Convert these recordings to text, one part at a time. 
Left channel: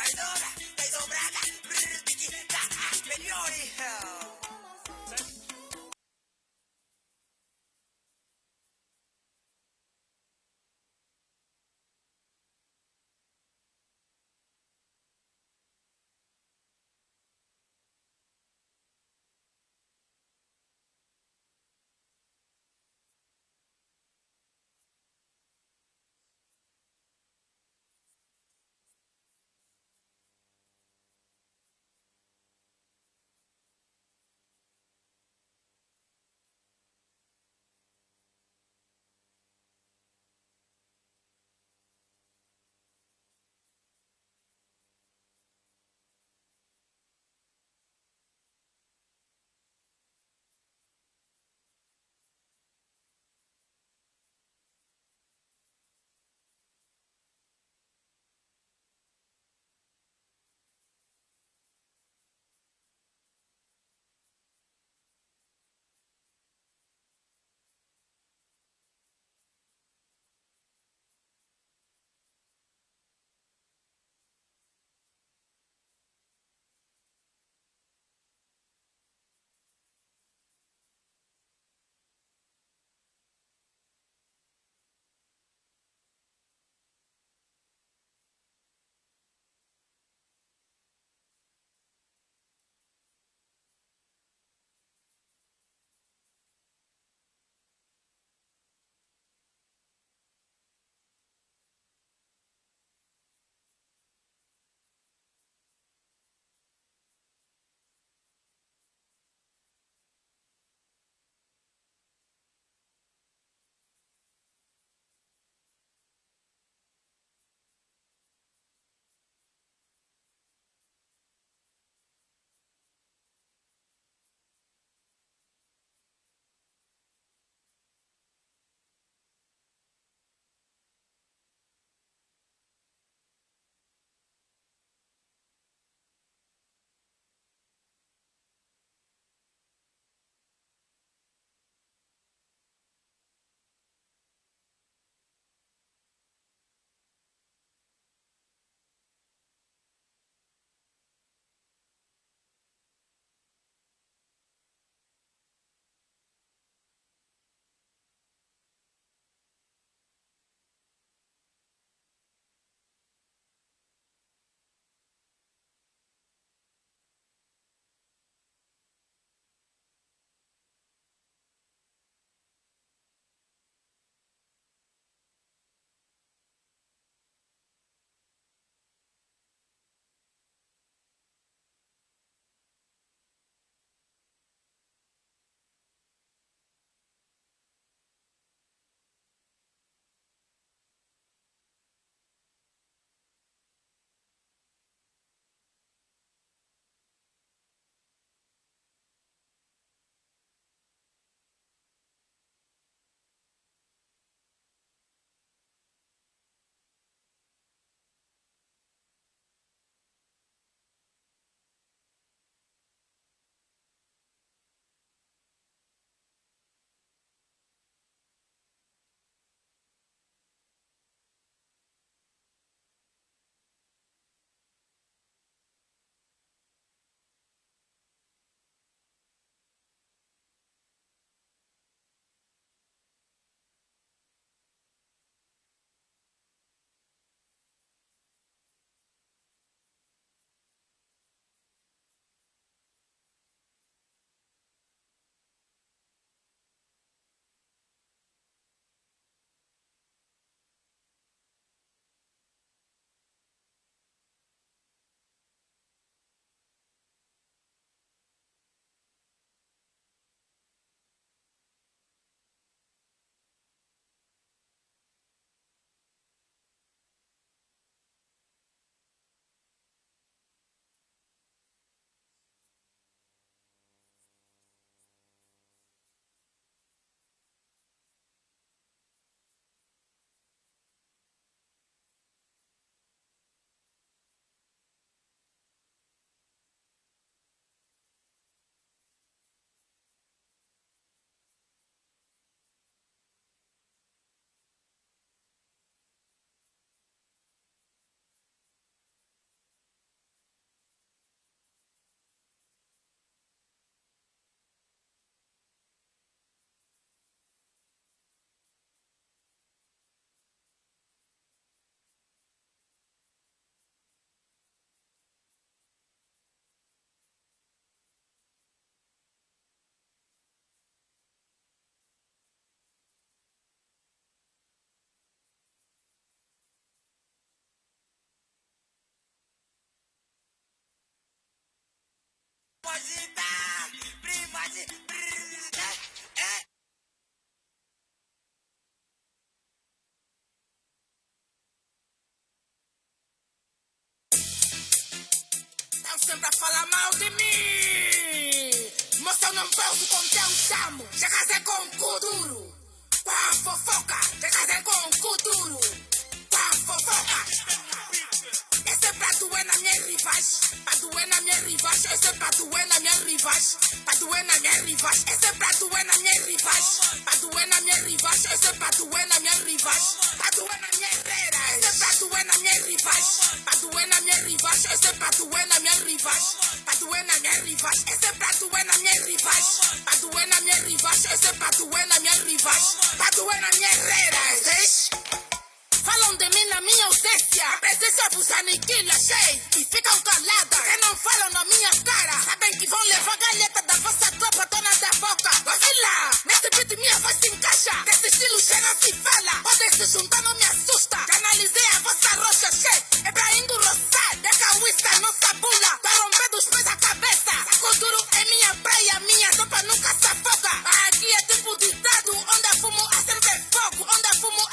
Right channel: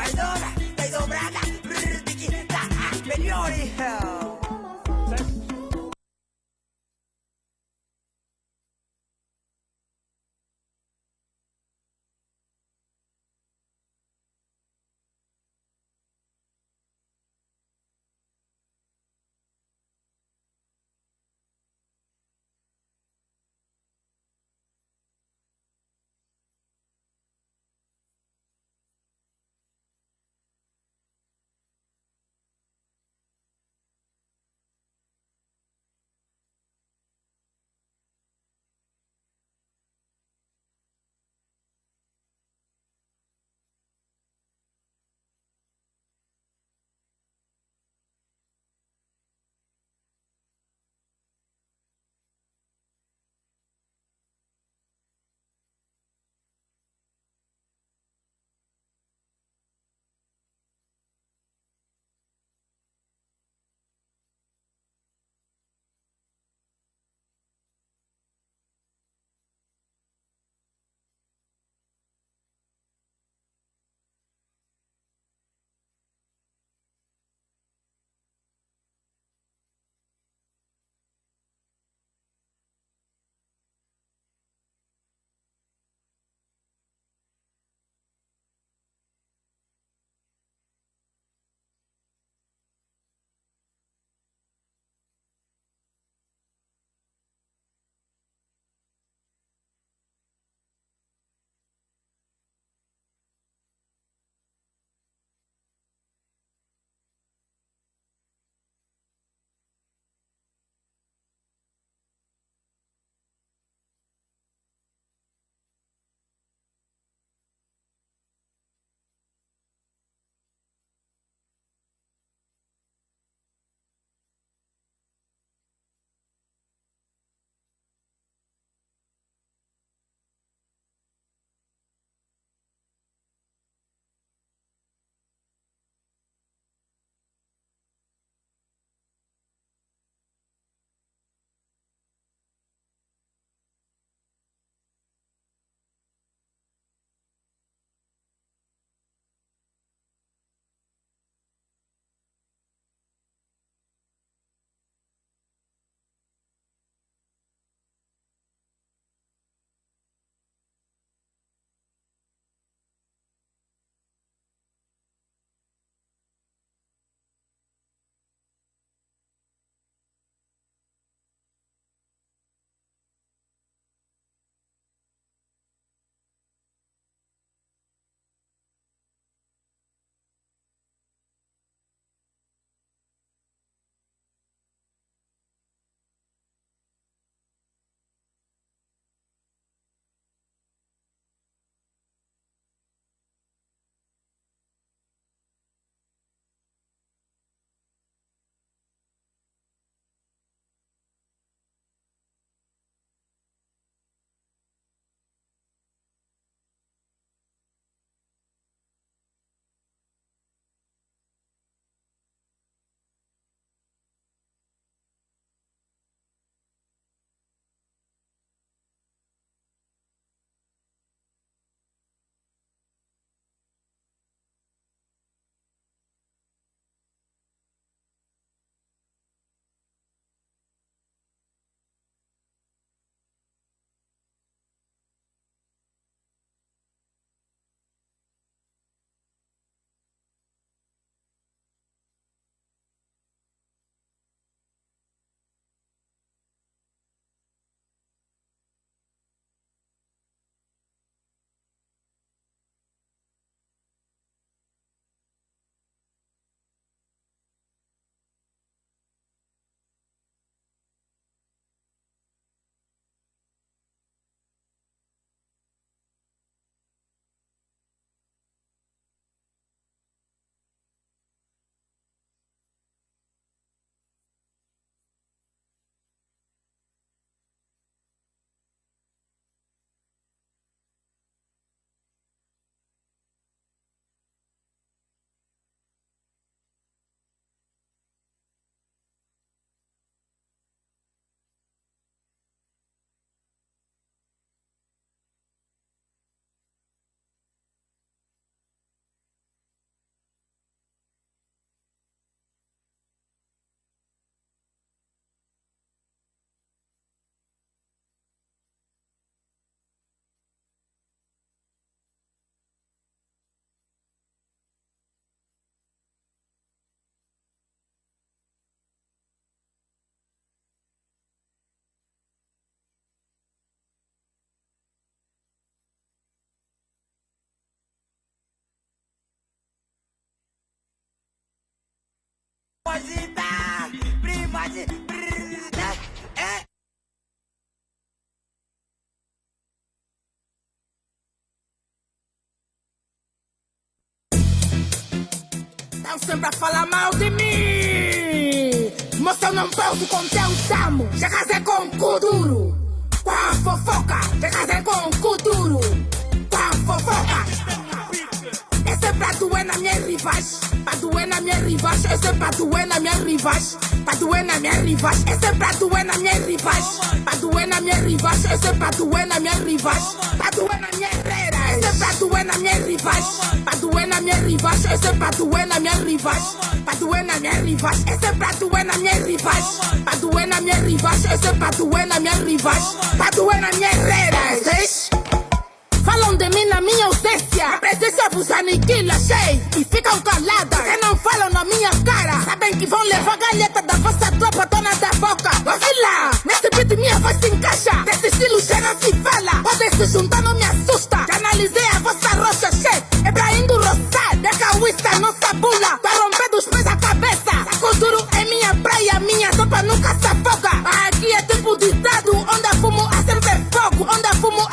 Maidona, dai dobrada, tiki taka, melhori hell. Agita, prima de é. Estão sempre a falar mal de mim. Moça, eu não posso conter o chamo. Já casei com um cu duro. Com a fofoca, já casei com um cu duro. Com a fofoca. Esse prato é na minha rivais. Pra doer na minha rivais. Esse prato é na minha rivais. Pra doer na minha rivais. Esse prato é na minha rivais. Pra doer na minha rivais. Esse prato é na minha rivais. Pra doer na minha herrera. Esse prato é na minha rivais. Pra doer na minha rivais. Esse prato é na minha rivais. Pra doer na minha rivais. Esse prato é na minha rivais. Pra doer na minha rivais. Esse prato é na minha rivais. Pra doer na minha herrera. Vocês falam de mim na minha ausência. A presença vos aniquila, cheio. E ficam caladas. Porque não falam na minha cara. Sabem que vão levar a galheta da vossa tropa, dona da boca. Ouvi lá, neste beat minha voz se encaixa. Desse estilo já não se fala. Podem se juntar, não me assusta. Já analisei a vossa rocha, cheio. É pra indo roçar. É cauísta, nossa bula. Pra romper dos pés a cabeça. Saco duro é minha praia. Minha sopa nunca se afoga. Aqui é tempo de dado. Onde a fumo a sempre fogo. Onde a fumo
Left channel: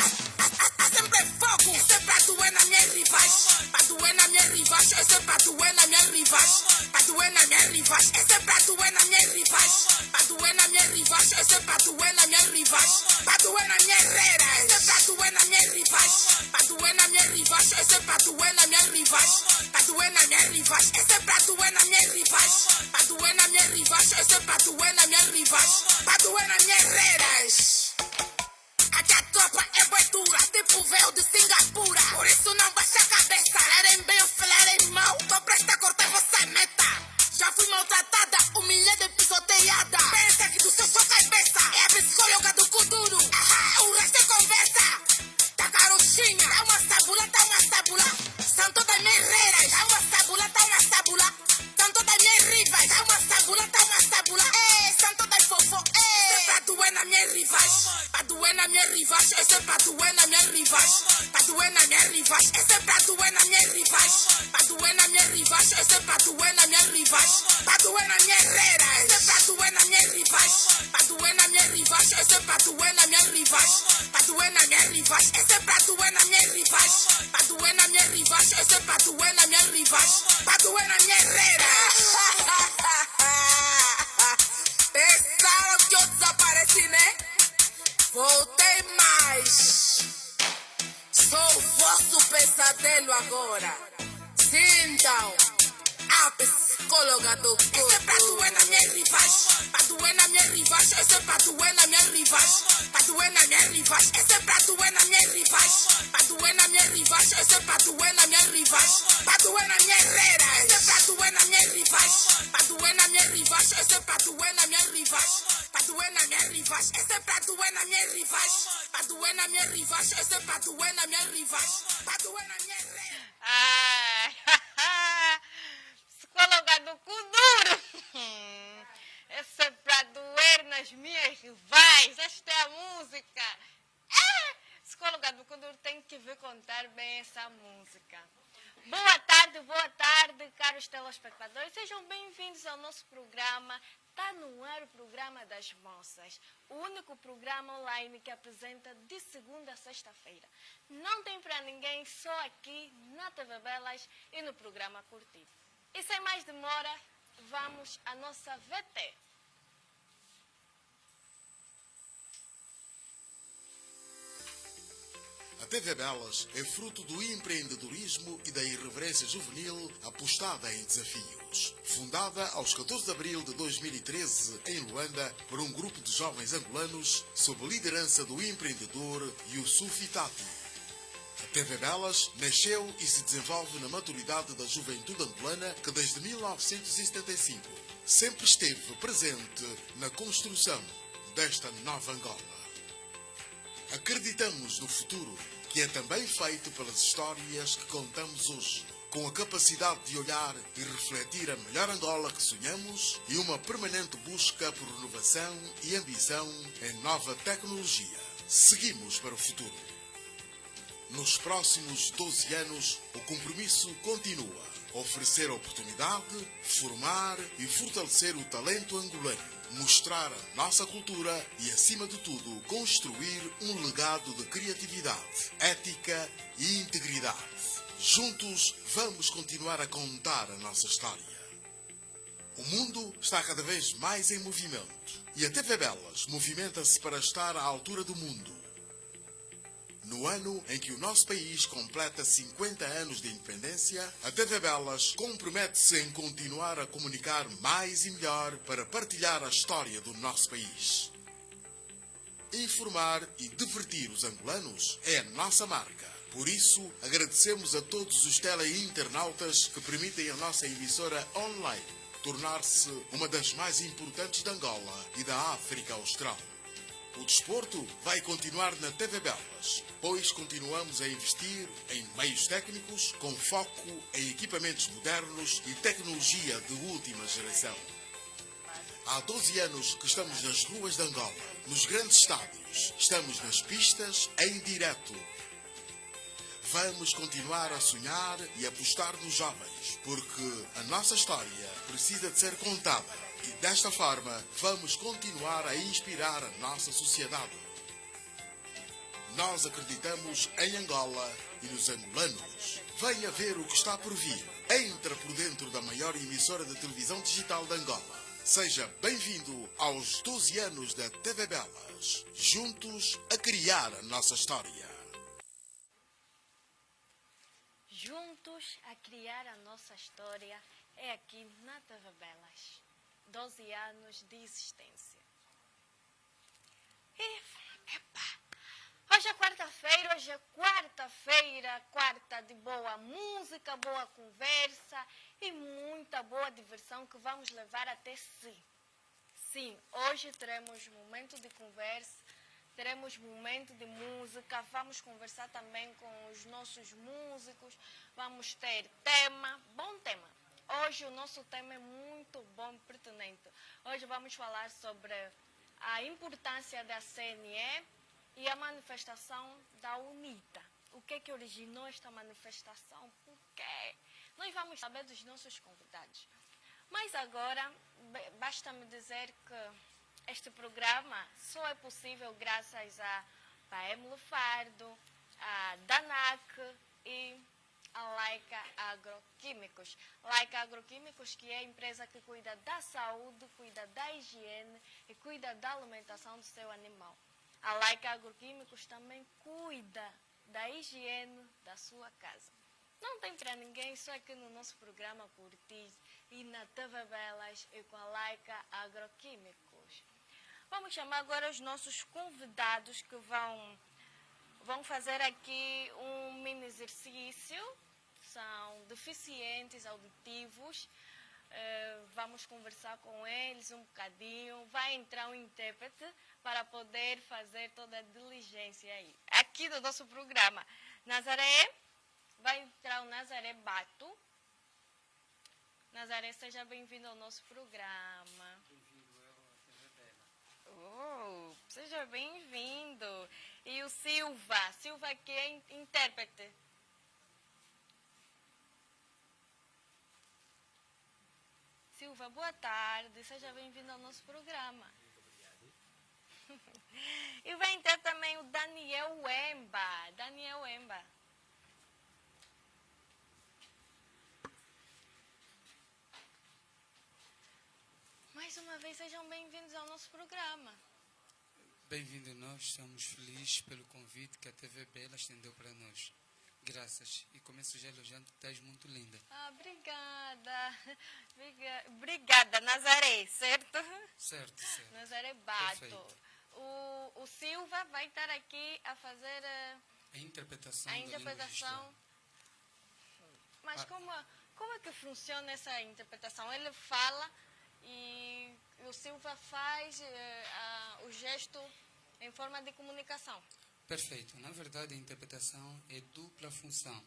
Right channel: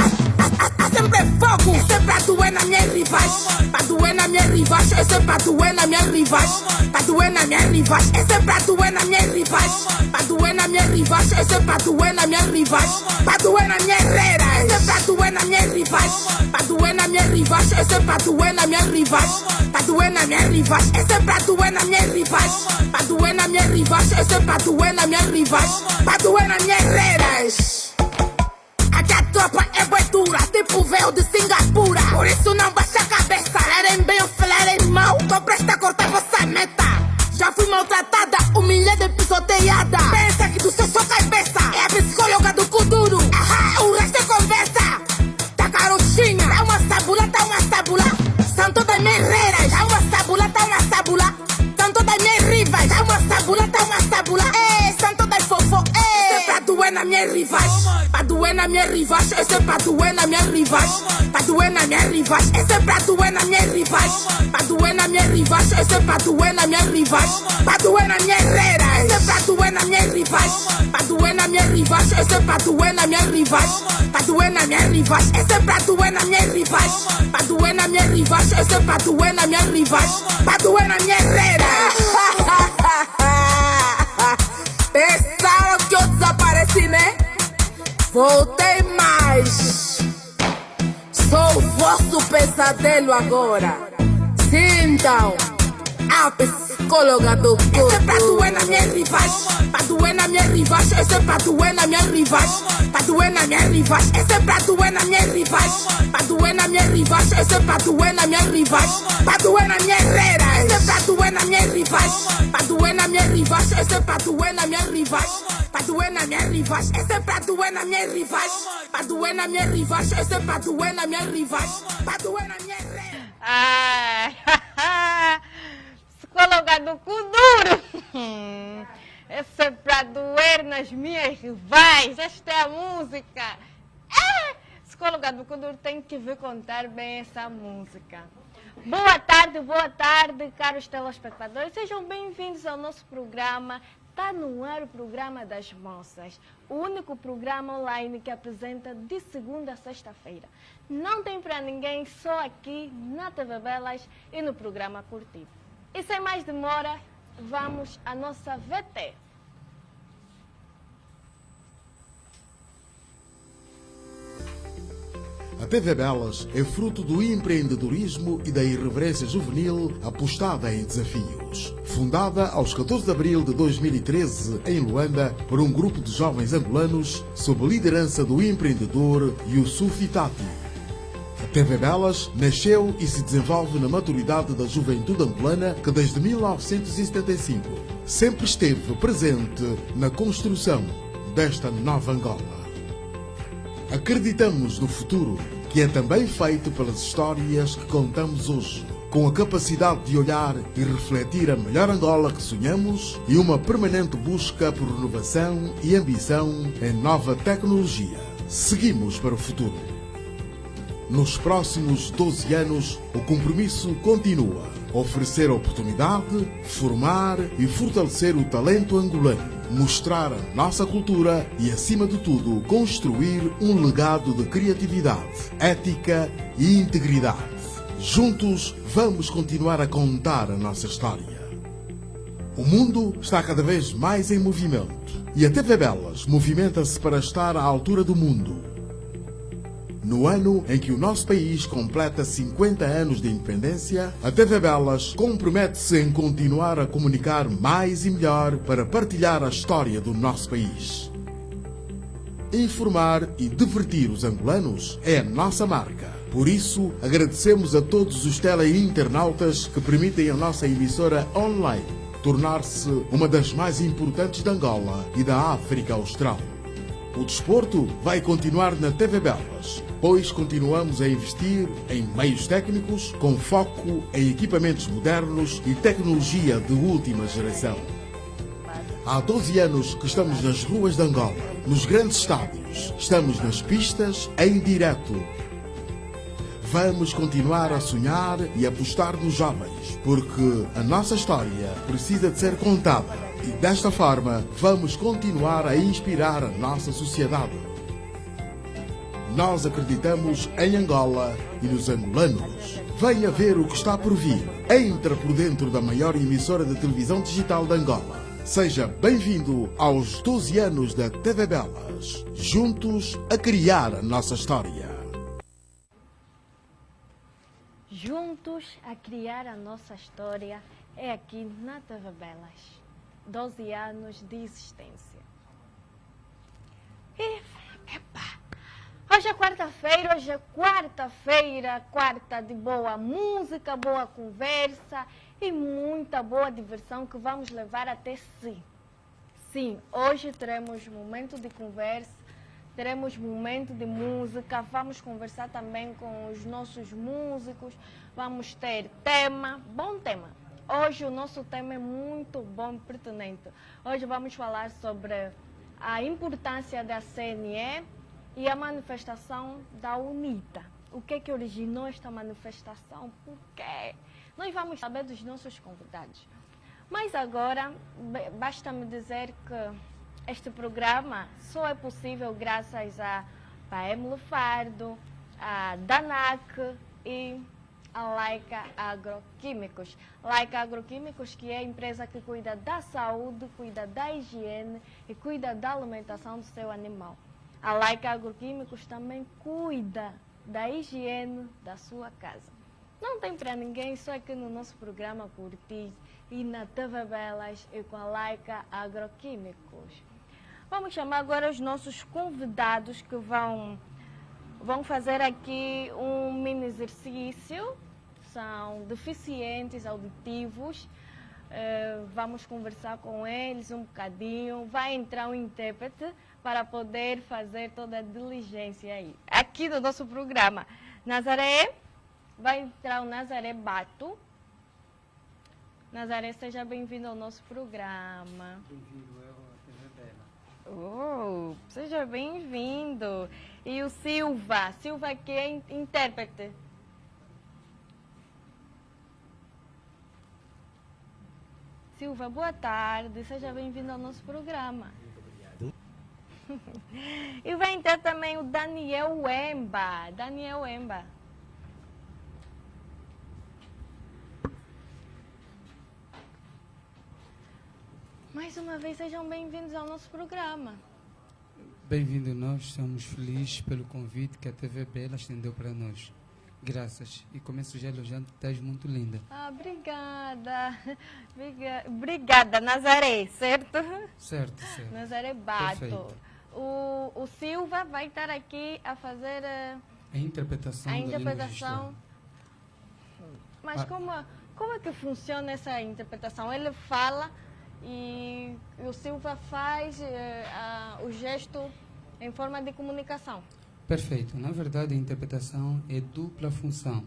a sempre fogo. Esse prato é na minha rivais. Pra doer na minha rivais. Esse prato é na minha rivais. Pra doer na minha rivais. Esse prato é na minha rivais. Pra doer na minha rivais. Esse prato é na minha rivais. Pra doer na minha herrera. Esse prato é na minha rivais. Pra doer na minha rivais. Esse prato é na minha rivais. Pra doer na minha rivais. Esse prato é na minha rivais. Pra doer na minha rivais. Esse prato é na minha rivais. Pra doer na minha herreras. Aqui a tropa é boi dura, tipo veio de Singapura. Por isso não baixa a cabeça. Falarem bem ou falarem mal, tô presta a cortar vossa meta. Já fui maltratada, humilhada e pisoteada. Pensa que do seu só cabeça é a psicóloga do cu duro. Ahá, o resto é conversa. Tá carochinha, tá uma sabula, tá uma sabula. São todas minhas herreiras, tá uma sabula, tá uma sabula. São todas minhas rivais, tá uma sabula, tá uma sabula. São todas fofo, esse prato é na minha rivais. Pra doer na minha rivais, esse prato é na minha rivais. Pra doer na minha rivais, esse prato é na minha rivais. Pra doer na minha rivais, esse prato é na minha rivais. Pra doer na minha herrera, esse prato é na minha rivais. Pra doer na minha rivais, esse prato é na minha rivais. Pra doer na minha rivais, esse prato é na minha rivais. Pra doer na minha rivais, esse prato é na minha rivais. Pra doer na minha herrera. Pensaram que eu desapareci, né? Voltei mais. Sou o vosso pesadelo agora. Sintam a psicóloga do corpo. Esse prato é na minha rivais. Pra doer na minha rivais. Esse prato é na minha rivais. Pra doer na minha rivais. Esse prato é na minha rivais. Pra doer na minha rivais. Esse prato é na minha rivais. Pra doer na minha herrera. Esse prato é na minha rivais. Pra doer na minha rivais. Esse prato é na minha rivais. Pra doer na minha rivais. Esse prato é na minha rivais. Pra doer na minha rivais. Esse prato é na minha rivais. Pra doer na minha herrera. Psicóloga do cu duro. Esse é pra doer nas minhas rivais. Esta é a música. Psicóloga do cu duro tem que vir contar bem essa música. Boa tarde, caros telespectadores. Sejam bem-vindos ao nosso programa. Está no ar o programa das moças, o único programa online que apresenta de segunda a sexta-feira. Não tem para ninguém, só aqui na TV Belas e no programa Curtido. E sem mais demora, vamos à nossa VT. A TV Belas é fruto do empreendedorismo e da irreverência juvenil apostada em desafios. Fundada aos 14 de abril de 2013 em Luanda por um grupo de jovens angolanos sob a liderança do empreendedor Yusuf Tati. A TV Belas nasceu e se desenvolve na maturidade da juventude angolana que desde 1975 sempre esteve presente na construção desta nova Angola. Acreditamos no futuro, que é também feito pelas histórias que contamos hoje, com a capacidade de olhar e refletir a melhor Angola que sonhamos e uma permanente busca por renovação e ambição em nova tecnologia. Seguimos para o futuro. Nos próximos 12 anos, o compromisso continua. oferecer oportunidade, formar e fortalecer o talento angolano, mostrar a nossa cultura e, acima de tudo, construir um legado de criatividade, ética e integridade. Juntos, vamos continuar a contar a nossa história. O mundo está cada vez mais em movimento e a TV Belas movimenta-se para estar à altura do mundo. No ano em que o nosso país completa 50 anos de independência, a TV Belas compromete-se em continuar a comunicar mais e melhor para partilhar a história do nosso país. Informar e divertir os angolanos é a nossa marca. Por isso, agradecemos a todos os teleinternautas que permitem a nossa emissora online tornar-se uma das mais importantes de Angola e da África Austral. O desporto vai continuar na TV Belas, pois continuamos a investir em meios técnicos com foco em equipamentos modernos e tecnologia de última geração. Há 12 anos que estamos nas ruas de Angola, nos grandes estádios, estamos nas pistas, em direto. Vamos continuar a sonhar e apostar nos jovens, porque a nossa história precisa de ser contada. E desta forma, vamos continuar a inspirar a nossa sociedade. Nós acreditamos em Angola e nos angolanos. Venha ver o que está por vir. Entra por dentro da maior emissora de televisão digital de Angola. Seja bem-vindo aos 12 anos da TV Belas. Juntos a criar a nossa história. Juntos a criar a nossa história é aqui na TV Belas. 12 anos de existência. E, hoje é quarta-feira, quarta de boa música, boa conversa e muita boa diversão que vamos levar até si. Sim, hoje teremos momento de conversa, teremos momento de música, vamos conversar também com os nossos músicos, vamos ter tema, bom tema. Hoje o nosso tema é muito bom e pertinente. Hoje vamos falar sobre a importância da CNE e a manifestação da UNITA. O que é que originou esta manifestação? Por quê? Nós vamos saber dos nossos convidados. Mas agora, basta-me dizer que este programa só é possível graças a Paem Lefardo, a DANAC e a Laika Agroquímicos. Laika Agroquímicos, que é a empresa que cuida da saúde, cuida da higiene e cuida da alimentação do seu animal. A Laika Agroquímicos também cuida da higiene da sua casa. Não tem para ninguém, só aqui no nosso programa Curtir e na TV Belas e com a Laika Agroquímicos. Vamos chamar agora os nossos convidados que vão fazer aqui um mini exercício. São deficientes auditivos. Vamos conversar com eles um bocadinho. Vai entrar um intérprete para poder fazer toda a diligência aí. Aqui no nosso programa. Nazaré, vai entrar o Nazaré Bato. Nazaré, seja bem-vindo ao nosso programa. Bem-vindo à TV Bela. Seja bem-vindo. E o Silva que é intérprete. Silva, boa tarde, seja bem-vindo ao nosso programa. Muito obrigado. E vai entrar também o Daniel Wemba. Daniel Wemba. Mais uma vez, sejam bem-vindos ao nosso programa. Bem-vindo, nós estamos felizes pelo convite que a TV Bela estendeu para nós. Graças. E começo já elogiando que estás muito linda. Obrigada. Obrigada, Nazaré, certo? Certo. Nazaré Bato. Perfeito. O Silva vai estar aqui a fazer A interpretação da língua gestual. Mas como é que funciona essa interpretação? Ele fala e o Silva faz o gesto em forma de comunicação. Perfeito. Na verdade, a interpretação é dupla função.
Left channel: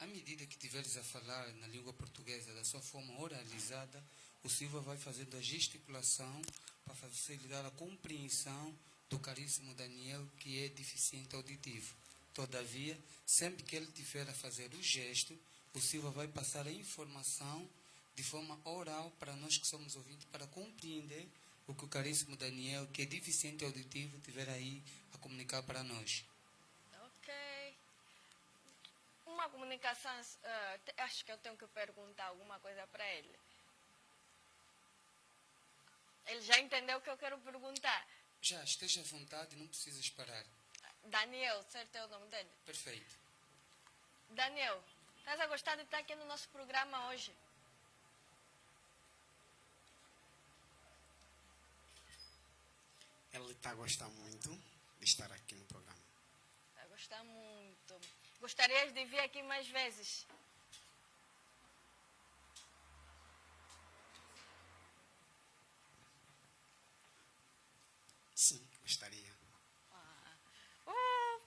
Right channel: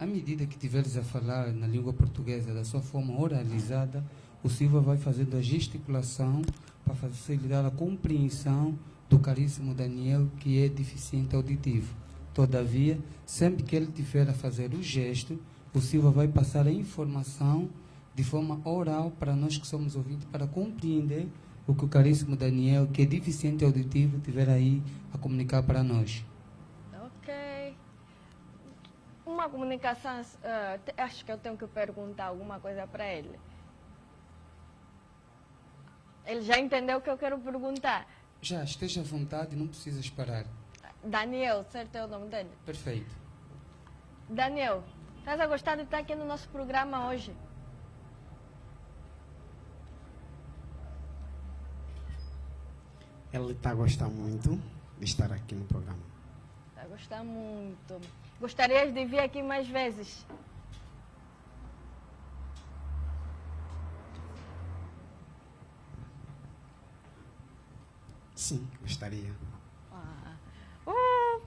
À medida que estiveres a falar na língua portuguesa da sua forma oralizada, o Silva vai fazendo a gesticulação para facilitar a compreensão do caríssimo Daniel, que é deficiente auditivo. Todavia, sempre que ele estiver a fazer o gesto, o Silva vai passar a informação de forma oral para nós que somos ouvintes, para compreender o que o caríssimo Daniel, que é deficiente auditivo, tiver aí a comunicar para nós. Ok. Uma comunicação, acho que eu tenho que perguntar alguma coisa para ele. Ele já entendeu o que eu quero perguntar. Já, esteja à vontade, não precisas parar. Daniel, certo é o nome dele? Perfeito. Daniel, estás a gostar de estar aqui no nosso programa hoje? Ele está a gostar muito de estar aqui no programa. Está a gostar muito. Gostarias de vir aqui mais vezes? Sim, gostaria.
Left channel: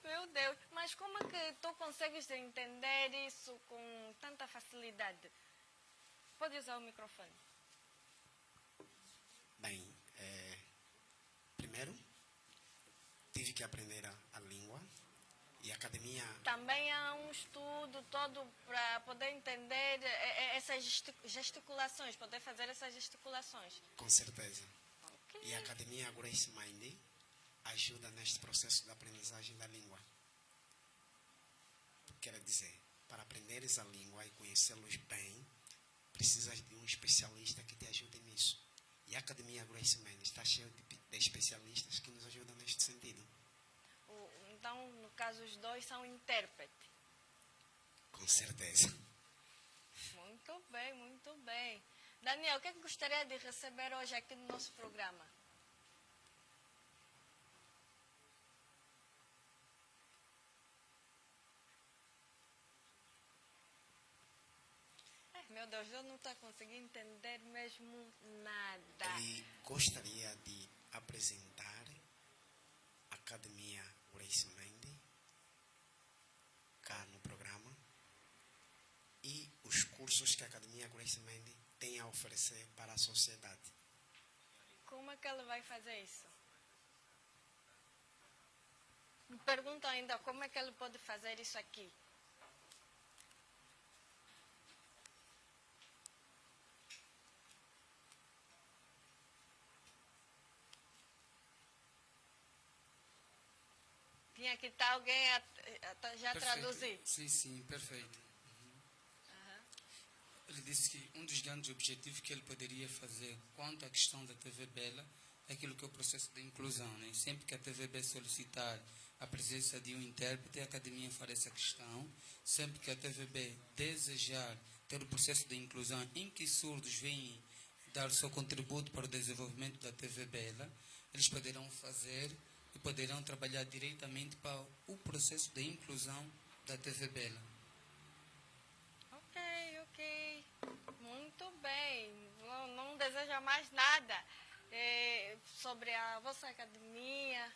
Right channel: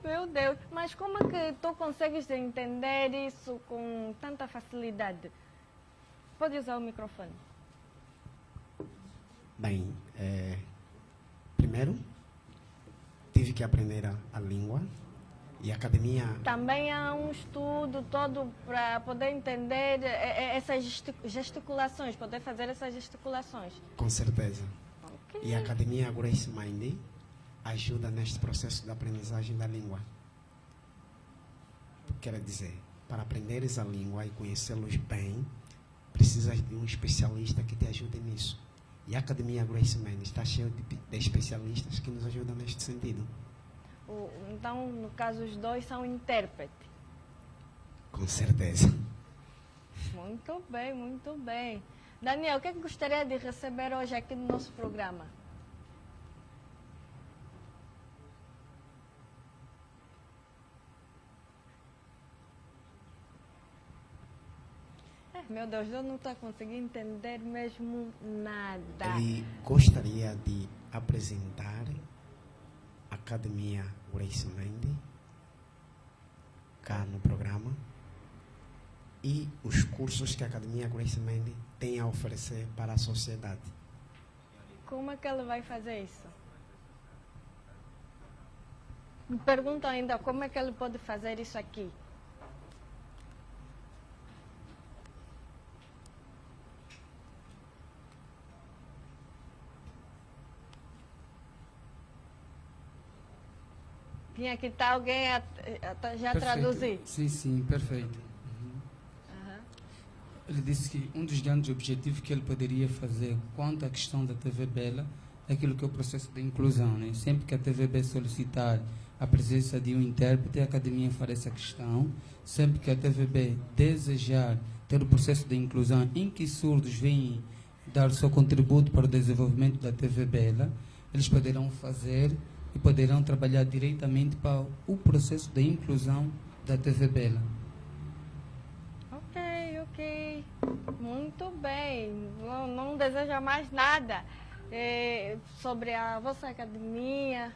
Meu Deus. Mas como é que tu consegues entender isso com tanta facilidade? Pode usar o microfone. Bem, primeiro, tive que aprender a língua e a academia... Também há um estudo todo para poder entender essas gesticulações, poder fazer essas gesticulações. Com certeza. Ok. E a academia Grace Mind ajuda neste processo de aprendizagem da língua. Quer dizer, para aprenderes a língua e conhecê-los bem, precisas de um especialista que te ajude nisso. E a Academia Grace Mind está cheia de especialistas que nos ajudam neste sentido. Então, no caso, os dois são intérpretes. Com certeza. Muito bem, muito bem. Daniel, o que é que gostaria de receber hoje aqui no nosso programa? Meu Deus, eu não estou conseguindo entender mesmo nada. Ele gostaria de apresentar a Academia Grace Mind cá no programa e os cursos que a Academia Grace Mind tem a oferecer para a sociedade. Como é que ele vai fazer isso? Me pergunto ainda como é que ele pode fazer isso aqui. Tinha que estar alguém já Perfeito. traduzir. Sim, perfeito. Ele disse que um dos grandes objetivos que ele poderia fazer quanto à questão da TVB é aquilo que é o processo de inclusão. Né? Sempre que a TVB solicitar a presença de um intérprete, a academia fará essa questão. Sempre que a TVB desejar ter o processo de inclusão em que surdos vêm dar o seu contributo para o desenvolvimento da TVB, eles poderão fazer e poderão trabalhar diretamente para o processo de inclusão da TVB. Ok. Muito bem. Não deseja mais nada sobre a vossa academia.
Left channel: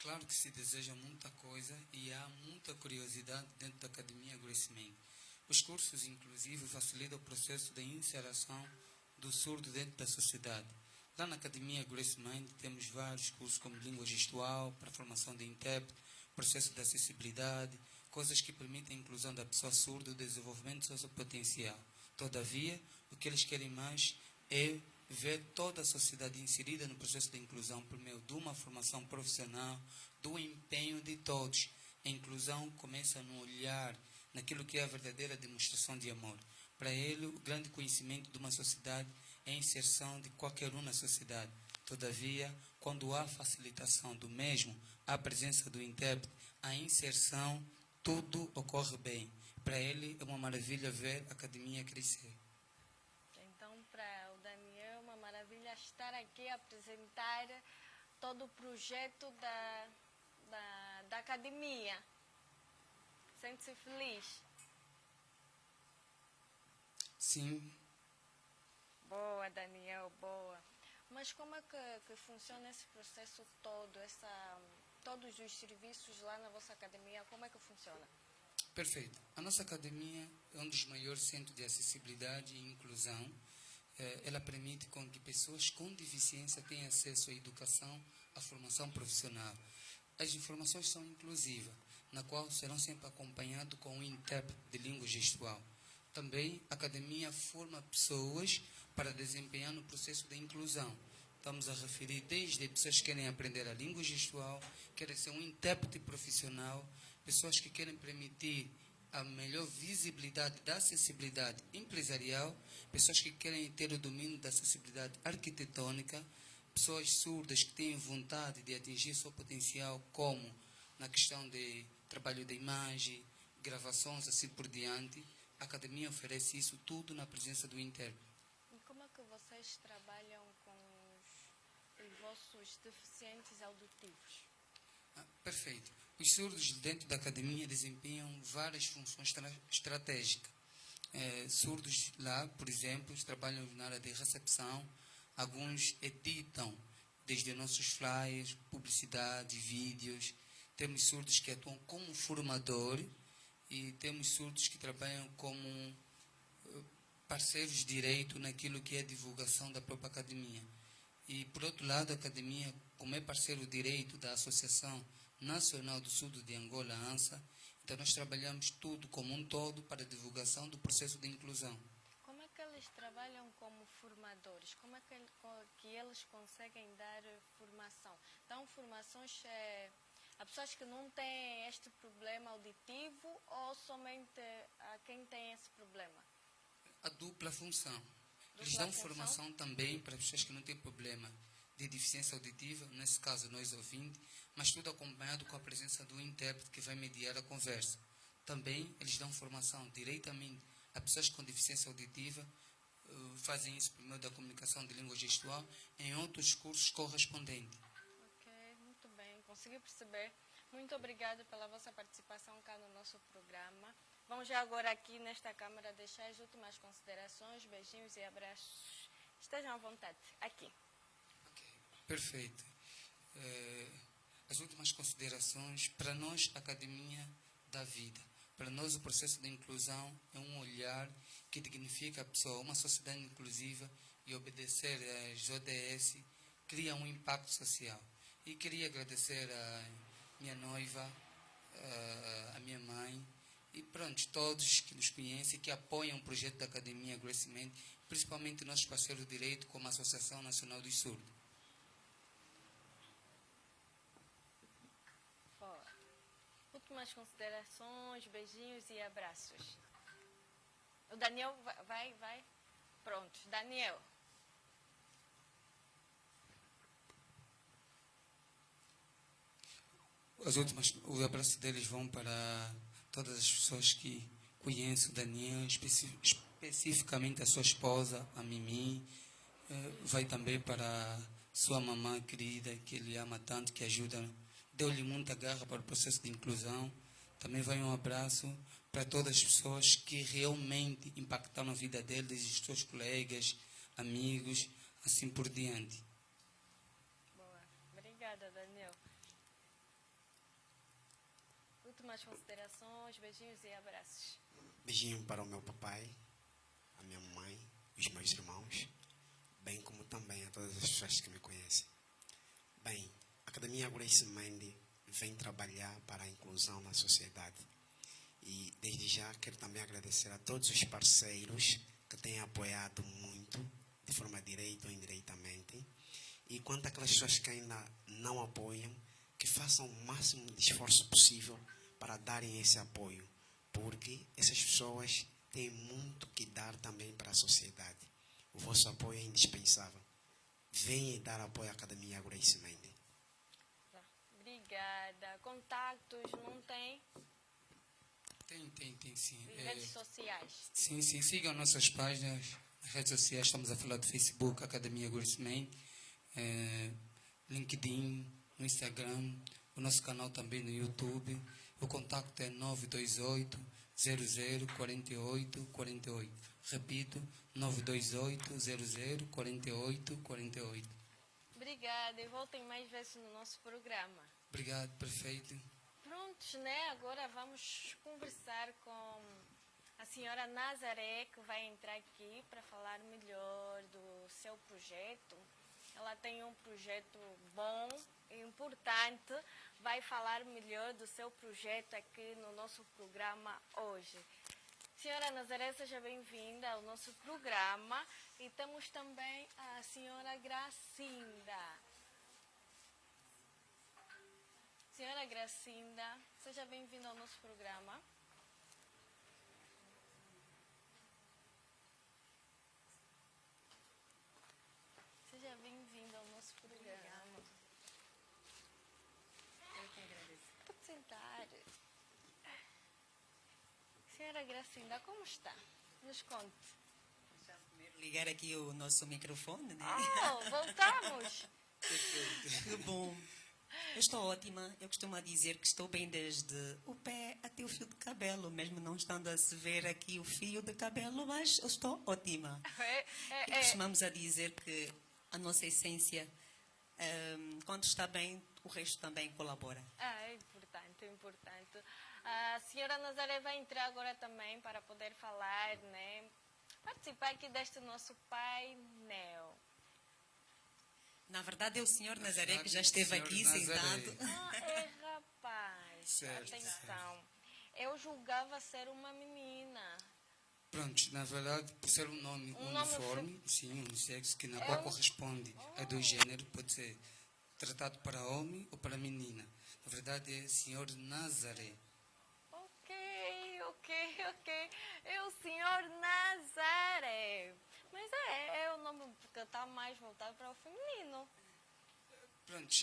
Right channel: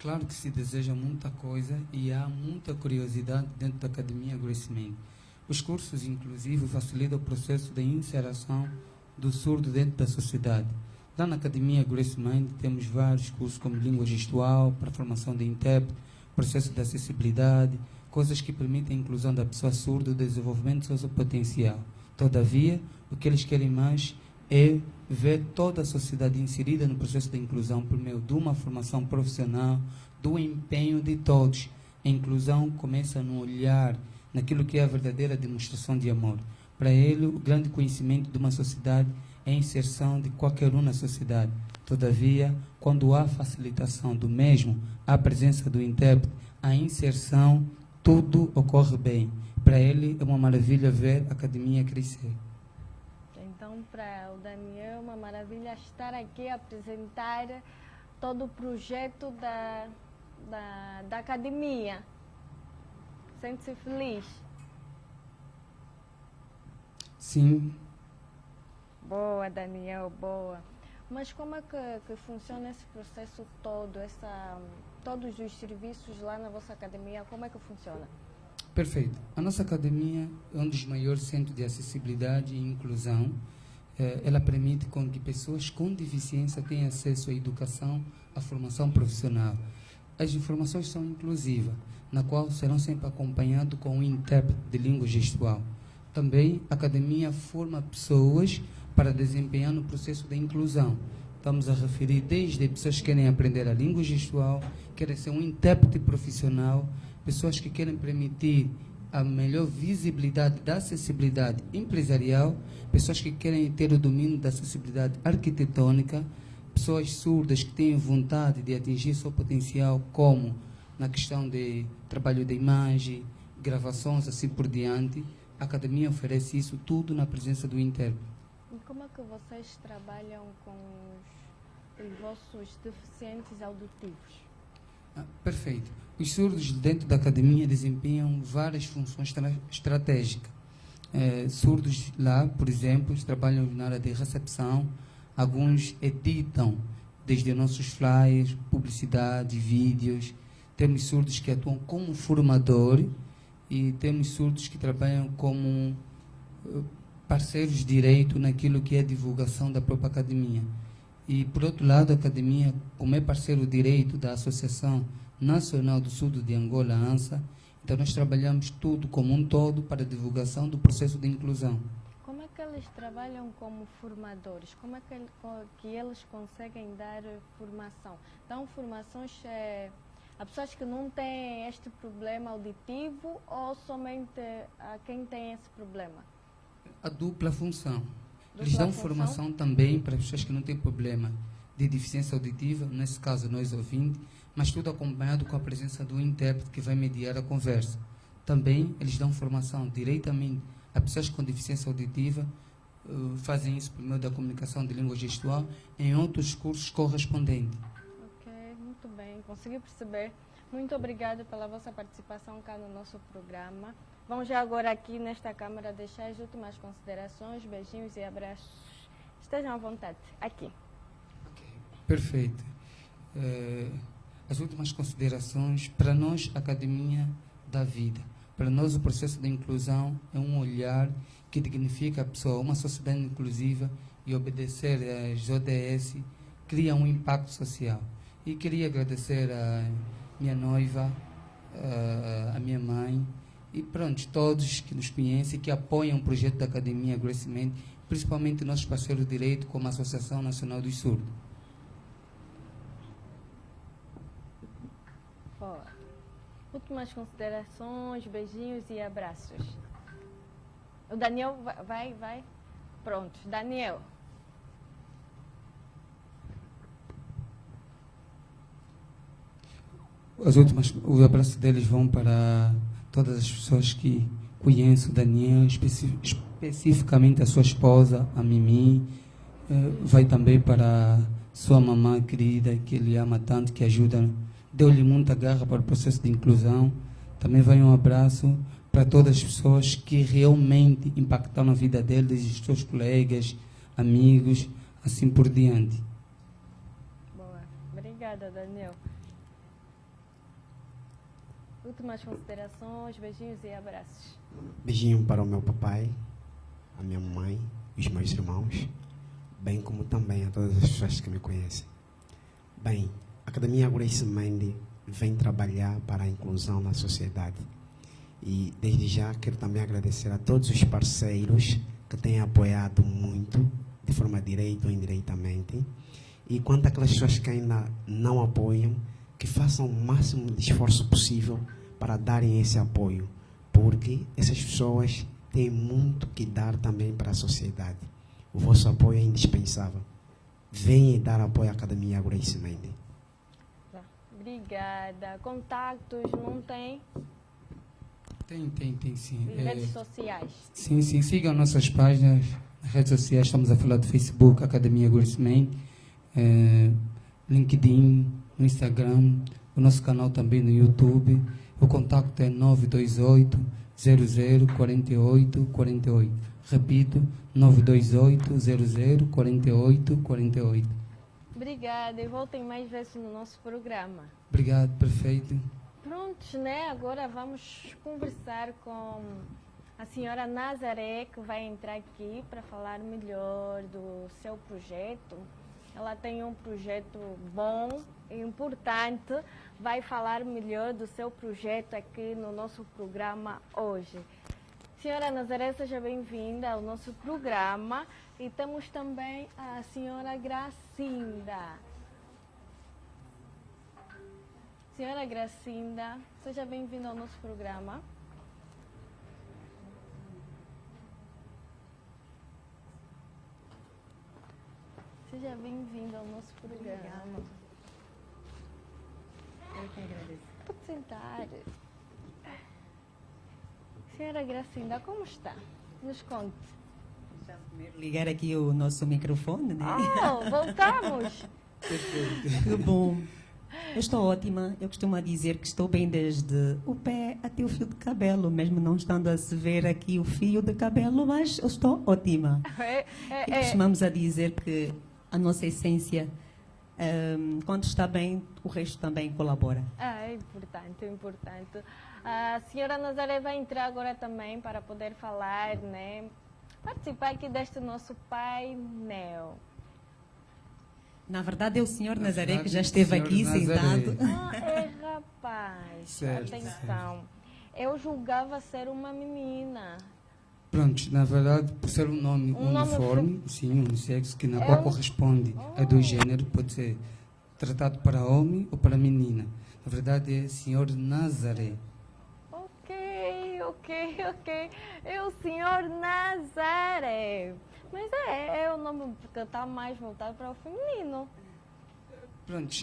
Claro que se deseja muita coisa e há muita curiosidade dentro da Academia Grace Mind. Os cursos, inclusive, facilitam o processo de inserção do surdo dentro da sociedade. Lá na Academia Grace Mind temos vários cursos como língua gestual, para formação de intérprete, processo de acessibilidade, coisas que permitem a inclusão da pessoa surda e o desenvolvimento sociopotencial. Todavia, o que eles querem mais é ver toda a sociedade inserida no processo de inclusão por meio de uma formação profissional, do empenho de todos. A inclusão começa no olhar, naquilo que é a verdadeira demonstração de amor. Para ele, o grande conhecimento de uma sociedade é a inserção de qualquer um na sociedade. Todavia, quando há facilitação do mesmo, a presença do intérprete, a inserção, tudo ocorre bem. Para ele, é uma maravilha ver a academia crescer. Então, para o Daniel, é uma maravilha estar aqui a apresentar todo o projeto da academia. Sente-se feliz? Sim. Boa, Daniel, boa. Mas como é que funciona esse processo todo, todos os serviços lá na vossa academia, como é que funciona? Perfeito. A nossa academia é um dos maiores centros de acessibilidade e inclusão. Ela permite com que pessoas com deficiência tenham acesso à educação a formação profissional. As informações são inclusivas, na qual serão sempre acompanhados com um intérprete de língua gestual. Também a academia forma pessoas para desempenhar no processo de inclusão. Estamos a referir desde pessoas que querem aprender a língua gestual, querem ser um intérprete profissional, pessoas que querem permitir a melhor visibilidade da acessibilidade empresarial, pessoas que querem ter o domínio da acessibilidade arquitetônica, pessoas surdas que têm vontade de atingir seu potencial, como na questão de trabalho de imagem, gravações, assim por diante. A academia oferece isso tudo na presença do intérprete. E como é que vocês trabalham com os vossos deficientes auditivos? Perfeito. Os surdos dentro da academia desempenham várias funções estratégicas. Surdos lá, por exemplo, trabalham na área de recepção, alguns editam desde nossos flyers, publicidade, vídeos. Temos surdos que atuam como formador e temos surdos que trabalham como parceiros de direito naquilo que é a divulgação da própria academia. E, por outro lado, a academia, como é parceiro direito da Associação Nacional do Surdo de Angola, ANSA, então nós trabalhamos tudo como um todo para a divulgação do processo de inclusão. Como é que eles trabalham como formadores? Como é que eles conseguem dar formação? Dão formações a pessoas que não têm este problema auditivo ou somente a quem tem esse problema? A dupla função. Eles dão formação também para pessoas que não têm problema de deficiência auditiva, nesse caso nós ouvintes, mas tudo acompanhado com a presença do intérprete que vai mediar a conversa. Também eles dão formação diretamente a pessoas com deficiência auditiva, fazem isso por meio da comunicação de língua gestual em outros cursos correspondentes. Ok, muito bem, consegui perceber. Muito obrigada pela vossa participação cá no nosso programa. Vamos já agora aqui nesta câmara deixar as últimas considerações, beijinhos e abraços. Estejam à vontade, aqui. Okay. Perfeito. As últimas considerações, para nós, a Academia da Vida. Para nós, o processo de inclusão é um olhar que dignifica a pessoa. Uma sociedade inclusiva e obedecer às ODS cria um impacto social. E queria agradecer a minha noiva, a minha mãe, e pronto, todos que nos conhecem, que apoiam o projeto da Academia Graceman, principalmente nossos parceiros de direito, como a Associação Nacional dos Surdos. Últimas considerações, beijinhos e abraços. O Daniel vai. Pronto, Daniel. Os abraços deles vão para todas as pessoas que conhecem o Daniel, especificamente a sua esposa, a Mimi. Vai também para sua mamã querida, que ele ama tanto, que ajuda, deu-lhe muita garra para o processo de inclusão. Também vai um abraço para todas as pessoas que realmente impactaram a vida dele, desde os seus colegas, amigos, assim por diante. Boa. Obrigada, Daniel. Últimas considerações, beijinhos e abraços. Beijinho para o meu papai, a minha mãe, os meus irmãos, bem como também a todas as pessoas que me conhecem. Bem, a Academia Graceman vem trabalhar para a inclusão na sociedade. E, desde já, quero também agradecer a todos os parceiros que têm apoiado muito, de forma direta ou indiretamente. E quanto àquelas pessoas que ainda não apoiam, que façam o máximo de esforço possível para darem esse apoio, porque essas pessoas têm muito que dar também para a sociedade. O vosso apoio é indispensável. Venham dar apoio à Academia Graceman. Obrigada. Contatos não tem? Tem sim. E redes sociais? Sim. Sigam nossas páginas, redes sociais. Estamos a falar do Facebook, Academia Graceman, LinkedIn, no Instagram, o nosso canal também no YouTube. O contato é 928 00 48 48. Repito, 928 00 48 48. Obrigada e voltem mais vezes no nosso programa. Obrigado, perfeito. Prontos, né? Agora vamos conversar com a senhora Nazaré, que vai entrar aqui para falar melhor do seu projeto. Ela tem um projeto bom e importante. Vai falar melhor do seu projeto aqui no nosso programa hoje. Senhora Nazaré, seja bem-vinda ao nosso programa. E temos também a senhora Gracinda. Senhora Gracinda, seja bem-vinda ao nosso programa. Seja bem-vinda ao nosso programa. Eu que agradeço. Pode sentar. Senhora Gracinda, como está? Nos conte. Deixa eu primeiro ligar aqui o nosso microfone, né? Oh, voltamos! Que bom. Eu estou ótima. Eu costumo dizer que estou bem desde o pé até o fio de cabelo, mesmo não estando a se ver aqui o fio de cabelo, mas eu estou ótima. E costumamos a dizer que a nossa essência, quando está bem, o resto também colabora. É importante, é importante. A senhora Nazaré vai entrar agora também para poder falar, né? Participar aqui deste nosso painel. Na verdade, é o senhor Na Nazaré verdade, que já esteve senhor aqui Nazaré. sentado. Rapaz, Certo, atenção. Eu julgava ser uma menina. Pronto, na verdade, por ser um nome Um nome uniforme, sim, unissexo, que na É qual um- corresponde a dois géneros, pode ser tratado para homem ou para menina. Na verdade, é Senhor Nazaré. Ok. É o senhor Nazaré. Mas é o nome que está mais voltado para o feminino. Pronto,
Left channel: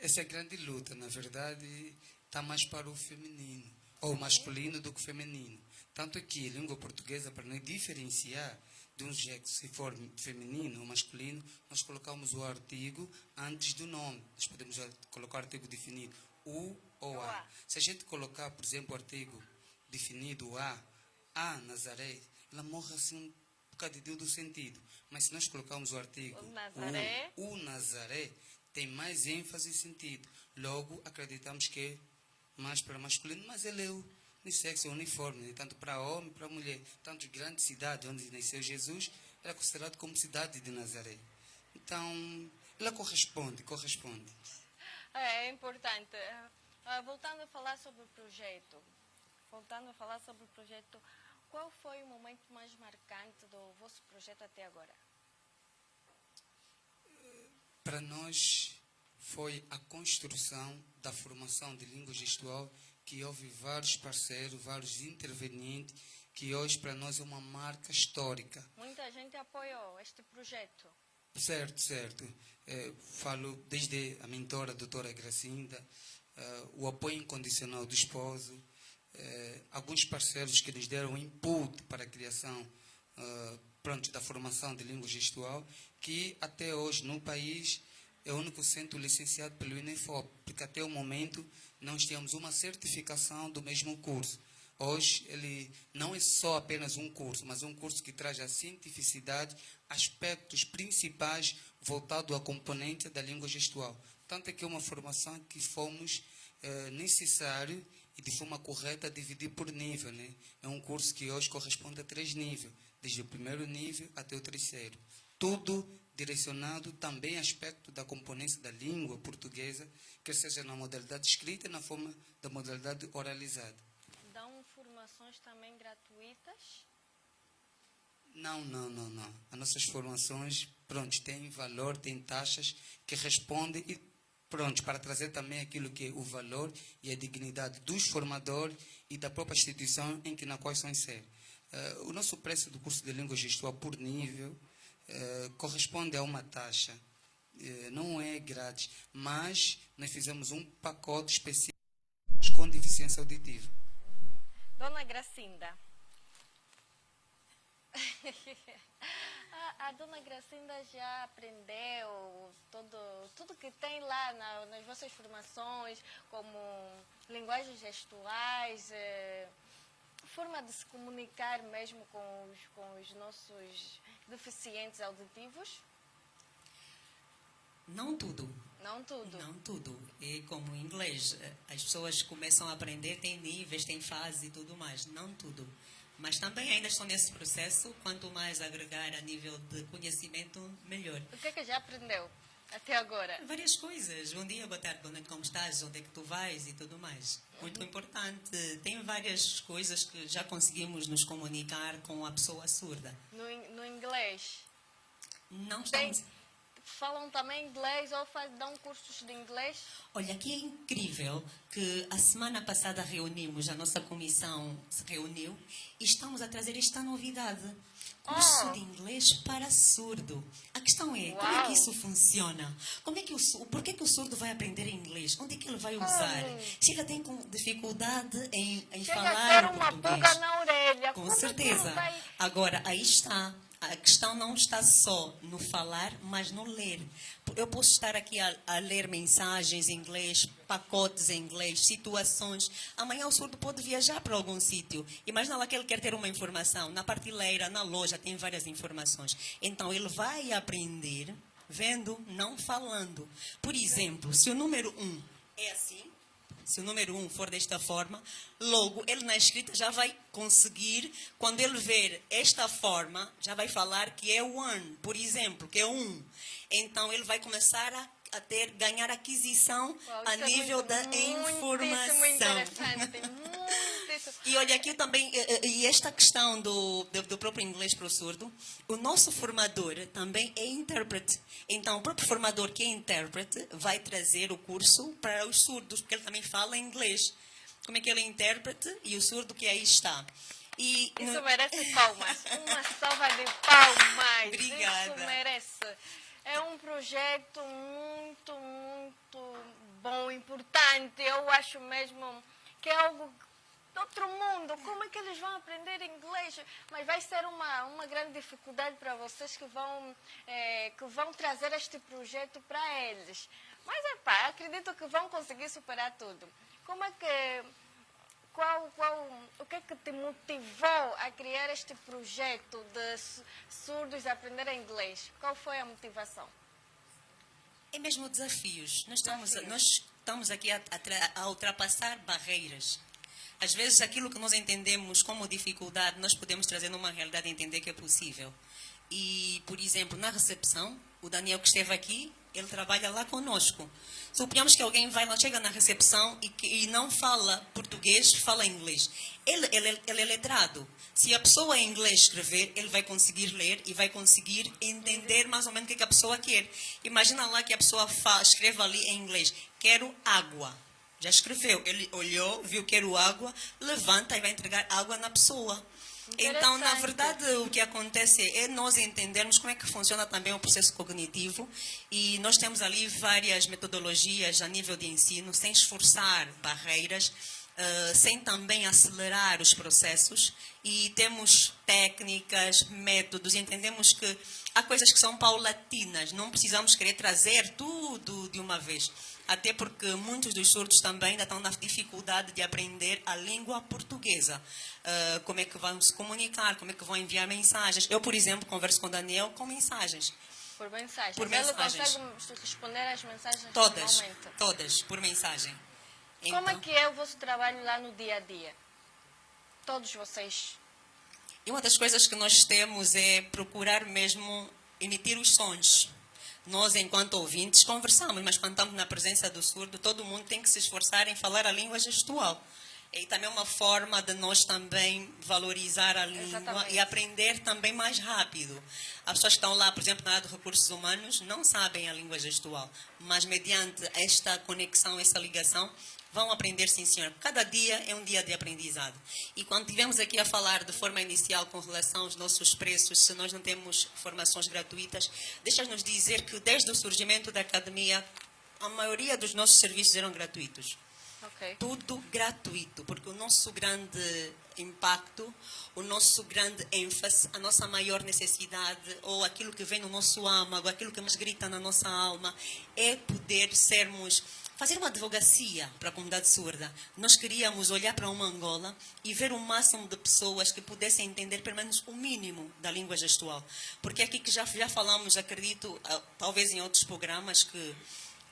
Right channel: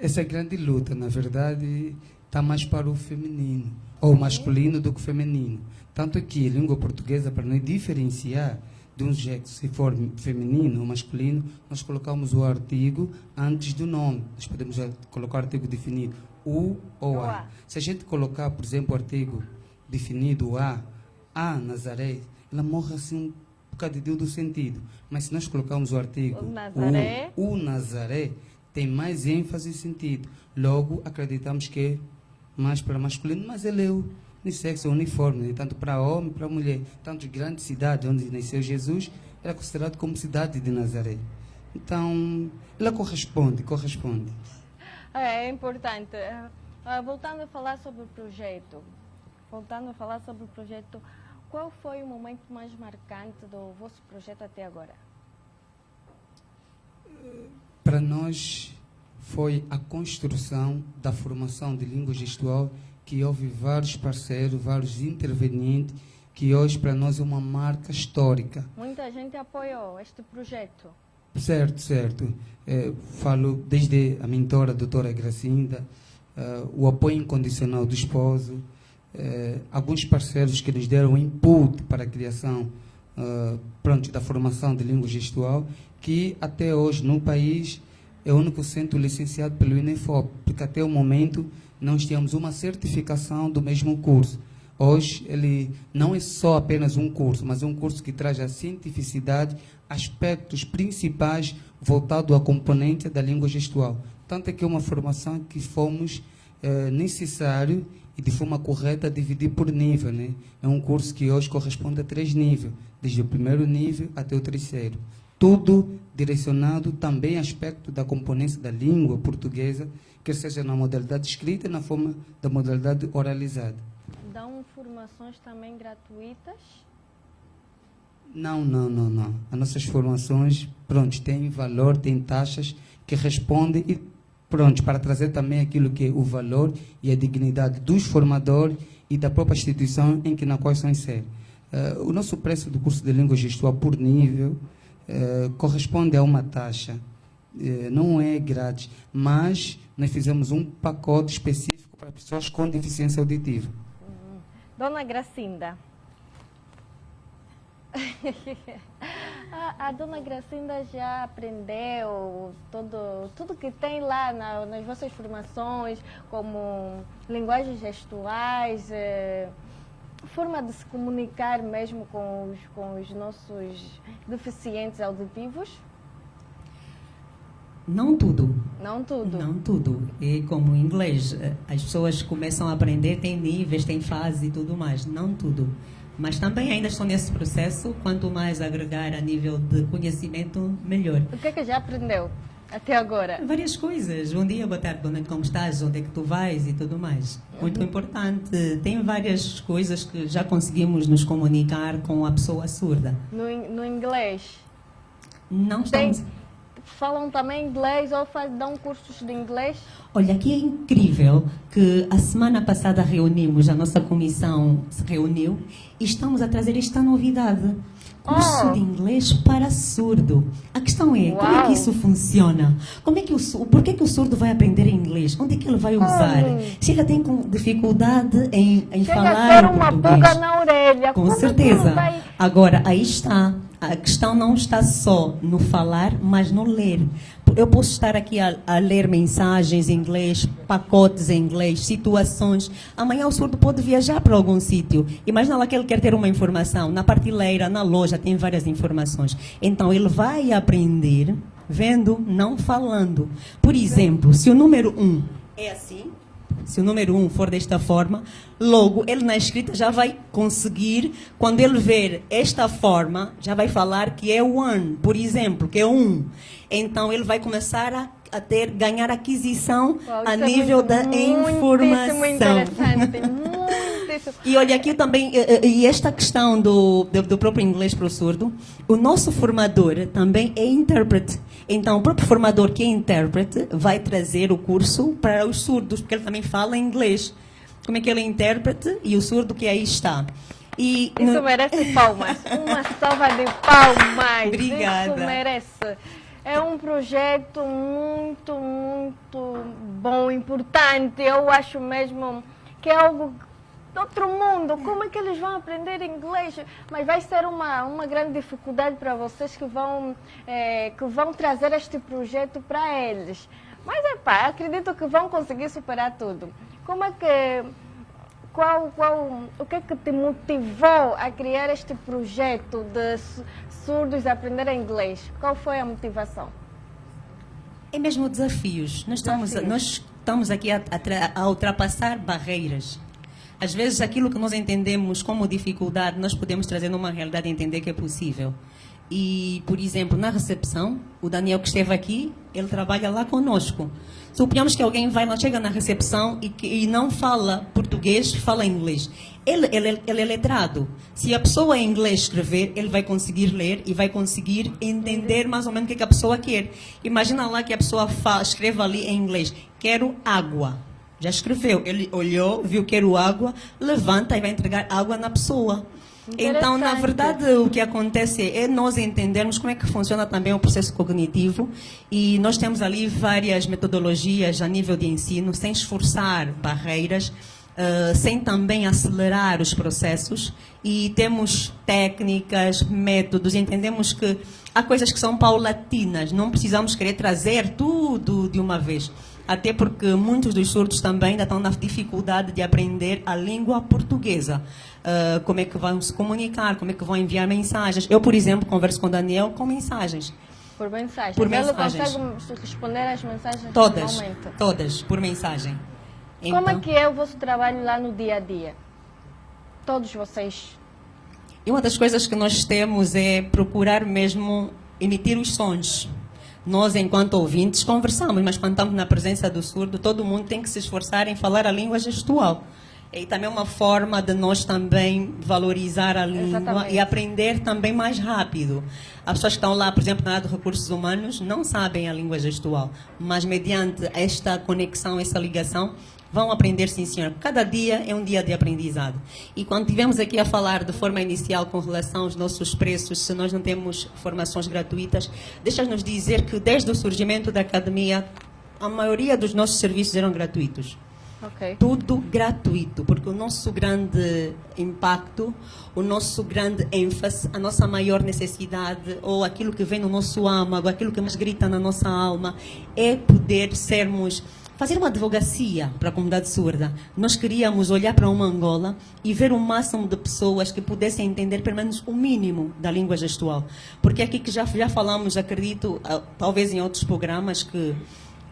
essa é a grande luta, na verdade, está mais para o feminino, ou masculino do que feminino. Tanto que a língua portuguesa, para nos diferenciar de um sexo, se for feminino ou masculino, nós colocamos o artigo antes do nome. Nós podemos colocar o artigo definido, o ou a. Se a gente colocar, por exemplo, o artigo definido a Nazaré, ela morre assim um bocadinho do sentido. Mas se nós colocarmos o artigo O Nazaré. o Nazaré, tem mais ênfase e sentido. Logo, acreditamos que é mais para masculino, mas ele é unissexo, é uniforme, né? Tanto para homem, para mulher. Tanto grandes cidades onde nasceu Jesus, era considerado como cidade de Nazaré. Então, ela corresponde. É importante. Voltando a falar sobre o projeto. Qual foi o momento mais marcante do vosso projeto até agora? Para nós, foi a construção da formação de língua gestual, que houve vários parceiros, vários intervenientes, que hoje para nós é uma marca histórica. Muita gente apoiou este projeto. Certo. Falo desde a mentora, a doutora Gracinda, o apoio incondicional do esposo, alguns parceiros que nos deram input para a criação da formação de língua gestual, que até hoje no país é o único centro licenciado pelo INEFOP, porque até o momento nós tínhamos uma certificação do mesmo curso. Hoje ele não é só apenas um curso, mas é um curso que traz a cientificidade, aspectos principais voltados à componente da língua gestual. Tanto é que é uma formação que fomos necessário e de forma correta dividir por nível, né? É um curso que hoje corresponde a 3 níveis, desde o primeiro nível até o terceiro. Tudo direcionado também a aspecto da componência da língua portuguesa, quer seja na modalidade escrita e na forma da modalidade oralizada. Dão formações também gratuitas? Não. As nossas formações, têm valor, têm taxas que respondem e, para trazer também aquilo que é o valor e a dignidade dos formadores e da própria instituição na qual são inseridos. O nosso preço do curso de língua gestual por nível corresponde a uma taxa. Não é grátis, mas nós fizemos um pacote específico para pessoas com deficiência auditiva. Dona Gracinda. A dona Gracinda já aprendeu tudo que tem lá nas vossas formações, como linguagens gestuais, forma de se comunicar mesmo com os nossos deficientes auditivos? Não tudo. Não tudo. Não tudo. E como em inglês, as pessoas começam a aprender, tem níveis, tem fases e tudo mais. Não tudo. Mas também ainda estou nesse processo. Quanto mais agregar a nível de conhecimento, melhor. O que é que já aprendeu? até agora? Várias coisas. Bom dia, boa tarde, boa noite, como estás, onde é que tu vais e tudo mais. Muito importante. Tem várias coisas que já conseguimos nos comunicar com a pessoa surda. No inglês? Não Tem, estamos... falam também inglês ou dão cursos de inglês? Olha, aqui é incrível que a semana passada reunimos, a nossa comissão se reuniu e estamos a trazer esta novidade. Curso de inglês para surdo. A questão é, como é que isso funciona? Por que o surdo vai aprender inglês? Onde é que ele vai usar? Se ele tem dificuldade em falar Chega a ter uma português. pulga na orelha. Com Como é que certeza. ele vai... Agora, aí está. A questão não está só no falar, mas no ler. Eu posso estar aqui a ler mensagens em inglês, pacotes em inglês, situações. Amanhã o surdo pode viajar para algum sítio. Imagina lá que ele quer ter uma informação. Na prateleira, na loja, tem várias informações. Então, ele vai aprender vendo, não falando. Por exemplo, se o número 1 é assim, se o número 1 for desta forma, logo ele na escrita já vai conseguir, quando ele ver esta forma, já vai falar que é one, por exemplo, que é 1. Então ele vai começar a ganhar aquisição a nível da informação. Muitíssimo interessante, muitíssimo. E olha aqui também, e esta questão do próprio inglês para o surdo, o nosso formador também é intérprete. Então, o próprio formador que é intérprete vai trazer o curso para os surdos, porque ele também fala inglês. Como é que ele é intérprete e o surdo que aí está. Isso merece palmas. Uma salva de palmas. Obrigada. Isso merece. É um projeto muito, muito bom, importante. Eu acho mesmo que é algo de outro mundo. Como é que eles vão aprender inglês? Mas vai ser uma grande dificuldade para vocês que vão trazer este projeto para eles. Mas, acredito que vão conseguir superar tudo. Como é que... o que é que te motivou a criar este projeto de surdos aprenderem inglês? Qual foi a motivação? É mesmo desafios. Nós estamos aqui a ultrapassar barreiras. Às vezes, aquilo que nós entendemos como dificuldade, nós podemos trazer numa realidade e entender que é possível. E, por exemplo, na recepção, o Daniel que esteve aqui, ele trabalha lá conosco. Suponhamos que alguém chega na recepção e não fala português, fala inglês. Ele é letrado. Se a pessoa em inglês escrever, ele vai conseguir ler e vai conseguir entender mais ou menos o que a pessoa quer. Imagina lá que a pessoa escreva ali em inglês, quero água. Já escreveu. Ele olhou, viu quero água, levanta e vai entregar água na pessoa. Então, na verdade, o que acontece é nós entendermos como é que funciona também o processo cognitivo e nós temos ali várias metodologias a nível de ensino, sem esforçar barreiras, sem também acelerar os processos e temos técnicas, métodos e entendemos que há coisas que são paulatinas, não precisamos querer trazer tudo de uma vez. Até porque muitos dos surdos também ainda estão na dificuldade de aprender a língua portuguesa. Como é que vão se comunicar, como é que vão enviar mensagens. Eu, por exemplo, converso com o Daniel com mensagens. Por mensagens? Por Ele mensagens. consegue responder às mensagens Todas, normalmente? todas, por mensagem. Como é que é o vosso trabalho lá no dia a dia? Todos vocês? E uma das coisas que nós temos é procurar mesmo emitir os sons. Nós, enquanto ouvintes, conversamos, mas quando estamos na presença do surdo, todo mundo tem que se esforçar em falar a língua gestual. E também é uma forma de nós também valorizar a língua. Exatamente. E aprender também mais rápido. As pessoas que estão lá, por exemplo, na área de recursos humanos, não sabem a língua gestual, mas mediante esta conexão, essa ligação, vão aprender, sim, senhor. Cada dia é um dia de aprendizado. E quando tivemos aqui a falar de forma inicial com relação aos nossos preços, se nós não temos formações gratuitas, deixa-nos dizer que desde o surgimento da academia, a maioria dos nossos serviços eram gratuitos. Okay. Tudo gratuito, porque o nosso grande impacto, o nosso grande ênfase, a nossa maior necessidade, ou aquilo que vem no nosso âmago, aquilo que nos grita na nossa alma, é poder fazer uma advocacia para a comunidade surda. Nós queríamos olhar para uma Angola e ver o máximo de pessoas que pudessem entender pelo menos o mínimo da língua gestual. Porque aqui que já falamos, acredito, talvez em outros programas, que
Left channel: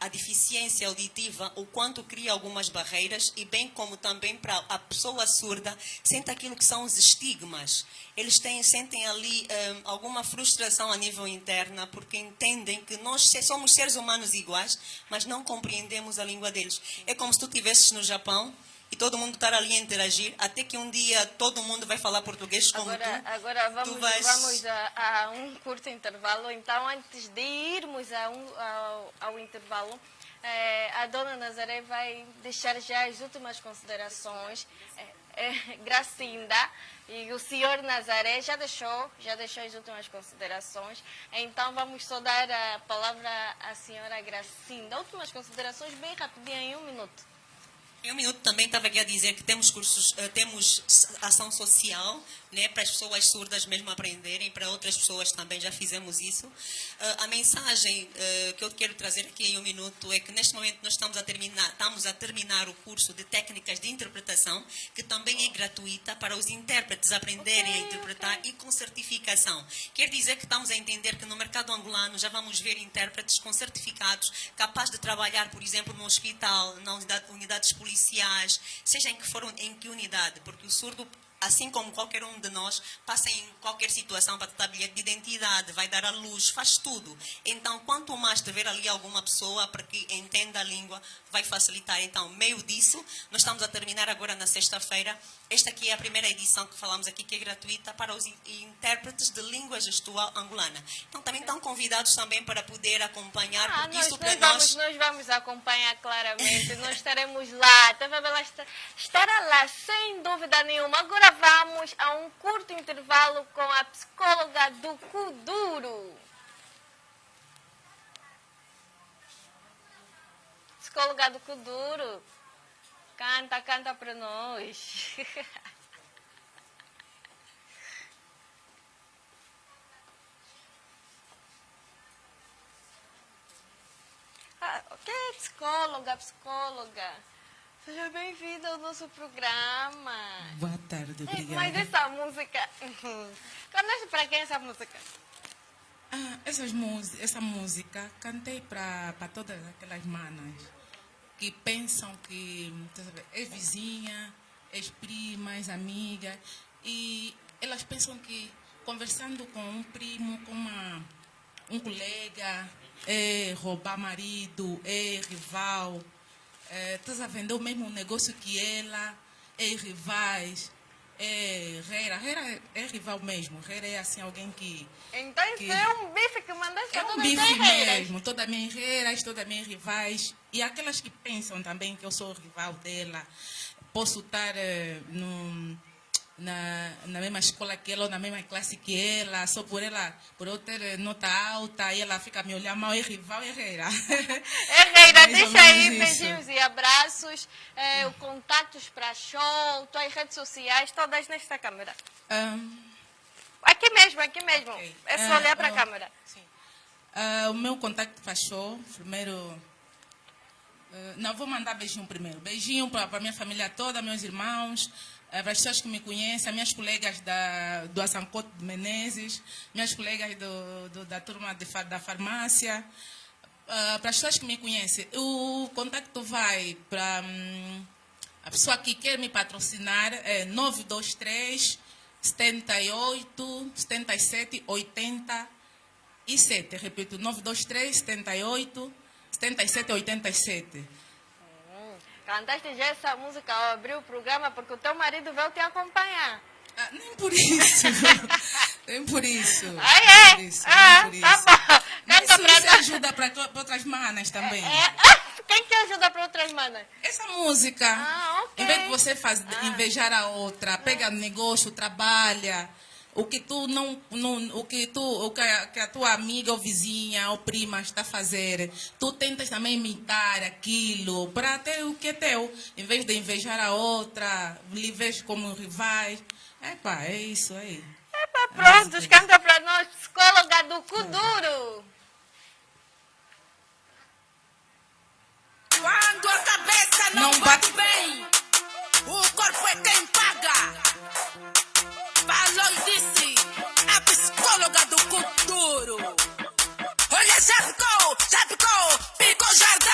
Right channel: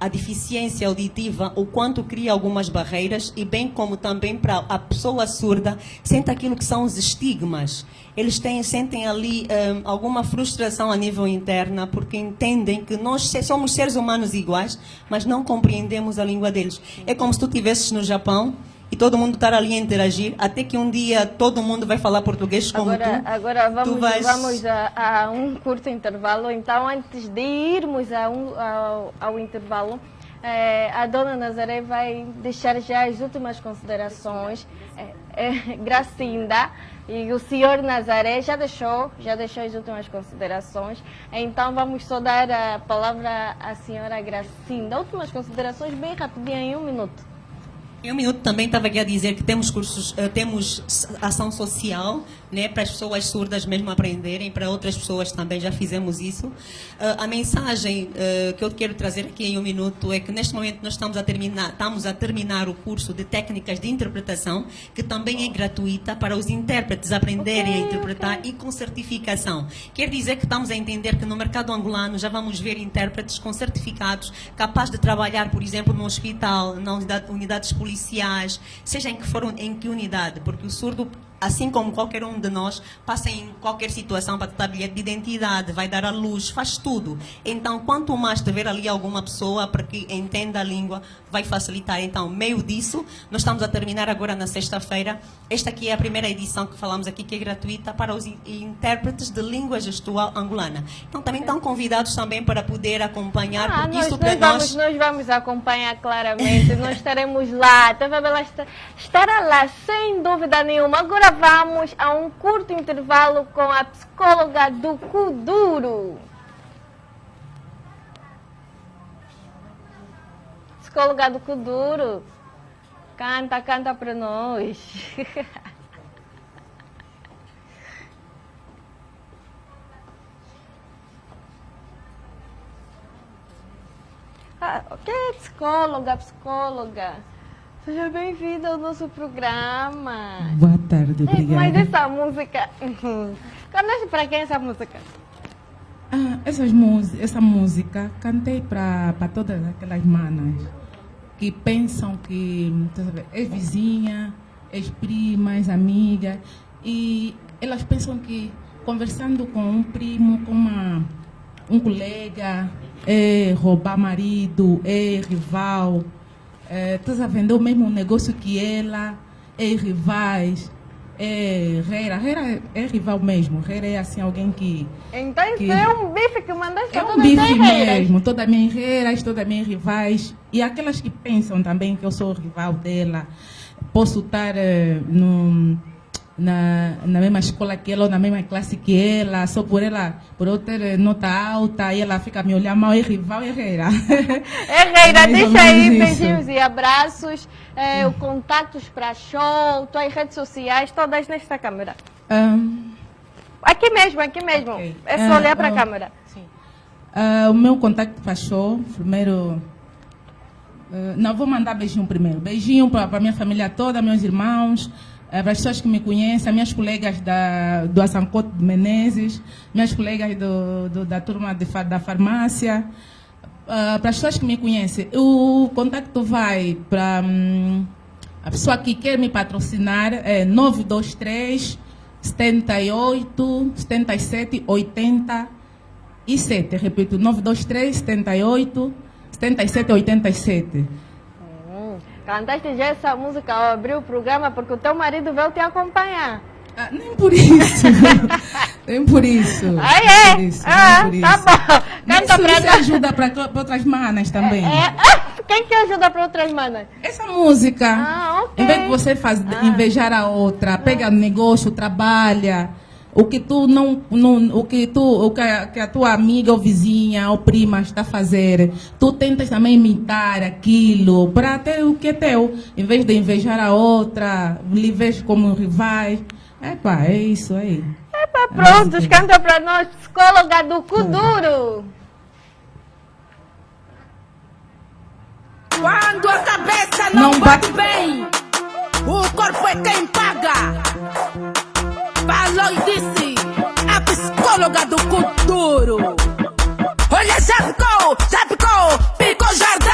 a deficiência auditiva, o quanto cria algumas barreiras e bem como também para a pessoa surda sente aquilo que são os estigmas. Eles sentem ali alguma frustração a nível interna porque entendem que nós somos seres humanos iguais, mas não compreendemos a língua deles. É como se tu estivesses no Japão e todo mundo estar ali a interagir, até que um dia todo mundo vai falar português como Agora tu vamos a um curto intervalo. Então, antes de irmos ao intervalo, a dona Nazaré vai deixar já as últimas considerações. Gracinda e o senhor Nazaré já deixou as últimas considerações. Então, vamos só dar a palavra à senhora Gracinda. Últimas considerações bem rapidinho, em 1 minuto. Em 1 minuto também estava aqui a dizer que temos cursos, temos ação social, né, para as pessoas surdas mesmo aprenderem, para outras pessoas também já fizemos isso. A mensagem que eu quero trazer aqui em 1 minuto é que neste momento nós estamos a terminar o curso de técnicas de interpretação, que também é gratuita para os intérpretes aprenderem a interpretar e com certificação. Quer dizer que estamos a entender que no mercado angolano já vamos ver intérpretes com certificados capazes de trabalhar, por exemplo, no hospital, na unidades policiais, seja em que unidade, porque o surdo, assim como qualquer um de nós, passa em qualquer situação para dar bilhete de identidade, vai dar à luz, faz tudo. Então, quanto mais tiver ali alguma pessoa para que entenda a língua, vai facilitar. Então, meio disso, nós estamos a terminar agora na sexta-feira. Esta aqui é a primeira edição que falamos aqui, que é gratuita para os intérpretes de língua gestual angolana. Então, também estão convidados também para poder acompanhar, porque isso para nós... Nós vamos acompanhar claramente, nós estaremos lá, a TV Bela estará lá, sem dúvida nenhuma. Agora vamos a um curto intervalo com a psicóloga do Kuduro. Psicóloga do Kuduro, canta para nós. Ok, psicóloga. Seja bem-vinda ao nosso programa. Boa tarde, obrigada. Mas essa música... Cantaste para quem essa música? Essa música cantei para todas aquelas manas que pensam que é vizinha, é primas, amigas, e elas pensam que conversando com um primo, com um colega, é roubar marido, é rival. Estás a vender o mesmo negócio que ela, é rivais, é reira. Reira é rival mesmo. Reira é assim alguém que... Então isso é um bife que mandaste para todas as minhas reiras. É um bife mesmo. Todas as minhas reiras, todas as minhas rivais. E aquelas que pensam também que eu sou rival dela. Posso estar na mesma escola que ela ou na mesma classe que ela, só por eu ter nota alta e ela fica me olhando mal, é rival, é reira. É reira, deixa aí beijinhos e abraços, contatos para show, tuas redes sociais, todas nesta câmera. Aqui mesmo. Okay. É só olhar para a câmera. Sim. O meu contato para show, primeiro... não, vou mandar beijinho primeiro. Beijinho para a minha família toda, meus irmãos, para as pessoas que me conhecem, minhas colegas do Assancote de Menezes, minhas colegas da turma da farmácia, para as pessoas que me conhecem. O contato vai para a pessoa que quer me patrocinar, é 923 78 77 87. Repito, 923 78 77 87. Cantaste já essa música ao abrir o programa porque o teu marido veio te acompanhar. Nem por isso. Nem por isso. Tá bom. Canta pra nós. Ajuda para outras manas também. Quem que ajuda para outras manas? Essa música. Okay. Em vez de você invejar a outra, pega no negócio, trabalha. O que a tua amiga ou vizinha ou prima está a fazer, tu tentas também imitar aquilo para ter o que é teu, em vez de invejar a outra, lhe vejo como rivais. É isso aí. Pronto, canta para nós, psicóloga do Kuduro. Quando a cabeça não bate bem, o corpo é quem paga. Falou e disse a psicóloga do Kuduro. Olha, já ficou, picou jardim.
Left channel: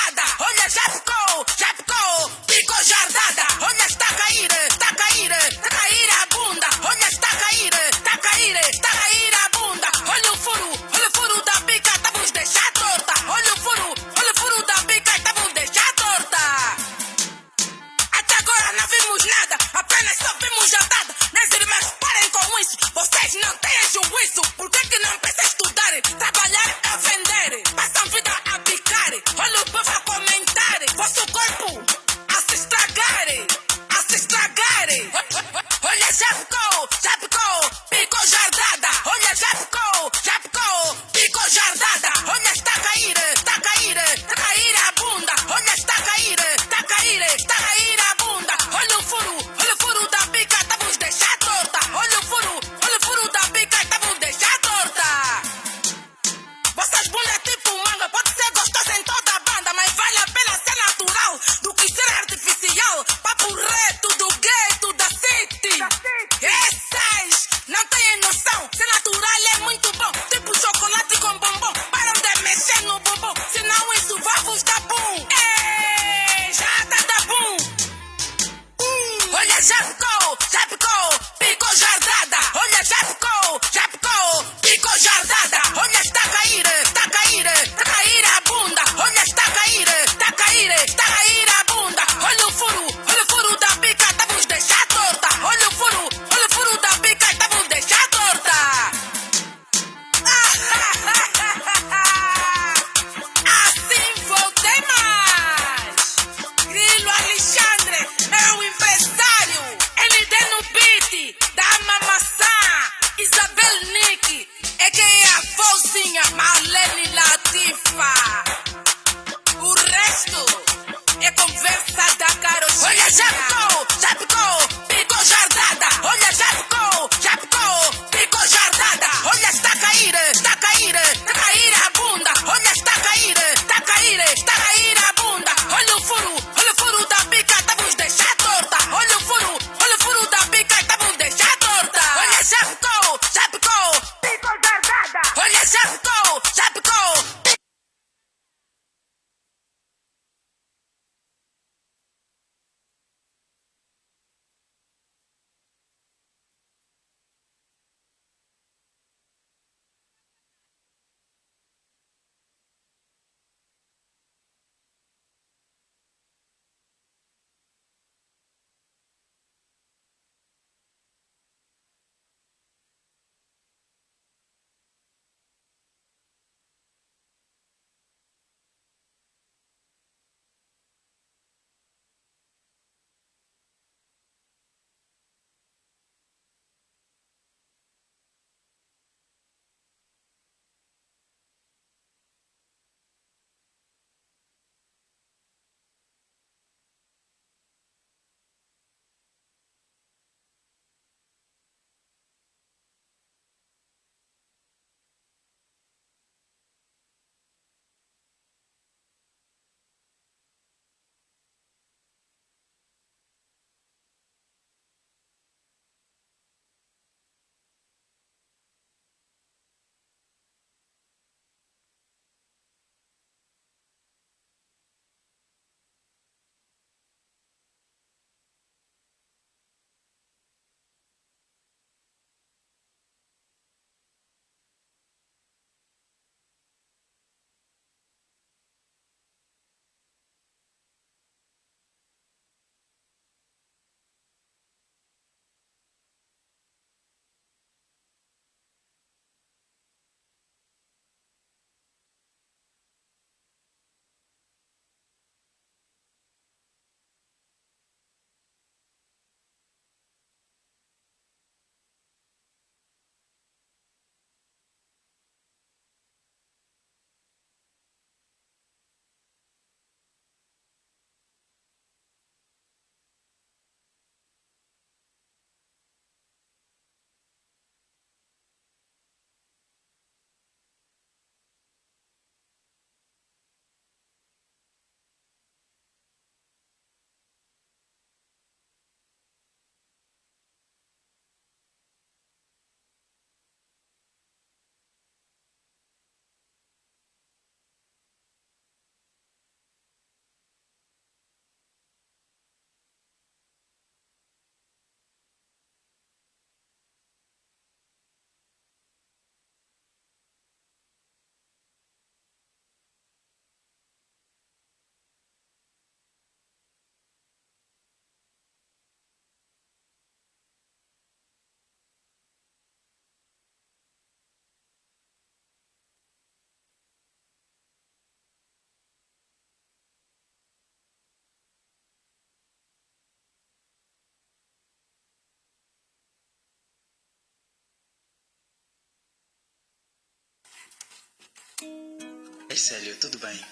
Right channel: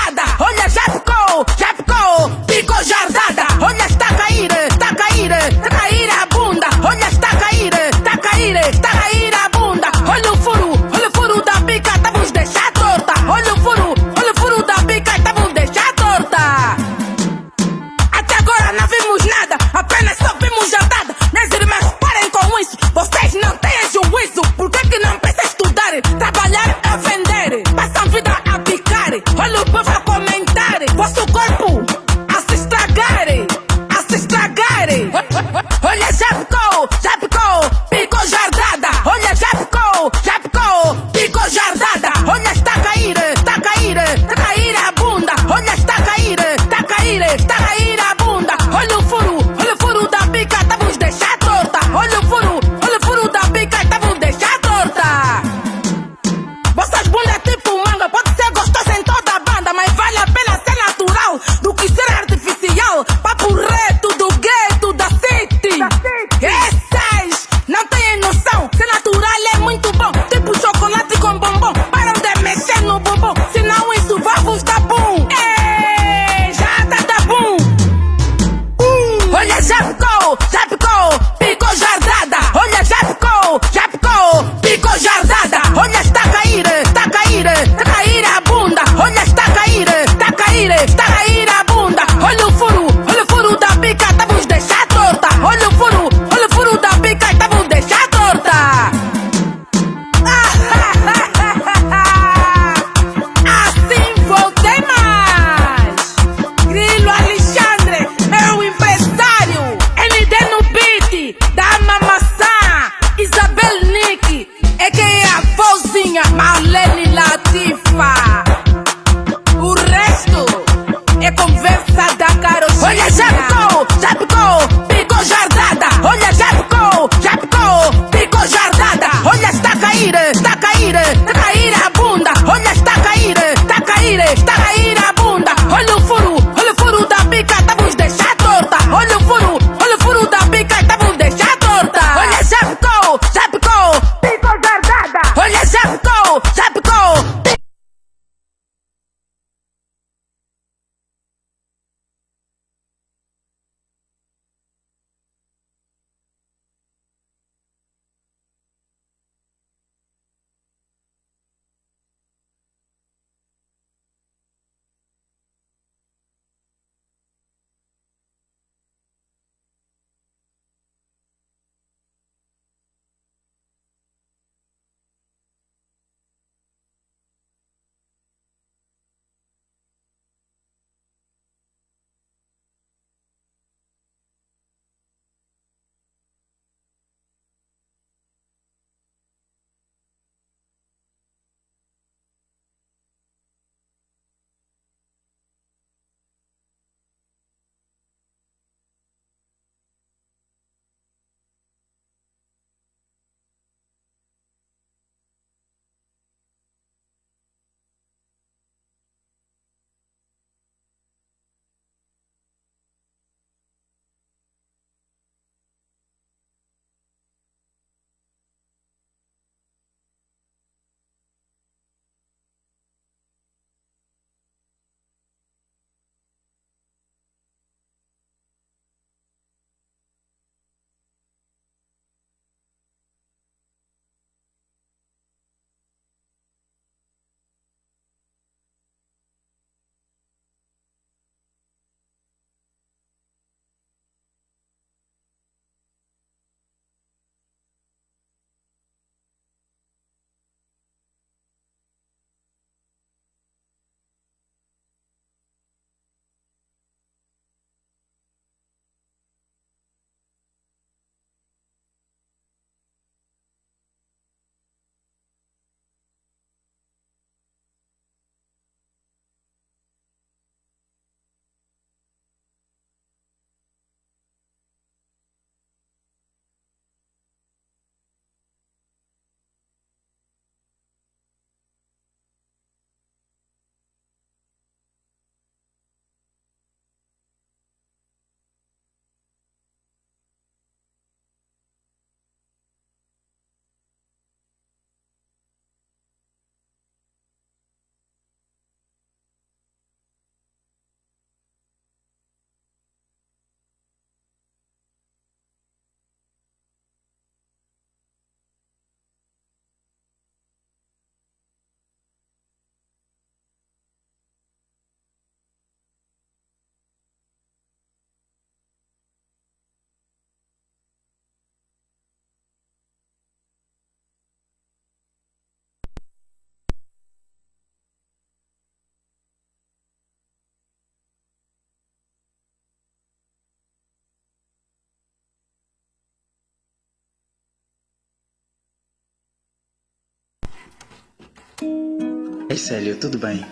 Ei, Célio, tudo bem?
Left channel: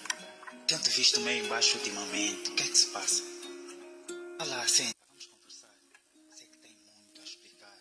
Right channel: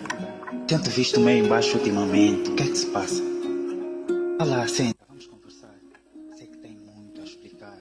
Tento visto meio embaixo ultimamente. O que é que se passa? Olá, senta, vamos conversar. Sei que tem muito a explicar.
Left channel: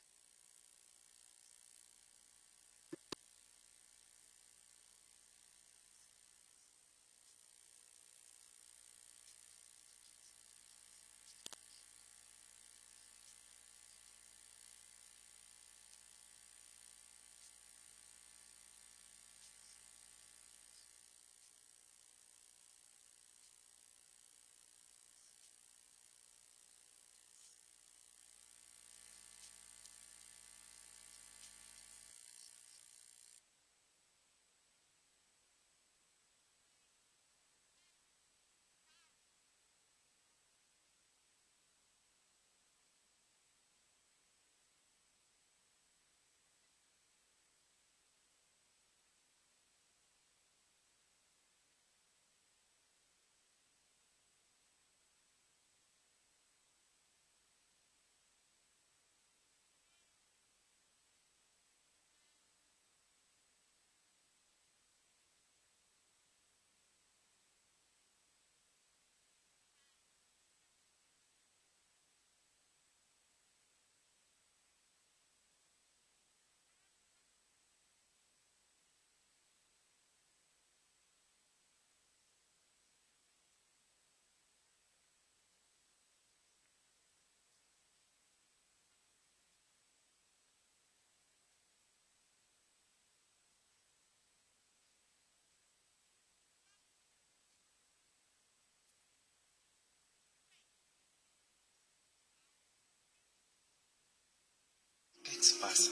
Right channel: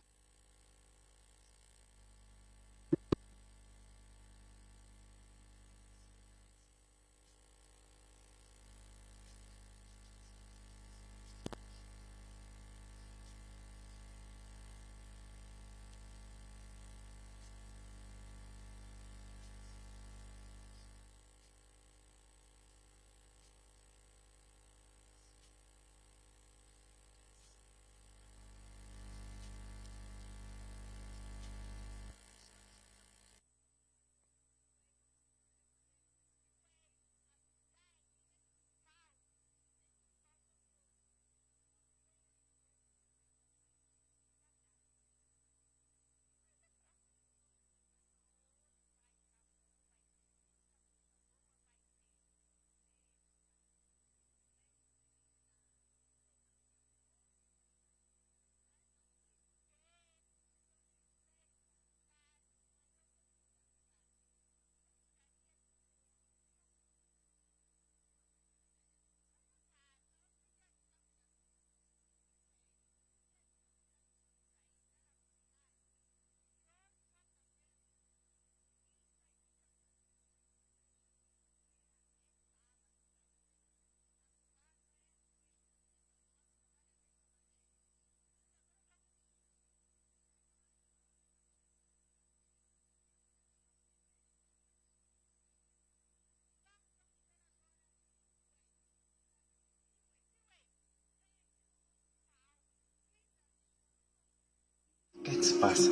O que é que se passa?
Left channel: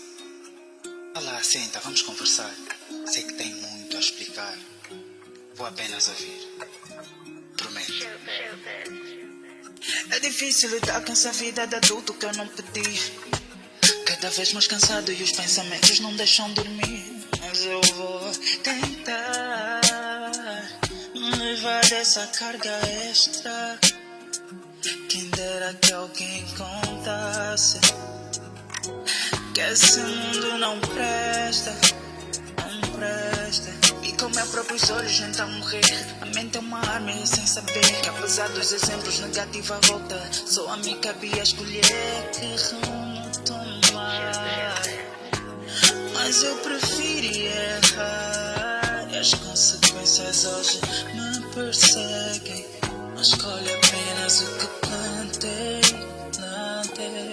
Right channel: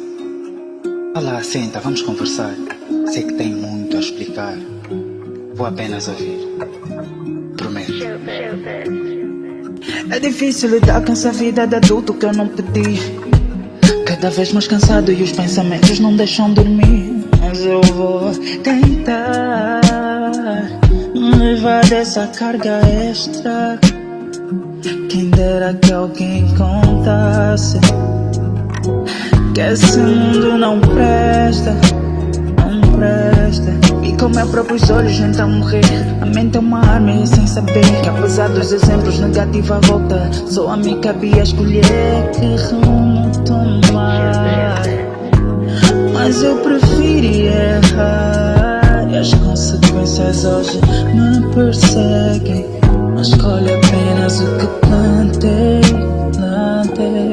Olá, senta, vamos conversar. Sei que tem muito a explicar. Vou apenas ouvir. Prometo. É difícil lidar com essa vida de adulto que eu não pedi. Cada vez mais cansado e os pensamentos não deixam dormir. Mas eu vou tentar me livrar dessa carga extra. Quem dera que alguém contasse que esse mundo não presta, não presta. E com meus próprios olhos tentar morrer. A mente é uma arma e sem saber que apesar dos exemplos negativos à volta, só a mim cabia escolher que rumo tomar. Mas eu preferi errar e as consequências hoje me perseguem. Mas escolhe apenas o que plantei, plantei.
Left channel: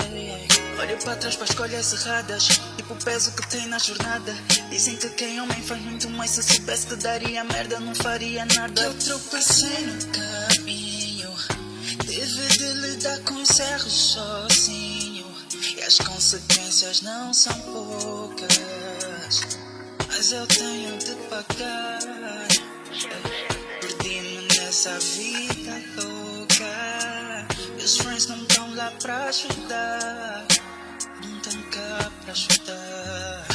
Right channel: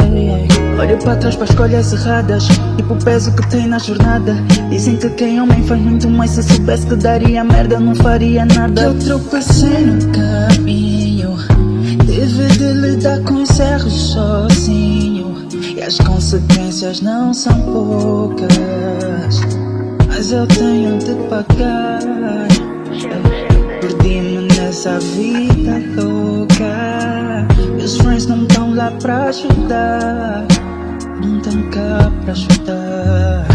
Olho para trás para escolhas erradas, tipo o peso que tem na jornada. Dizem que quem homem faz muito mais. Se soubesse que daria merda, não faria nada. Que eu tropecei no caminho, tive de lidar com os erros sozinho. E as consequências não são poucas, mas eu tenho de pagar. Perdi-me nessa vida louca, meus friends não estão lá pra ajudar, não estão cá pra ajudar.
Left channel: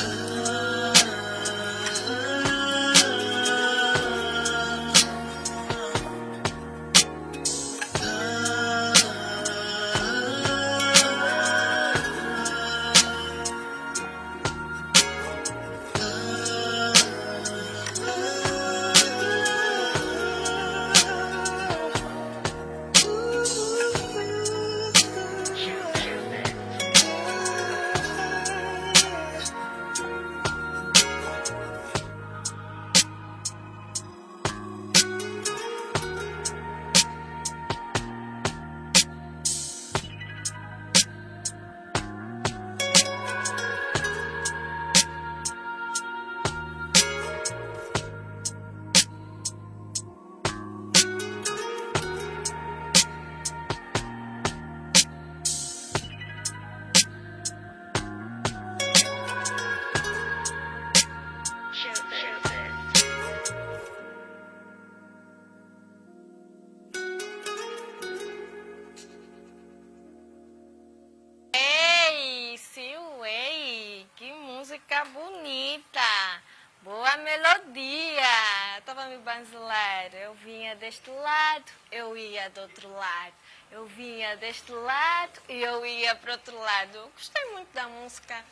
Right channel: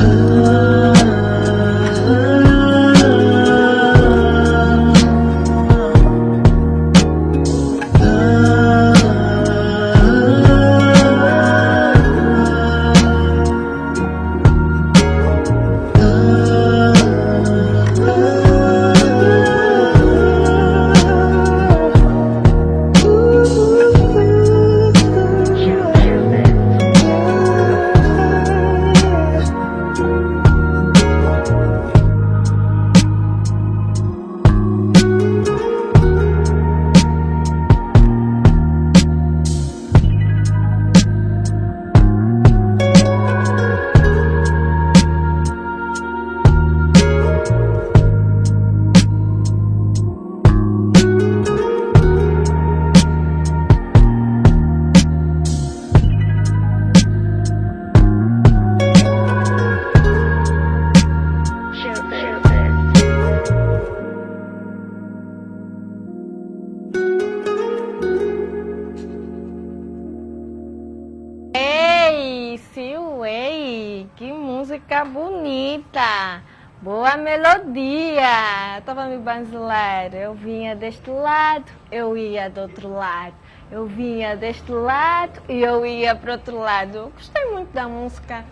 Música bonita, boa melodia. Estava me banzilar. Eu vinha deste lado, eu ia do outro lado. Eu vinha deste lado e eu ia para o outro lado. Eu gostei muito da música,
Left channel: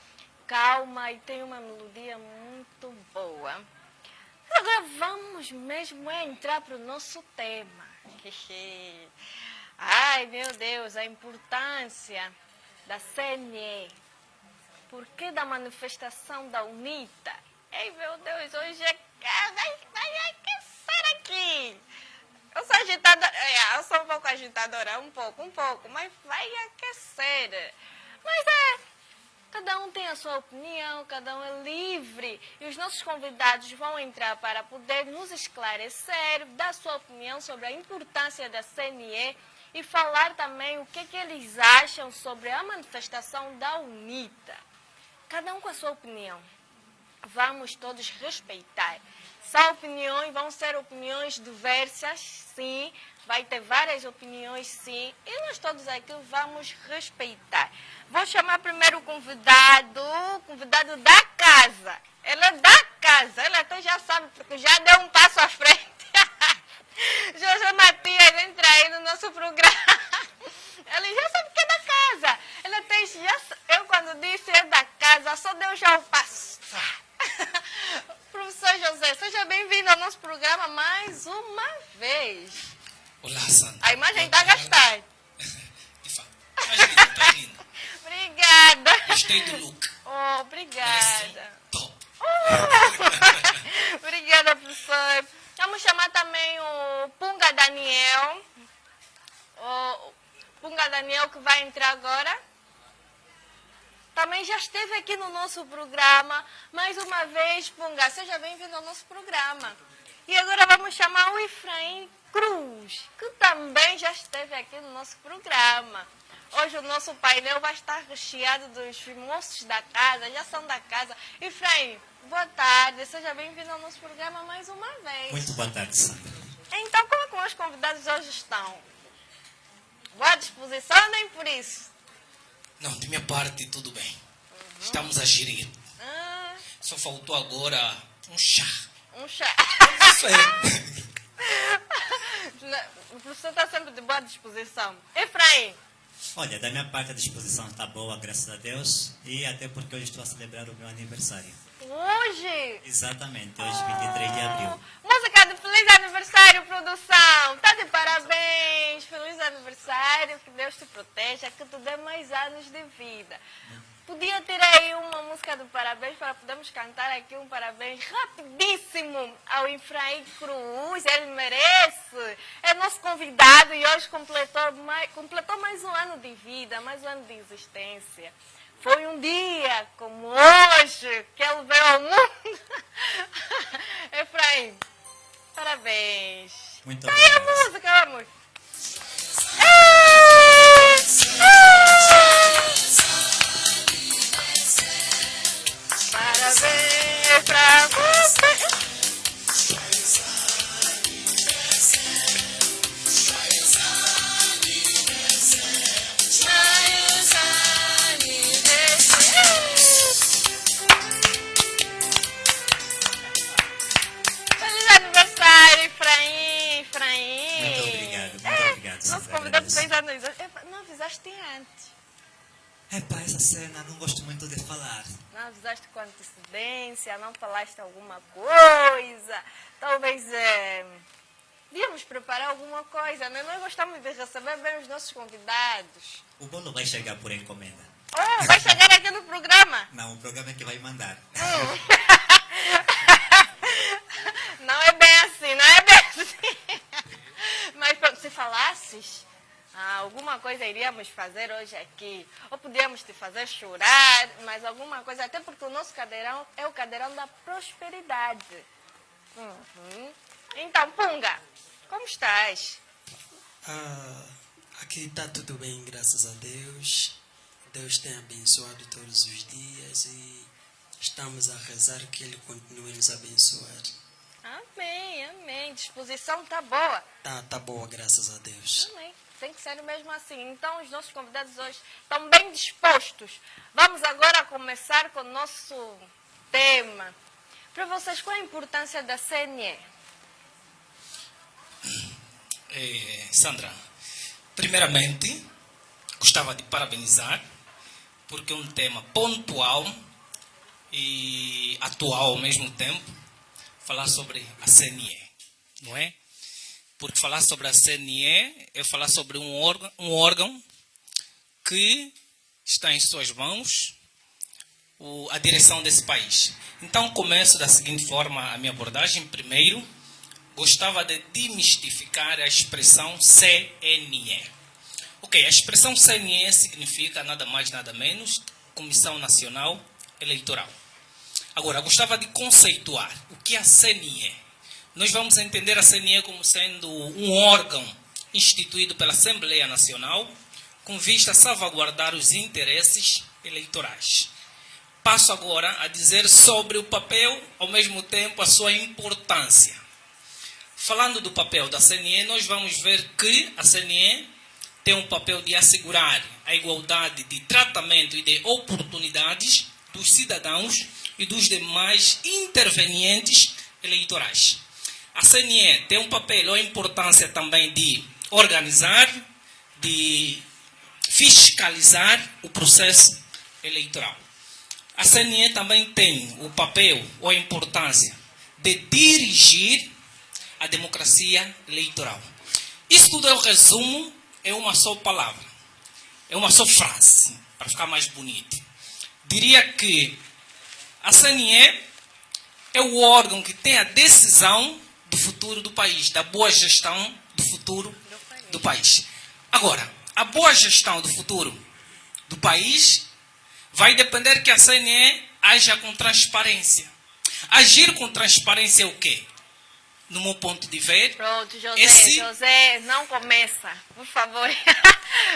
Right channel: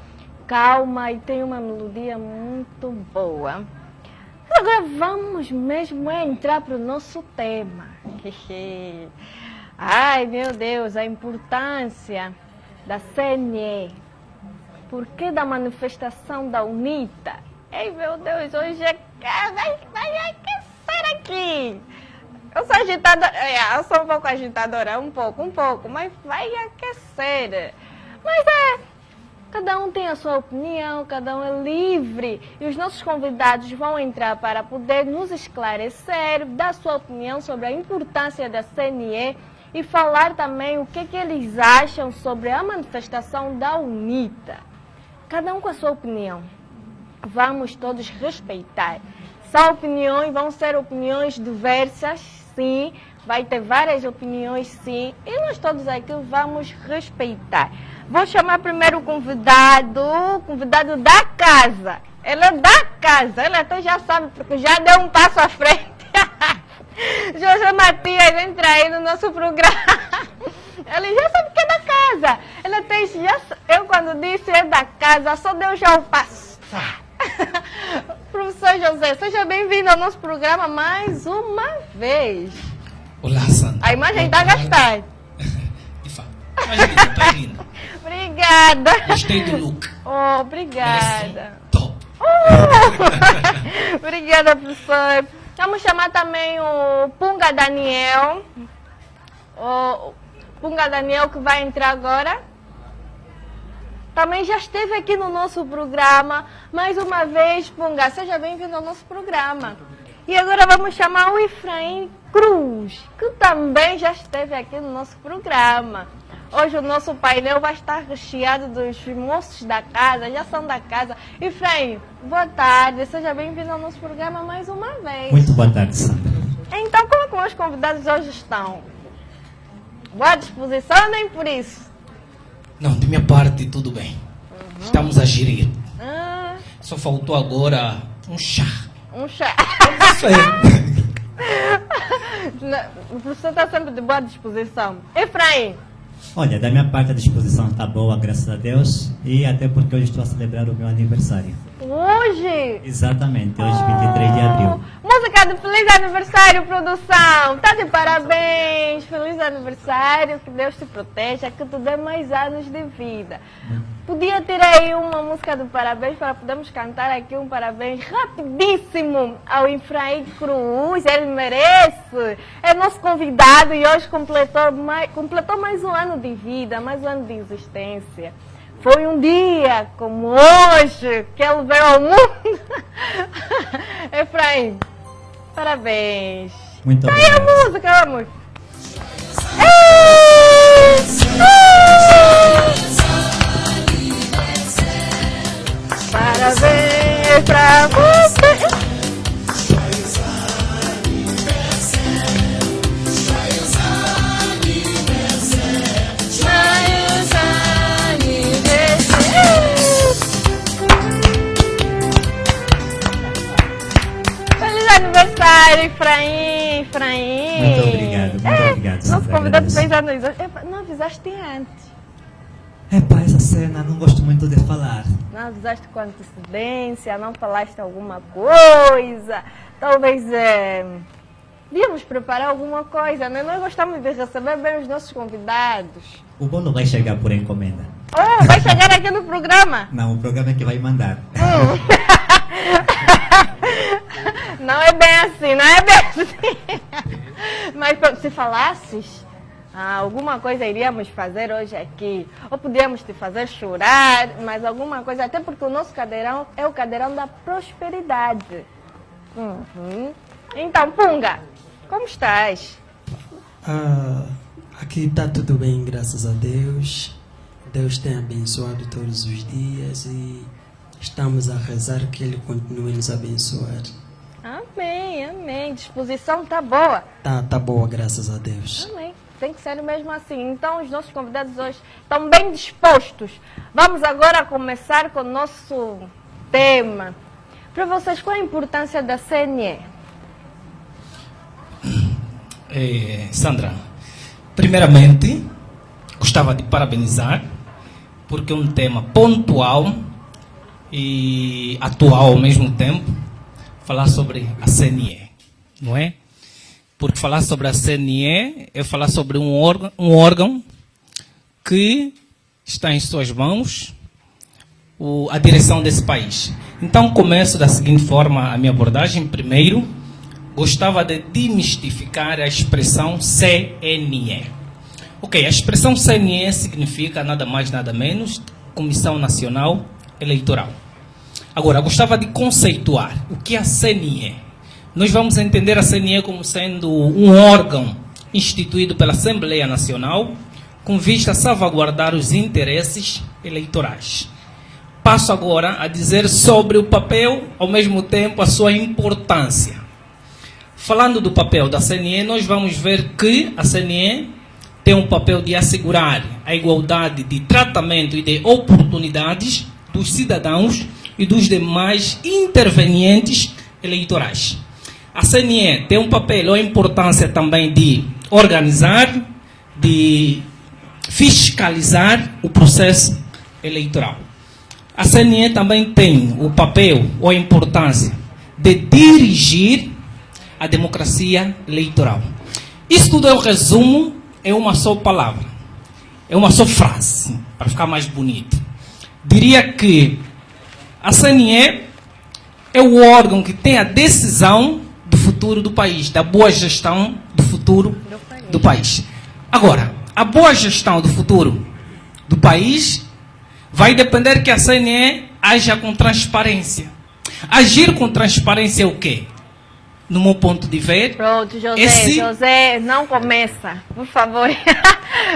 calma e tem uma melodia muito boa. agora vamos mesmo entrar para o nosso tema. Ai, meu Deus, a importância da CNE. Por que da manifestação da UNITA? Ei, meu Deus, hoje vai aquecer aqui. Eu sou agitadora, eu sou um pouco agitadora, um pouco, mas vai aquecer. Mas cada um tem a sua opinião, cada um é livre. E os nossos convidados vão entrar para poder nos esclarecer, dar sua opinião sobre a importância da CNE e falar também o que eles acham sobre a manifestação da UNITA. Cada um com a sua opinião. Vamos todos respeitar. São opiniões, vão ser opiniões diversas, sim. Vai ter várias opiniões, sim. E nós todos aqui vamos respeitar. Vou chamar primeiro o convidado da casa. Ele é da casa, ele até já sabe, porque já deu um passo à frente. José Matias entra aí no nosso programa. Ele já sabe que é da casa. Ele até eu quando disse é da casa, só deu já o passo. Professor José, seja bem-vindo ao nosso programa mais uma vez. Olá, Sandra. A imagem está a gastar. De fato. Está linda. Obrigada. Gostei do look. Oh, obrigada. Top. Obrigada, professor. Vamos chamar também o Punga Daniel. O Punga Daniel que vai entrar agora. Também já esteve aqui no nosso programa. Mais uma vez, Punga, seja bem-vindo ao nosso programa. E agora vamos chamar o Efraim Cruz, que também já esteve aqui no nosso programa. Hoje o nosso painel vai estar recheado dos moços da casa, já são da casa. Efraim, boa tarde, seja bem-vindo ao nosso programa mais uma vez. Muito boa tarde, Sandra. Então, como é que os convidados hoje estão? Boa disposição ou nem por isso? Não, de minha parte, tudo bem. Estamos a gerir. Só faltou agora um chá. Um chá. Isso aí. O professor está sempre de boa disposição. Efraim. Olha, da minha parte a disposição está boa, graças a Deus. E até porque hoje estou a celebrar o meu aniversário. Hoje? Exatamente, hoje 23 de abril. Música de feliz aniversário, produção. Tá de parabéns. Feliz aniversário. Que Deus te proteja, que tu dê mais anos de vida. Podia ter aí uma música de parabéns para podermos cantar aqui um parabéns rapidíssimo ao Efraim Cruz. Ele merece. É nosso convidado e hoje completou mais um ano de vida, mais um ano de existência. Foi um dia como hoje que ele veio ao mundo. Efraim, parabéns. Muito obrigado. Tá aí a música, vamos. Parabéns pra você. Feliz aniversário, Efraim. Muito obrigado. Nosso convidado fez anos hoje. Não avisaste antes. Epá, essa cena não gosto muito de falar. Não avisaste com antecedência, não falaste alguma coisa. Talvez devíamos preparar alguma coisa, né? Nós gostamos de receber bem os nossos convidados. O bolo vai chegar por encomenda. Oh, vai chegar aqui no programa? Não, o programa é que vai mandar. Não é bem assim. Mas se falasses, alguma coisa iríamos fazer hoje aqui. Ou podíamos te fazer chorar, mas alguma coisa, até porque o nosso cadeirão é o cadeirão da prosperidade. Então, Punga, como estás? Aqui está tudo bem, graças a Deus. Deus tem abençoado todos os dias e estamos a rezar que Ele continue a nos abençoar. Amém. Disposição tá boa? Tá boa, graças a Deus. Amém. Tem que ser mesmo assim. Então, os nossos convidados hoje estão bem dispostos. Vamos agora começar com o nosso tema. Para vocês, qual a importância da CNE? Sandra, primeiramente, gostava de parabenizar, porque é um tema pontual e atual ao mesmo tempo. falar sobre a CNE, não é? Porque falar sobre a CNE é falar sobre um órgão que está em suas mãos, a direção desse país. Então, começo da seguinte forma a minha abordagem. Primeiro, gostava de demistificar a expressão CNE. Ok, a expressão CNE significa nada mais, nada menos, Comissão Nacional Eleitoral. Agora, gostava de conceituar o que é a CNE. Nós vamos entender a CNE como sendo um órgão instituído pela Assembleia Nacional com vista a salvaguardar os interesses eleitorais. Passo agora a dizer sobre o papel, ao mesmo tempo a sua importância. Falando do papel da CNE, nós vamos ver que a CNE tem um papel de assegurar a igualdade de tratamento e de oportunidades dos cidadãos e dos demais intervenientes eleitorais. A CNE tem um papel ou a importância também de organizar, de fiscalizar o processo eleitoral. A CNE também tem o papel ou a importância de dirigir a democracia eleitoral. Isso tudo é o resumo, é uma só palavra, é uma só frase, para ficar mais bonito. Diria que a CNE é o órgão que tem a decisão do futuro do país, da boa gestão do futuro do país. Agora, a boa gestão do futuro do país vai depender que a CNE haja com transparência. Agir com transparência é o quê? No meu ponto de ver... Pronto, José, não começa, por favor.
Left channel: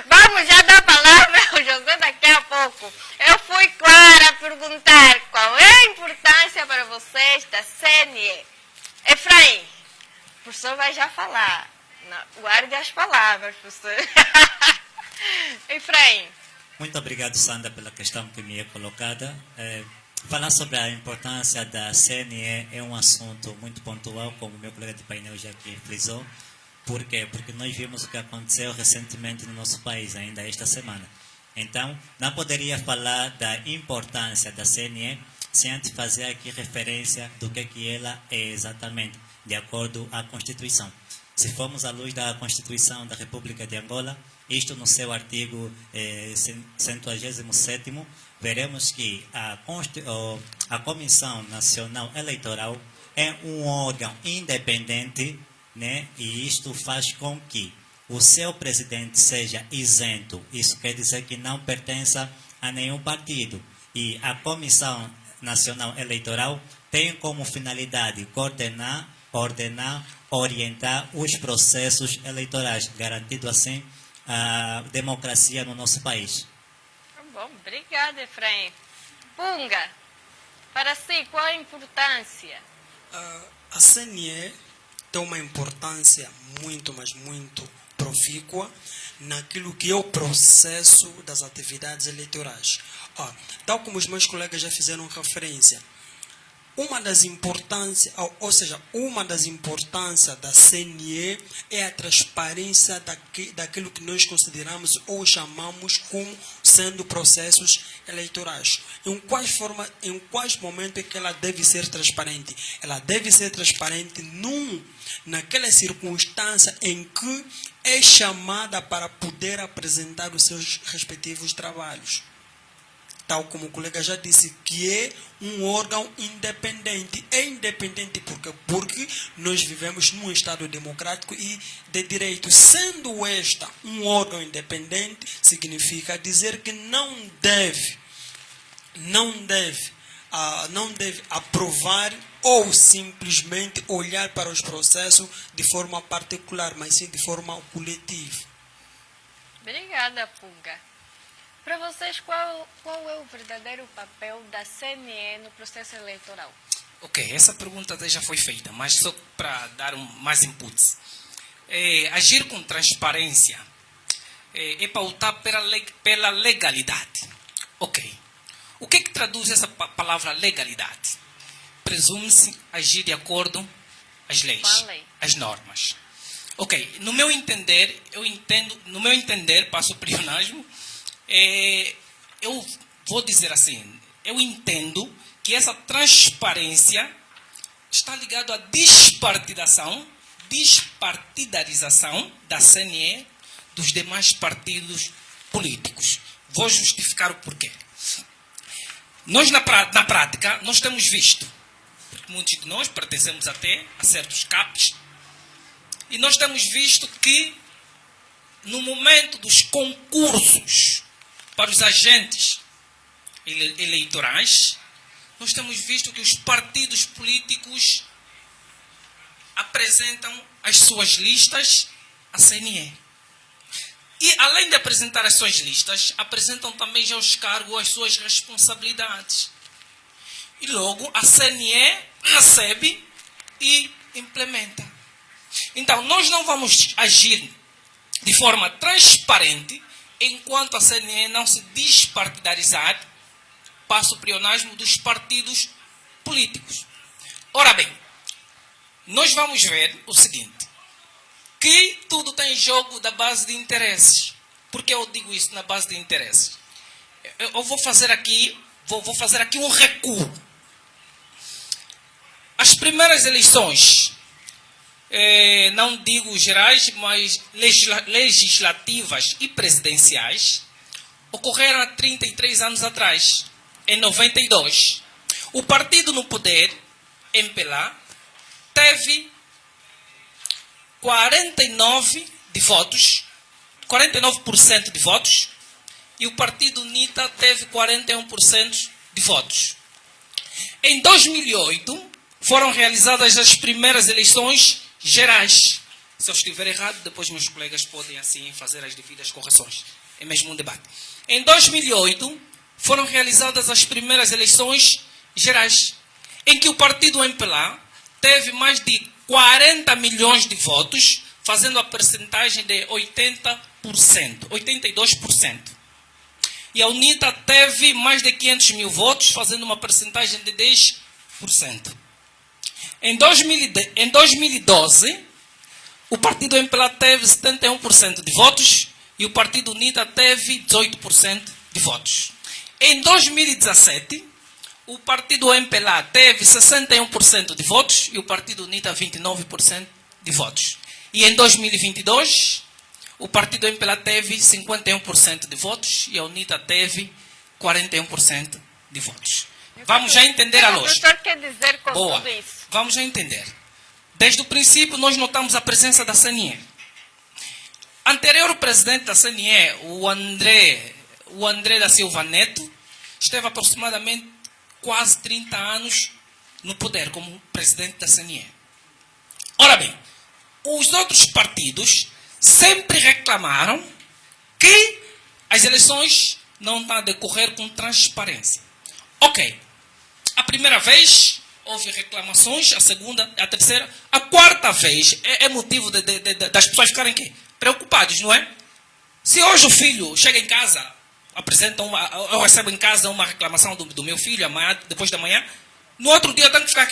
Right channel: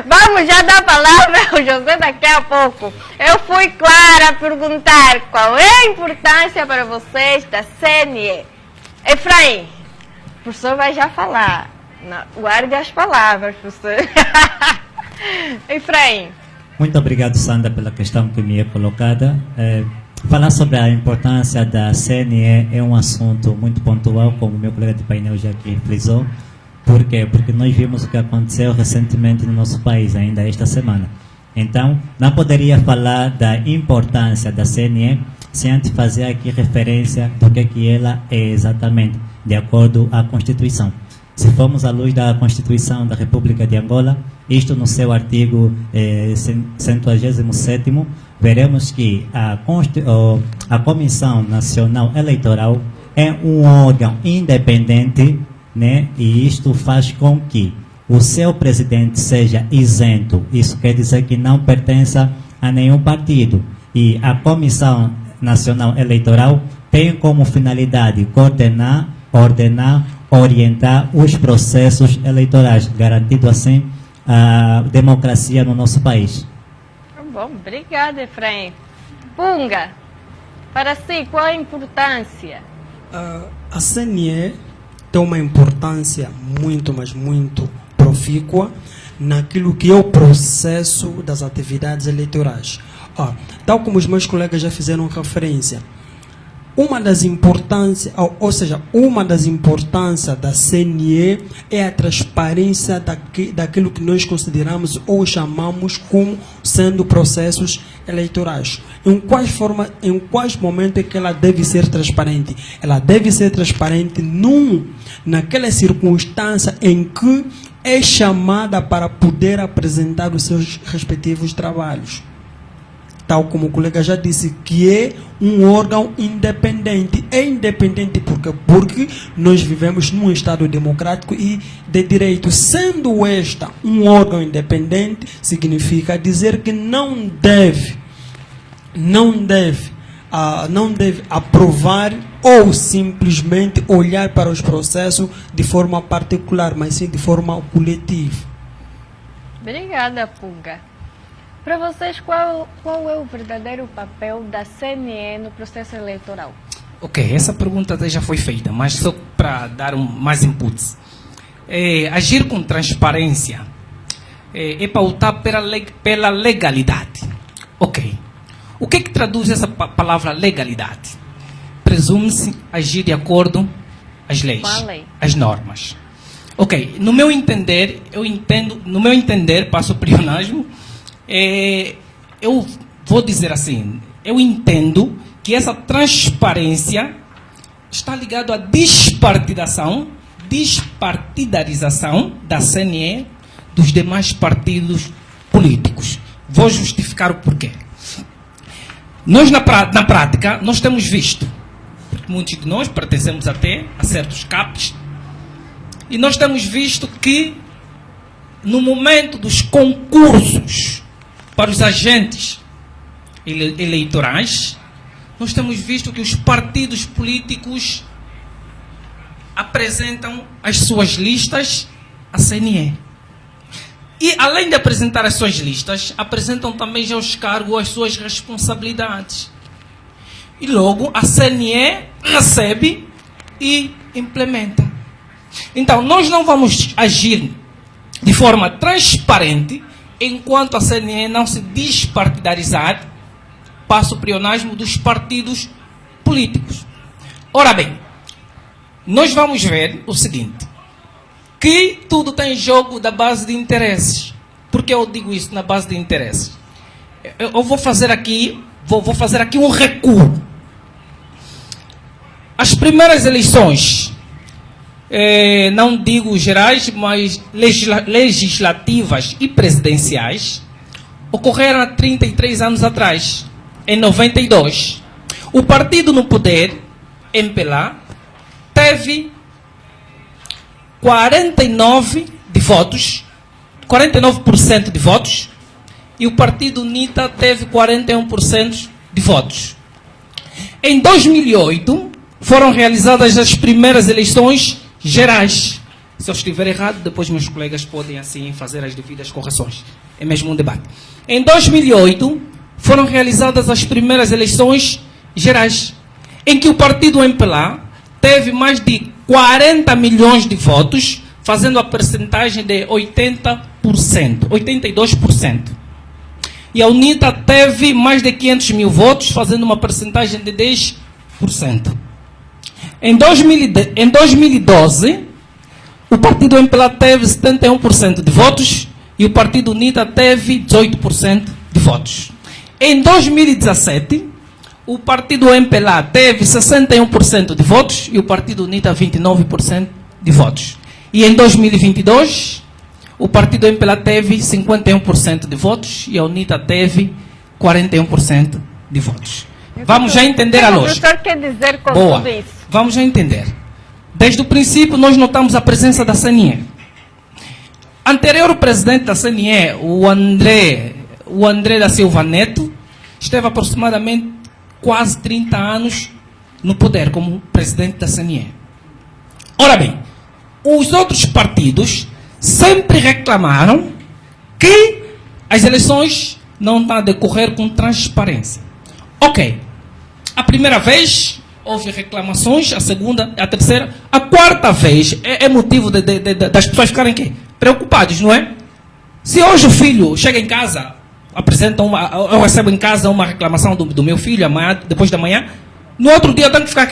Vamos já dar a palavra ao José daqui a pouco. Eu fui clara a perguntar qual é a importância para vocês da CNE. Efraim, o professor vai já falar. Não, guarde as palavras, professor. Efraim. Muito obrigado, Sandra, pela questão que me é colocada. Falar sobre a importância da CNE é um assunto muito pontual, como meu colega de painel já aqui frisou. Por quê? Porque nós vimos o que aconteceu recentemente no nosso país, ainda esta semana. Então, não poderia falar da importância da CNE sem antes fazer aqui referência do que ela é exatamente, de acordo à Constituição. Se formos à luz da Constituição da República de Angola, isto no seu artigo 127º, veremos que a Comissão Nacional Eleitoral é um órgão independente, né? E isto faz com que o seu presidente seja isento. Isso quer dizer que não pertença a nenhum partido. E a Comissão Nacional Eleitoral tem como finalidade coordenar, ordenar, orientar os processos eleitorais, garantindo assim a democracia no nosso país. Bom, obrigada, Efraim. Punga, para si, qual a importância? A CNE tem uma importância muito, mas muito profícua naquilo que é o processo das atividades eleitorais. Tal como os meus colegas já fizeram referência, uma das importâncias da CNE é a transparência daquilo que nós consideramos ou chamamos como sendo processos eleitorais. Em quais momentos é que ela deve ser transparente? Ela deve ser transparente naquela circunstância em que é chamada para poder apresentar os seus respectivos trabalhos. Tal como o colega já disse, que é um órgão independente. É independente porque nós vivemos num Estado democrático e de direito. Sendo esta um órgão independente, significa dizer que não deve aprovar ou simplesmente olhar para os processos de forma particular, mas sim de forma coletiva. Obrigada, Punga. Para vocês, qual é o verdadeiro papel da CNE no processo eleitoral? Ok, essa pergunta até já foi feita, mas só para dar mais inputs. Agir com transparência é pautar pela legalidade. Ok. O que traduz essa palavra legalidade? Presume-se agir de acordo às leis, às normas. Ok, no meu entender, passo para o pleonasmo, eu vou dizer assim, eu entendo que essa transparência está ligado à despartidarização da CNE dos demais partidos políticos. Vou justificar o porquê. Nós, na prática, nós temos visto, porque muitos de nós pertencemos até a certos CAPs, e nós temos visto que, no momento dos concursos para os agentes eleitorais, nós temos visto que os partidos políticos apresentam as suas listas à CNE. E, além de apresentar as suas listas, apresentam também já os cargos, as suas responsabilidades. E logo a CNE recebe e implementa. Então, nós não vamos agir de forma transparente enquanto a CNE não se despartidarizar para o pleonasmo dos partidos políticos. Ora bem, nós vamos ver o seguinte, que tudo tem jogo da base de interesses. Por que eu digo isso, na base de interesses? Eu vou fazer aqui um recuo. As primeiras eleições, não digo gerais, mas legislativas e presidenciais, ocorreram há 33 anos atrás, em 92. O partido no poder, MPLA, teve 49% de votos, e o partido UNITA teve 41% de votos. Em 2008, foram realizadas as primeiras eleições gerais. Se eu estiver errado, depois meus colegas podem assim fazer as devidas correções. É mesmo um debate. Em 2008, foram realizadas as primeiras eleições gerais, em que o partido MPLA teve mais de 40 milhões de votos, fazendo a percentagem de 82%. E a UNITA teve mais de 500 mil votos, fazendo uma percentagem de 10%. Em 2012, o partido MPLA teve 71% de votos e o partido UNITA teve 18% de votos. Em 2017, o partido MPLA teve 61% de votos e o partido UNITA 29% de votos. E em 2022, o partido MPLA teve 51% de votos e a UNITA teve 41% de votos. Vamos já entender a lógica. O que o senhor quer dizer com tudo isso? Vamos já entender. Desde o princípio, nós notamos a presença da CNE. Anterior presidente da CNE, o André da Silva Neto, esteve aproximadamente quase 30 anos no poder como presidente da CNE. Ora bem, os outros partidos sempre reclamaram que as eleições não estão a decorrer com transparência. Ok. A primeira vez houve reclamações, a segunda, a terceira, a quarta vez é motivo das pessoas ficarem preocupadas, não é? Se hoje o filho chega em casa, eu recebo em casa uma reclamação do meu filho, amanhã, depois da manhã, no outro dia eu tenho que ficar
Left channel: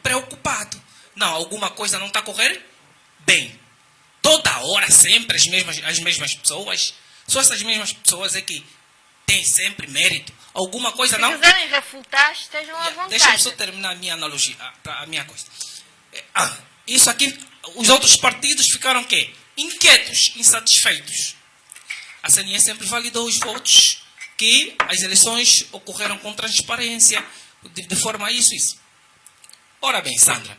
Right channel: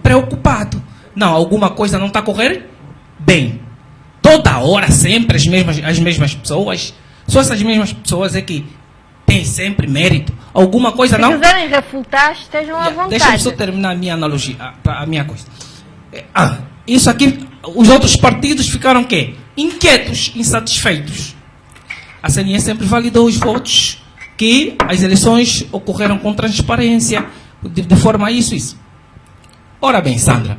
preocupado. Não, alguma coisa não está a correr bem. Toda hora, sempre as mesmas pessoas. Só essas mesmas pessoas é que têm sempre mérito. Alguma coisa não... Se quiserem refutar, estejam à vontade. Deixa eu só terminar a minha analogia, a minha coisa. Isso aqui, os outros partidos ficaram inquietos, insatisfeitos. A CNE sempre validou os votos, que as eleições ocorreram com transparência, de forma isso. Ora bem, Sandra.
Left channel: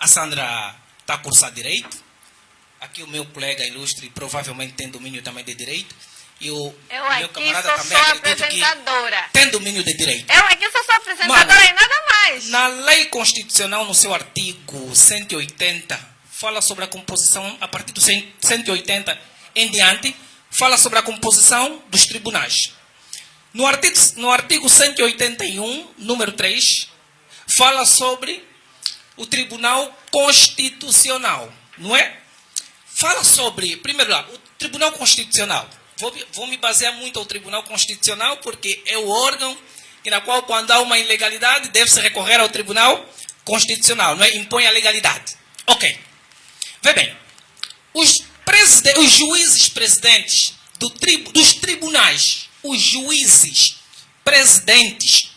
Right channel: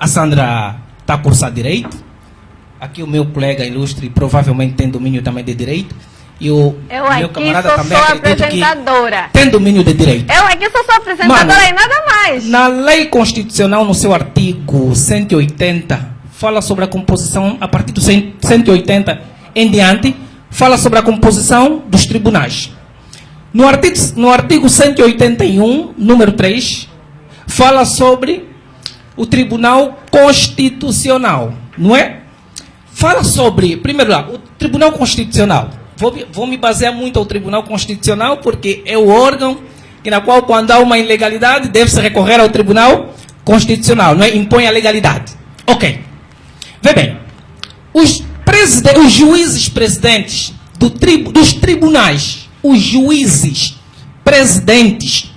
A Sandra está a cursar Direito. Aqui o meu colega ilustre provavelmente tem domínio também de Direito. E o meu camarada também acredita que tem domínio de Direito. Eu aqui sou só apresentadora e nada mais. Na lei constitucional, no seu artigo 180, fala sobre a composição, a partir do 180 em diante, fala sobre a composição dos tribunais. No artigo 181, número 3, fala sobre o Tribunal Constitucional, não é? Fala sobre, primeiro lá, o Tribunal Constitucional. Vou me basear muito ao Tribunal Constitucional, porque é o órgão na qual, quando há uma ilegalidade, deve-se recorrer ao Tribunal Constitucional, não é? Impõe a legalidade. Ok. Vê bem, os juízes presidentes dos tribunais, os juízes presidentes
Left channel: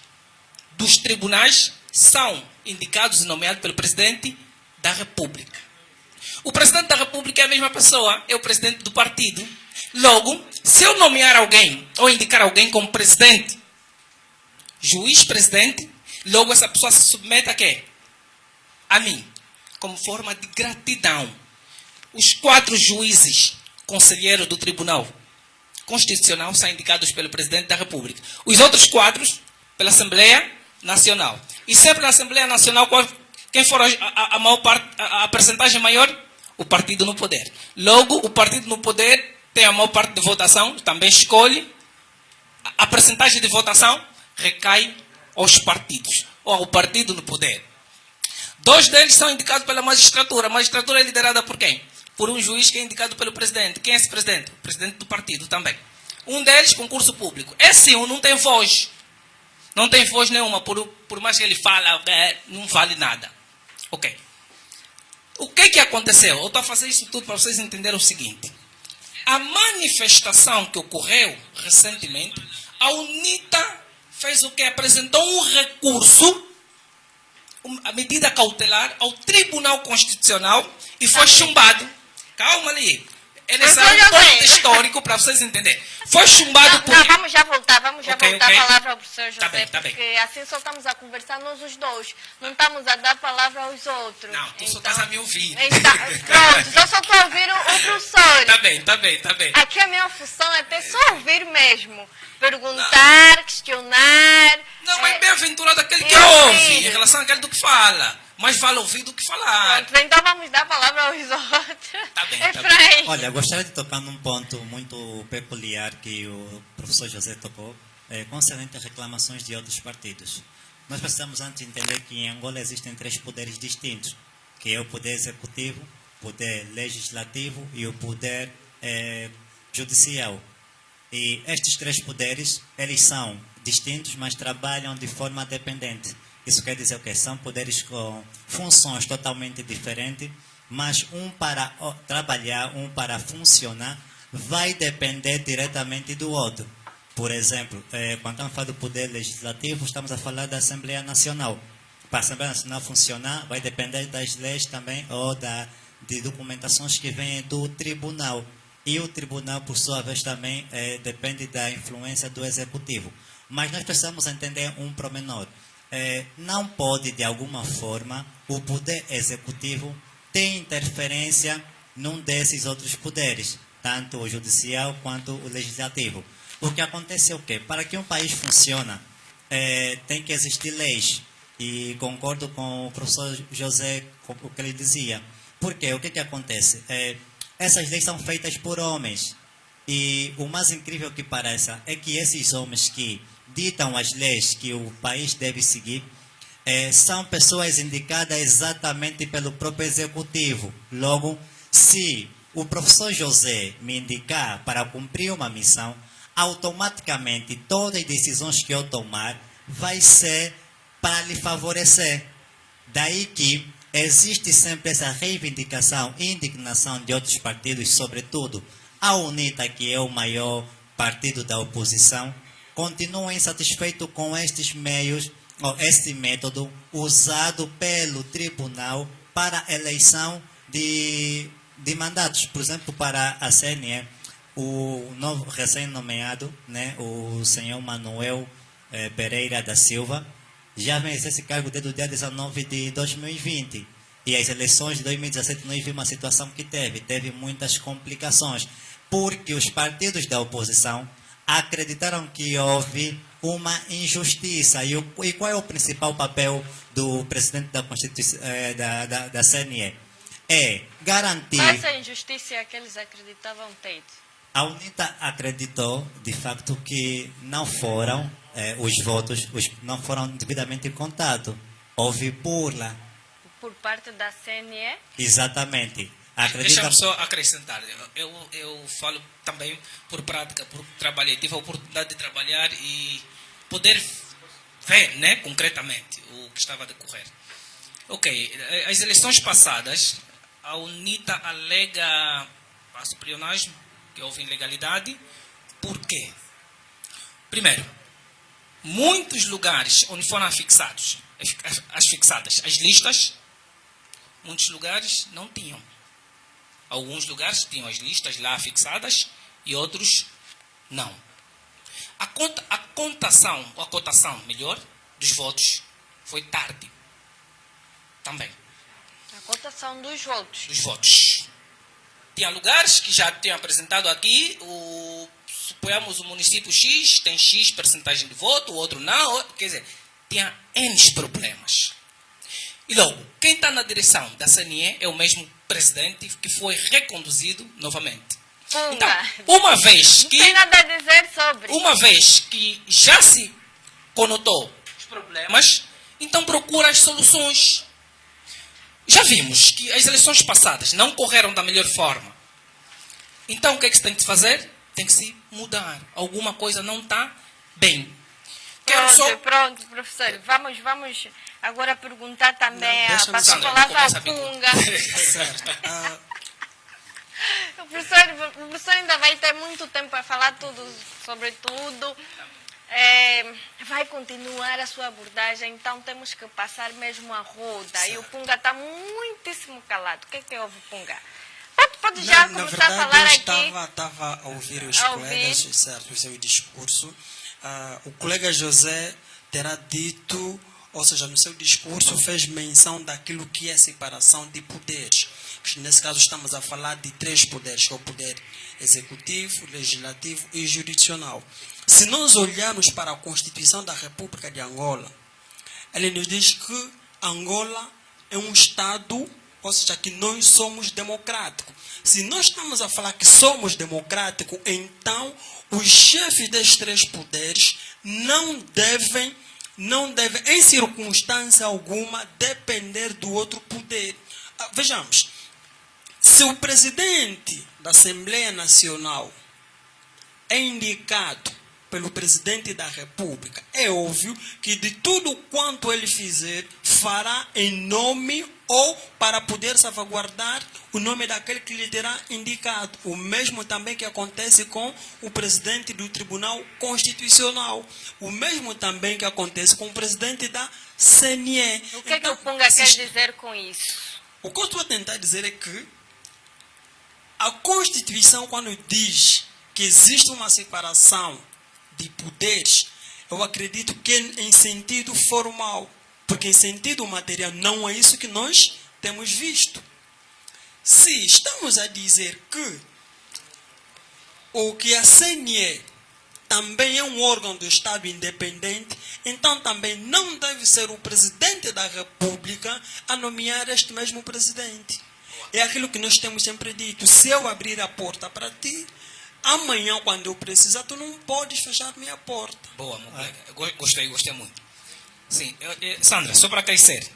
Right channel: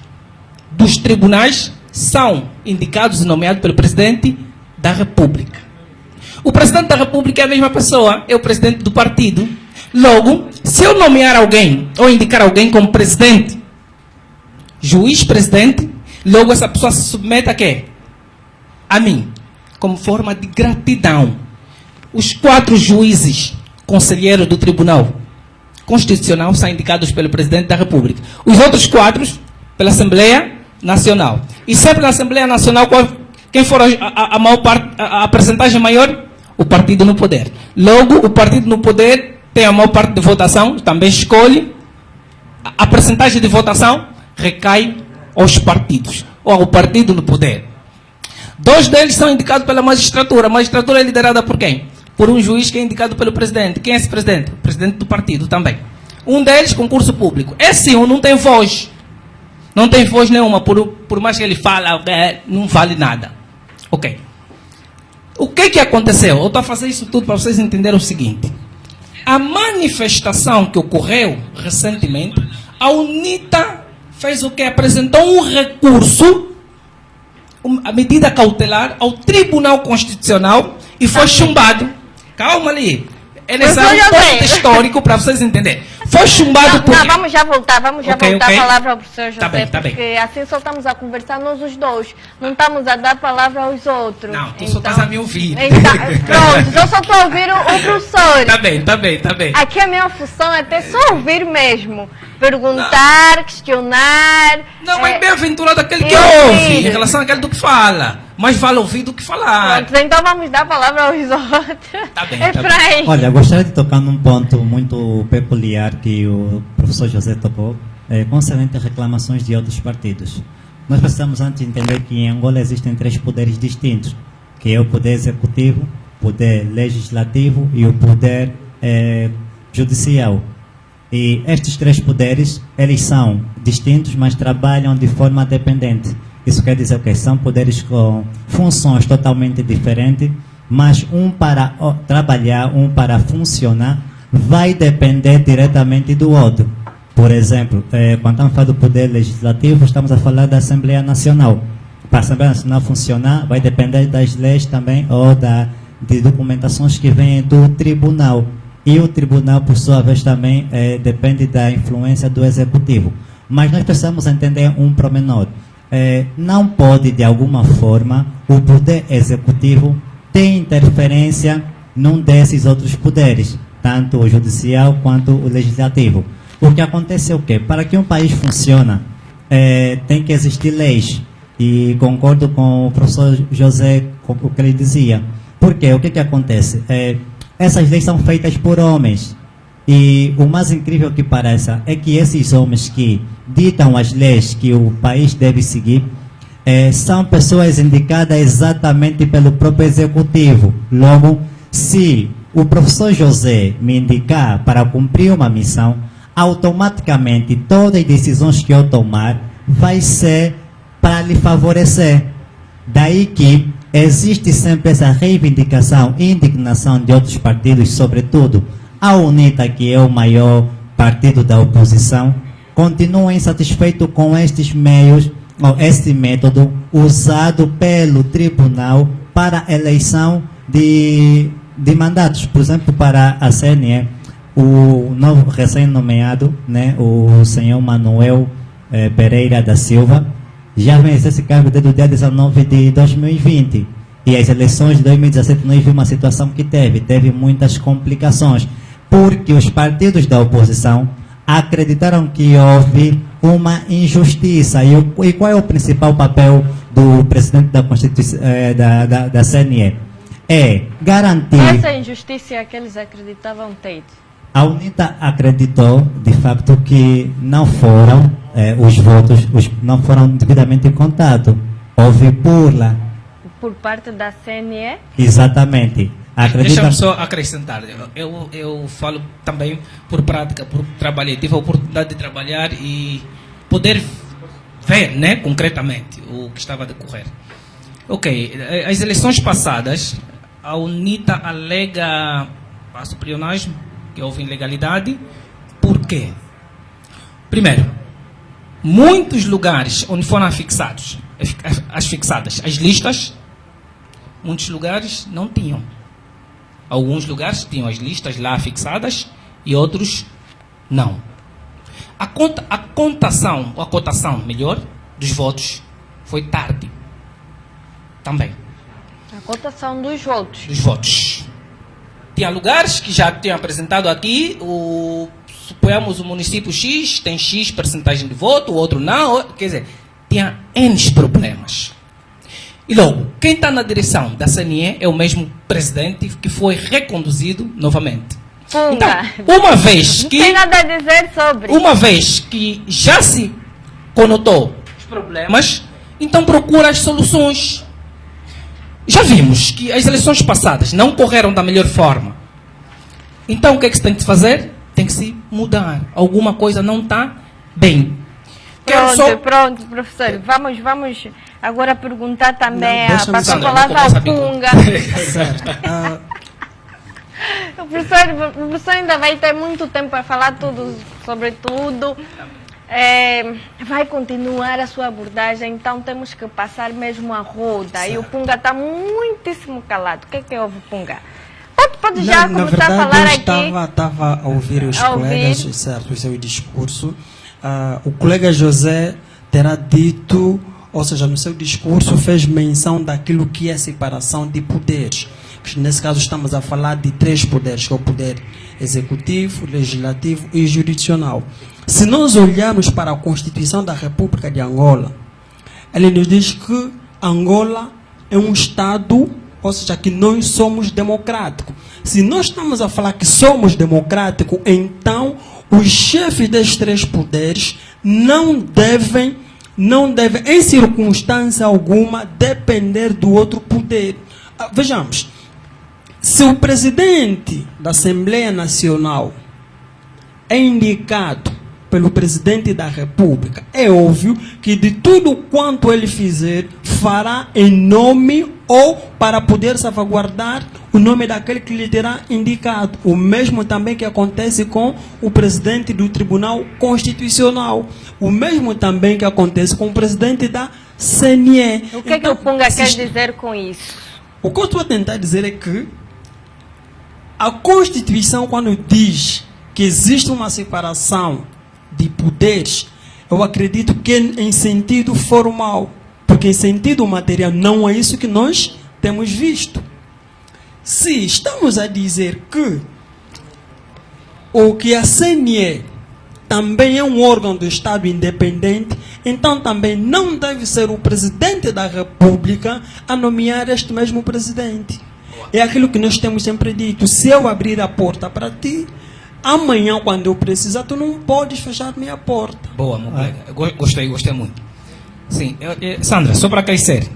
dos tribunais são indicados e nomeados pelo Presidente da República. O Presidente da República é a mesma pessoa, é o Presidente do partido. Logo, se eu nomear alguém ou indicar alguém como Presidente, Juiz-Presidente, logo essa pessoa se submete a quê? A mim, como forma de gratidão. Os 4 juízes conselheiros do Tribunal Constitucional são indicados pelo Presidente da República. Os outros 4 pela Assembleia Nacional. E sempre na Assembleia Nacional, quem for a maior parte, a percentagem maior? O partido no poder. Logo, o partido no poder tem a maior parte de votação, também escolhe. A percentagem de votação recai aos partidos, ou ao partido no poder. 2 deles são indicados pela magistratura. A magistratura é liderada por quem? Por um juiz que é indicado pelo presidente. Quem é esse presidente? O presidente do partido também. Um deles, concurso público. Esse um não tem voz. Não tem voz nenhuma. Por mais que ele fala, não vale nada. Ok. O que aconteceu? Eu estou a fazer isso tudo para vocês entenderem o seguinte. A manifestação que ocorreu recentemente, a UNITA fez o que? Apresentou um recurso, a medida cautelar, ao Tribunal Constitucional e foi chumbado. Calma ali. Eles são um ponto histórico para vocês entenderem. Foi chumbado por... Não, vamos já voltar a palavra ao professor José, tá bem. porque assim só estamos a conversar nós os dois. Não estamos a dar a palavra aos outros. Não, tu só estás a me ouvir. Pronto, eu só estou a ouvir o professor. Tá bem. Aqui a minha função é até só ouvir mesmo. Perguntar, questionar. Não, mas bem-aventurado aquele que ouve, em relação àquele do que fala. Mais vale ouvir do que falar. Pronto, então vamos dar a palavra aos outros. Tá bem. Olha, gostaria de tocar num ponto muito peculiar que o professor José tocou, concernente a reclamações de outros partidos. Nós precisamos antes entender que em Angola existem 3 poderes distintos, que é o poder executivo, o poder legislativo e o poder judicial. E estes 3 poderes, eles são distintos, mas trabalham de forma dependente. Isso quer dizer o quê? São poderes com funções totalmente diferentes, mas um para trabalhar, um para funcionar, vai depender diretamente do outro. Por exemplo, quando estamos falando do poder legislativo, estamos a falar da Assembleia Nacional. Para a Assembleia Nacional funcionar, vai depender das leis também ou de documentações que vêm do tribunal. E o tribunal, por sua vez, também depende da influência do executivo. Mas nós precisamos entender um pormenor. Não pode, de alguma forma, o poder executivo ter interferência num desses outros poderes, tanto o judicial quanto o legislativo. O que acontece é o quê? Para que um país funcione, tem que existir leis. E concordo com o professor José, com o que ele dizia. Por quê? O que acontece? Essas leis são feitas por homens. E o mais incrível que pareça é que esses homens que ditam as leis que o país deve seguir são pessoas indicadas exatamente pelo próprio executivo. Logo, se o professor José me indicar para cumprir uma missão, automaticamente todas as decisões que eu tomar vai ser para lhe favorecer. Daí que existe sempre essa reivindicação e indignação de outros partidos, sobretudo a UNITA, que é o maior partido da oposição, continua insatisfeito com estes meios, ou este método usado pelo tribunal para a eleição de mandatos. Por exemplo, para a CNE, o novo recém-nomeado, né, o senhor Manuel Pereira da Silva, já venceu esse cargo desde o dia 19 de 2020. E as eleições de 2017 nós vimos uma situação que teve muitas complicações, porque os partidos da oposição acreditaram que houve uma injustiça. E qual é o principal papel do presidente da Constituição, da CNE? É garantir... Essa injustiça é que eles acreditavam ter. A UNITA acreditou, de facto, que não foram os votos, não foram devidamente contados. Houve burla. Por parte da CNE? Exatamente. Deixa-me só acrescentar. Eu falo também por prática, por trabalhar. Tive a oportunidade de trabalhar e poder ver, né, concretamente o que estava a decorrer. Ok, as eleições passadas, a UNITA alega passo prionagem, que houve ilegalidade. Por quê? Primeiro, muitos lugares onde foram afixados as fixadas. As listas, muitos lugares não tinham. Alguns lugares tinham as listas lá fixadas e outros não. A cotação, melhor, dos votos foi tarde. Também. A cotação dos votos. Dos votos. Tinha lugares que já tinham apresentado aqui, suponhamos o município X tem X percentagem de voto, o outro não, quer dizer, tinha N problemas. E logo, quem está na direção da CNE é o mesmo presidente que foi reconduzido novamente. Punga. Então, uma vez que... Não tem nada a dizer sobre. Uma vez que já se conotou os problemas, então procura as soluções. Já vimos que as eleições passadas não correram da melhor forma. Então, o que é que se tem que fazer? Tem que se mudar. Alguma coisa não está bem. Pronto, professor. Vamos agora perguntar também a passar a Sandra, palavra ao começa Punga. Certo. O professor ainda vai ter muito tempo para falar tudo sobre tudo. Vai continuar a sua abordagem, então temos que passar mesmo a roda. Certo. E o Punga está muitíssimo calado. O que é que houve, Punga? Pode já começar a falar aqui. Eu estava a ouvir os colegas, certo, o seu discurso. O colega José terá dito, ou seja, no seu discurso fez menção daquilo que é a separação de poderes. Nesse caso estamos a falar de 3 poderes, que é o poder executivo, legislativo e jurisdicional. Se nós olharmos para a Constituição da República de Angola, ele nos diz que Angola é um Estado, ou seja, que nós somos democráticos. Se nós estamos a falar que somos democráticos, então os chefes destes 3 poderes não devem, em circunstância alguma, depender do outro poder. Vejamos, se o presidente da Assembleia Nacional é indicado pelo presidente da República, é óbvio que de tudo quanto ele fizer, fará em nome ou para poder salvaguardar o nome daquele que lhe terá indicado. O mesmo também que acontece com o presidente do Tribunal Constitucional. O mesmo também que acontece com o presidente da CNE. O que é que o Punga quer dizer com isso? O que eu estou a tentar dizer é que a Constituição, quando diz que existe uma separação de poderes, eu acredito que é em sentido formal, porque em sentido material não é isso que nós temos visto. Se estamos a dizer que a CNE também é um órgão do Estado independente, então também não deve ser o presidente da República a nomear este mesmo presidente. É aquilo que nós temos sempre dito: se eu abrir a porta para ti, amanhã, quando eu precisar, tu não podes fechar minha porta. Boa, meu colega. Gostei muito. Sim, Sandra, só para aquecer.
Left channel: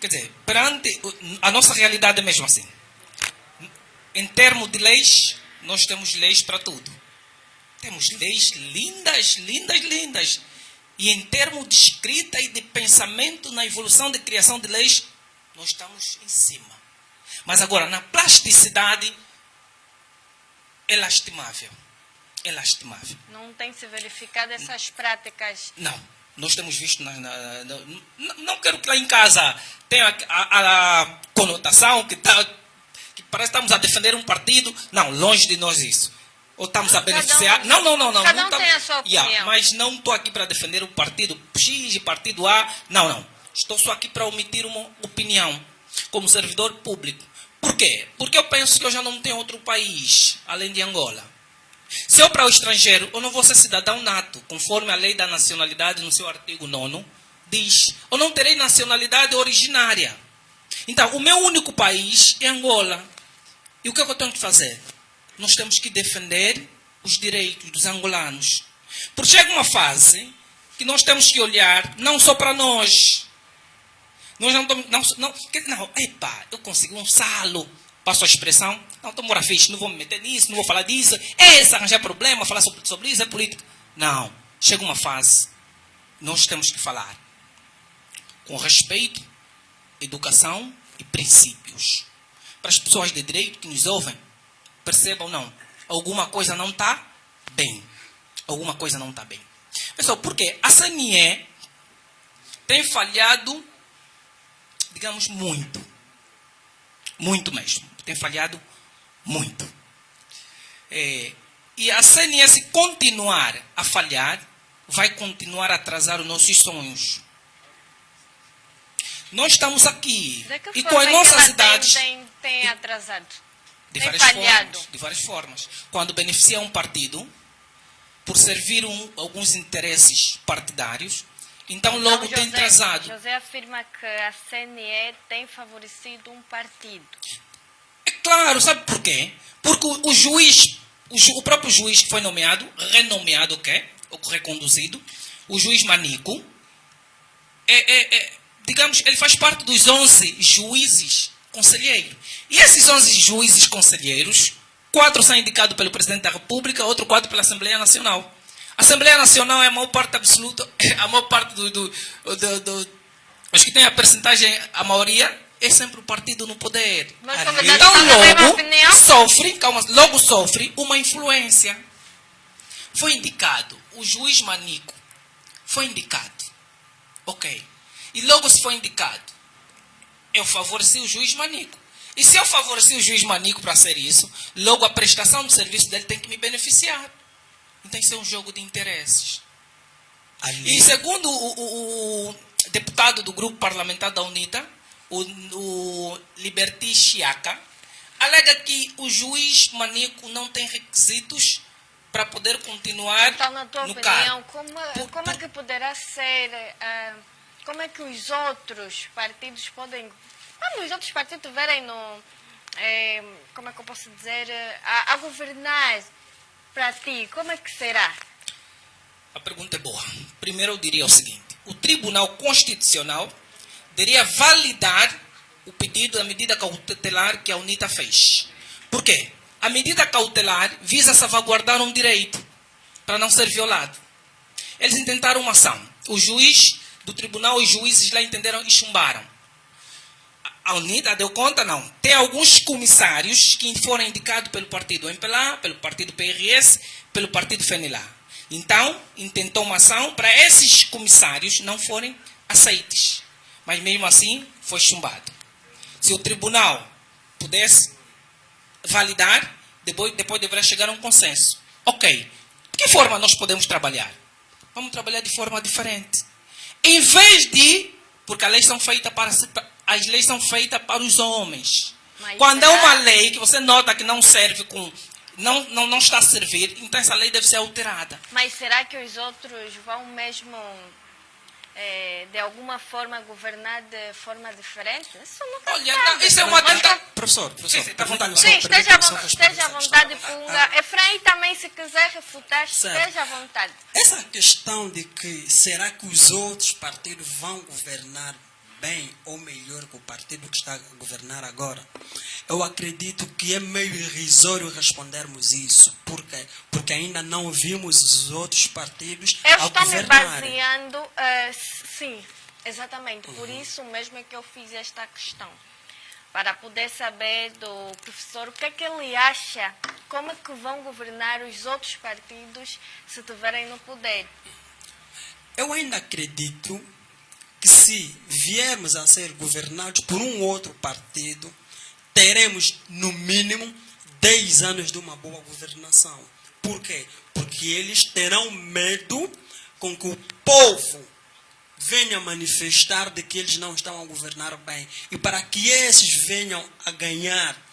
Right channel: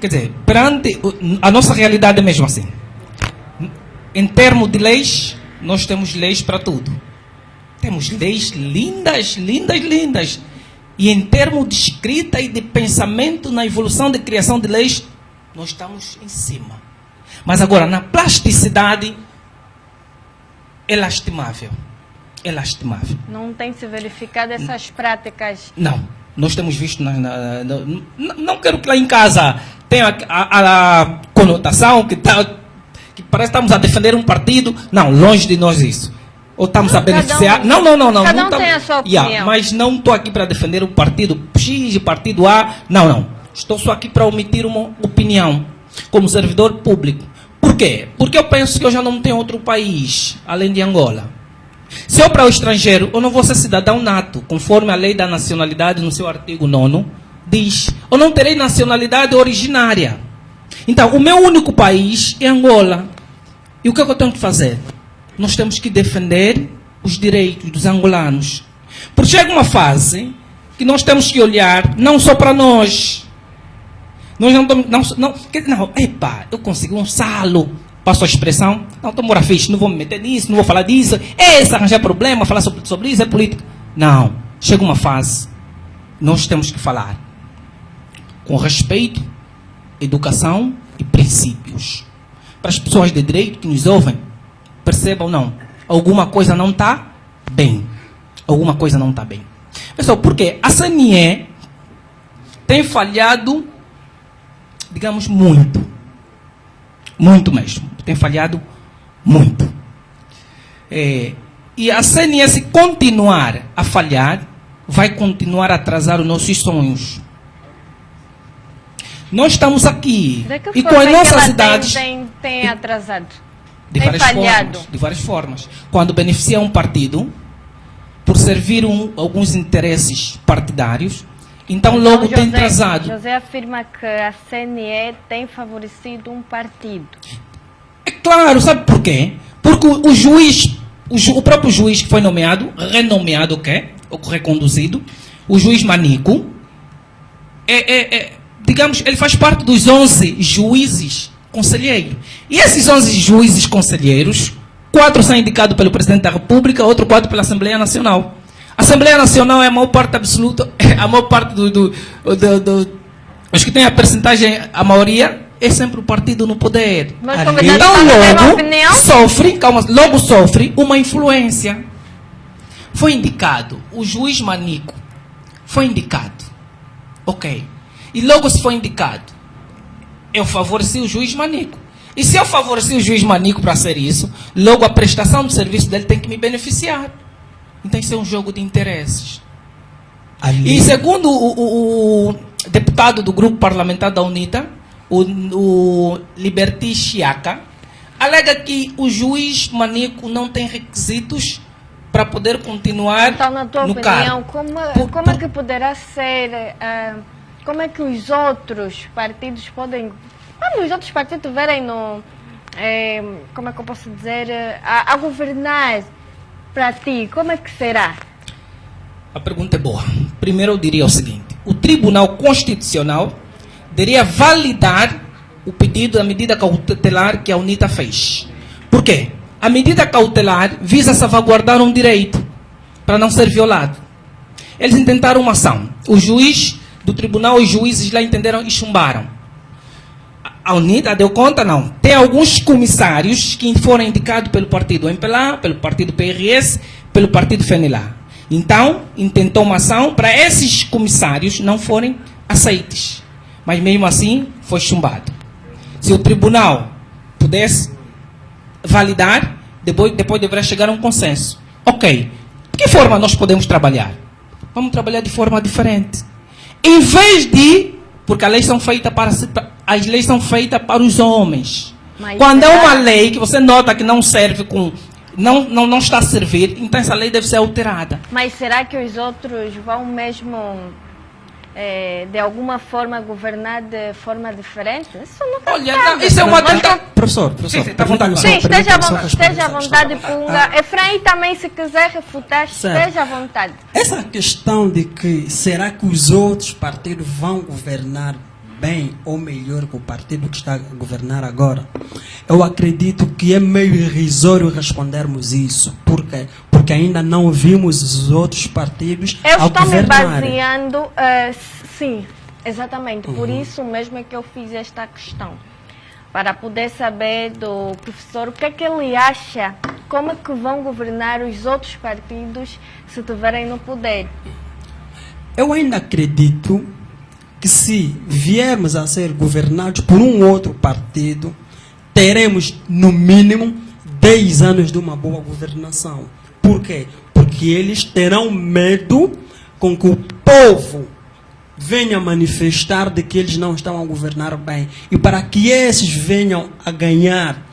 Quer dizer, perante a nossa realidade é mesmo assim. Em termos de leis, nós temos leis para tudo. Temos leis lindas. E em termos de escrita e de pensamento, na evolução de criação de leis, nós estamos em cima. Mas agora, na plasticidade, é lastimável. Não tem se verificado essas práticas? Não. Nós temos visto, não quero que lá em casa tenha a conotação que parece que estamos a defender um partido. Não, longe de nós isso. Ou estamos a beneficiar. Não. Cada um tem a sua opinião. Mas não estou aqui para defender o partido X e partido A. Não. Estou só aqui para emitir uma opinião como servidor público. Por quê? Porque eu penso que eu já não tenho outro país além de Angola. Se eu para o estrangeiro, eu não vou ser cidadão nato, conforme a lei da nacionalidade no seu artigo 9º diz. Eu não terei nacionalidade originária. Então, o meu único país é Angola. E o que é que eu tenho que fazer? Nós temos que defender os direitos dos angolanos. Porque chega uma fase que nós temos que olhar não só para nós. Nós eu consegui um salo, passo a expressão, não estou mora fixe, não vou me meter nisso, não vou falar disso, se arranjar problema, falar sobre isso, é política. Não, chega uma fase, nós temos que falar com respeito, educação e princípios. Para as pessoas de direito que nos ouvem, percebam, não, alguma coisa não está bem. Pessoal, porque a CNE tem falhado, digamos, muito. Muito mesmo. Tem falhado muito. E a CNE, se continuar a falhar, vai continuar a atrasar os nossos sonhos. Nós estamos aqui. De que E forma com as que nossas ela idades. tem atrasado? De tem várias falhado? formas. De várias formas. Quando beneficia um partido, por servir alguns interesses partidários, então logo tem atrasado. José afirma que a CNE tem favorecido um partido. É claro, sabe por quê? Porque o juiz, o próprio juiz que foi nomeado, renomeado, ou reconduzido, o juiz Manico, digamos, ele faz parte dos 11 juízes conselheiros. E esses 11 juízes conselheiros, 4 são indicados pelo Presidente da República, outro 4 pela Assembleia Nacional. A Assembleia Nacional é a maior parte absoluta, a maior parte os que têm a percentagem, a maioria, é sempre o partido no poder. Então logo sofre uma influência. Foi indicado, o juiz Manico foi indicado. Ok. E logo se foi indicado, eu favoreci o juiz Manico. E se eu favoreci o juiz Manico para ser isso, logo a prestação do serviço dele tem que me beneficiar. Então isso é um jogo de interesses. E segundo o deputado do grupo parlamentar da UNITA, o Liberty Chiaca, alega que o juiz Manico não tem requisitos para poder continuar então, na tua no opinião, cargo. como é que poderá ser... como é que os outros partidos podem... Quando os outros partidos verem no... como é que eu posso dizer? A governar para ti, como é que será? A pergunta é boa. Primeiro eu diria o seguinte. O Tribunal Constitucional deveria validar o pedido da medida cautelar que a UNITA fez. Por quê? A medida cautelar visa salvaguardar um direito para não ser violado. Eles intentaram uma ação. O juiz do tribunal, os juízes lá entenderam e chumbaram. A UNITA deu conta? Não. Tem alguns comissários que foram indicados pelo partido MPLA, pelo partido PRS, pelo partido FNLA. Então, intentou uma ação para esses comissários não forem aceites. Mas mesmo assim, foi chumbado. Se o tribunal pudesse validar, depois deverá chegar a um consenso. Ok. De que forma nós podemos trabalhar? Vamos trabalhar de forma diferente. Em vez de... Porque as leis são feitas para os homens. Mas quando é uma lei que você nota que não serve não está a servir, então essa lei deve ser alterada. Mas será que os outros vão mesmo, de alguma forma, governar de forma diferente? Isso nunca sabe. Isso é uma tentativa. Professor, esteja à vontade, Punga. Efraim também, se quiser refutar, esteja à vontade. Essa questão de que será que os outros partidos vão governar bem ou melhor que o partido que está a governar agora, eu acredito que é meio irrisório respondermos isso. Por quê? Porque ainda não vimos os outros partidos a governar. Eu estou me baseando, sim, exatamente. Por isso mesmo é que eu fiz esta questão. Para poder saber do professor o que é que ele acha, como é que vão governar os outros partidos se estiverem no poder. Eu ainda acredito que se viermos a ser governados por um outro partido, teremos no mínimo 10 anos de uma boa governação. Por quê? Porque eles terão medo com que o povo venha manifestar de que eles não estão a governar bem. E para que esses venham a ganhar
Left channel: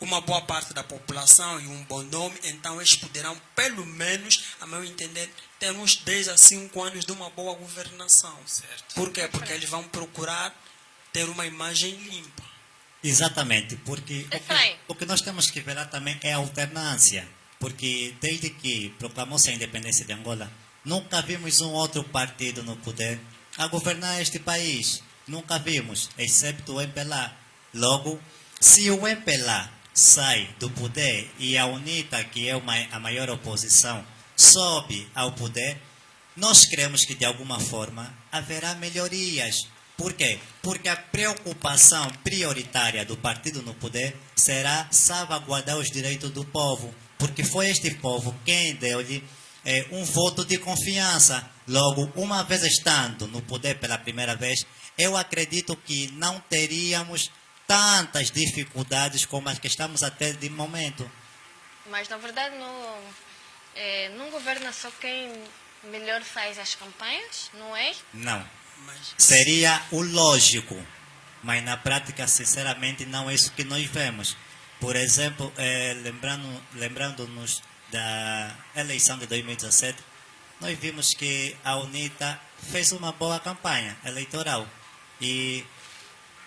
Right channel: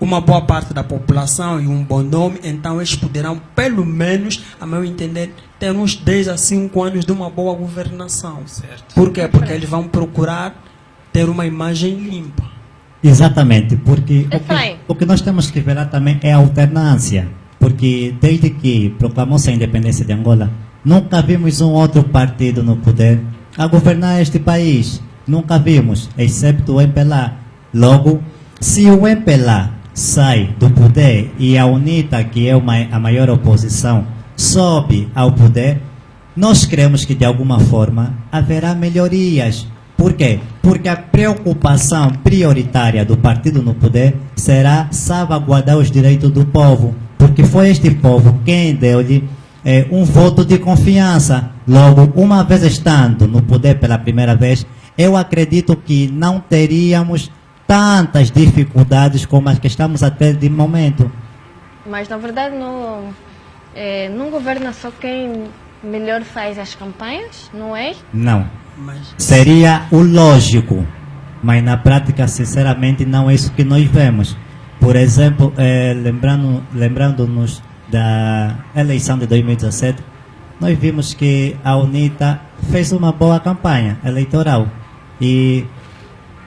uma boa parte da população e um bom nome, então eles poderão, pelo menos, a meu entender, ter uns 10 a 5 anos de uma boa governação. Certo. Por quê? Porque eles vão procurar ter uma imagem limpa. Exatamente, porque o que nós temos que ver também é a alternância. Porque desde que proclamou-se a independência de Angola, nunca vimos um outro partido no poder a governar este país. Nunca vimos, exceto o MPLA. Logo, se o MPLA sai do poder e a UNITA, que é a maior oposição, sobe ao poder, nós cremos que de alguma forma haverá melhorias. Por quê? Porque a preocupação prioritária do partido no poder será salvaguardar os direitos do povo. Porque foi este povo quem deu-lhe um voto de confiança. Logo, uma vez estando no poder pela primeira vez, eu acredito que não teríamos tantas dificuldades como as que estamos a ter de momento. Mas, na verdade, não governa só quem melhor faz as campanhas, não é? Não. Seria o lógico, mas na prática, sinceramente, não é isso que nós vemos. Por exemplo, lembrando-nos da eleição de 2017, nós vimos que a UNITA fez uma boa campanha eleitoral. E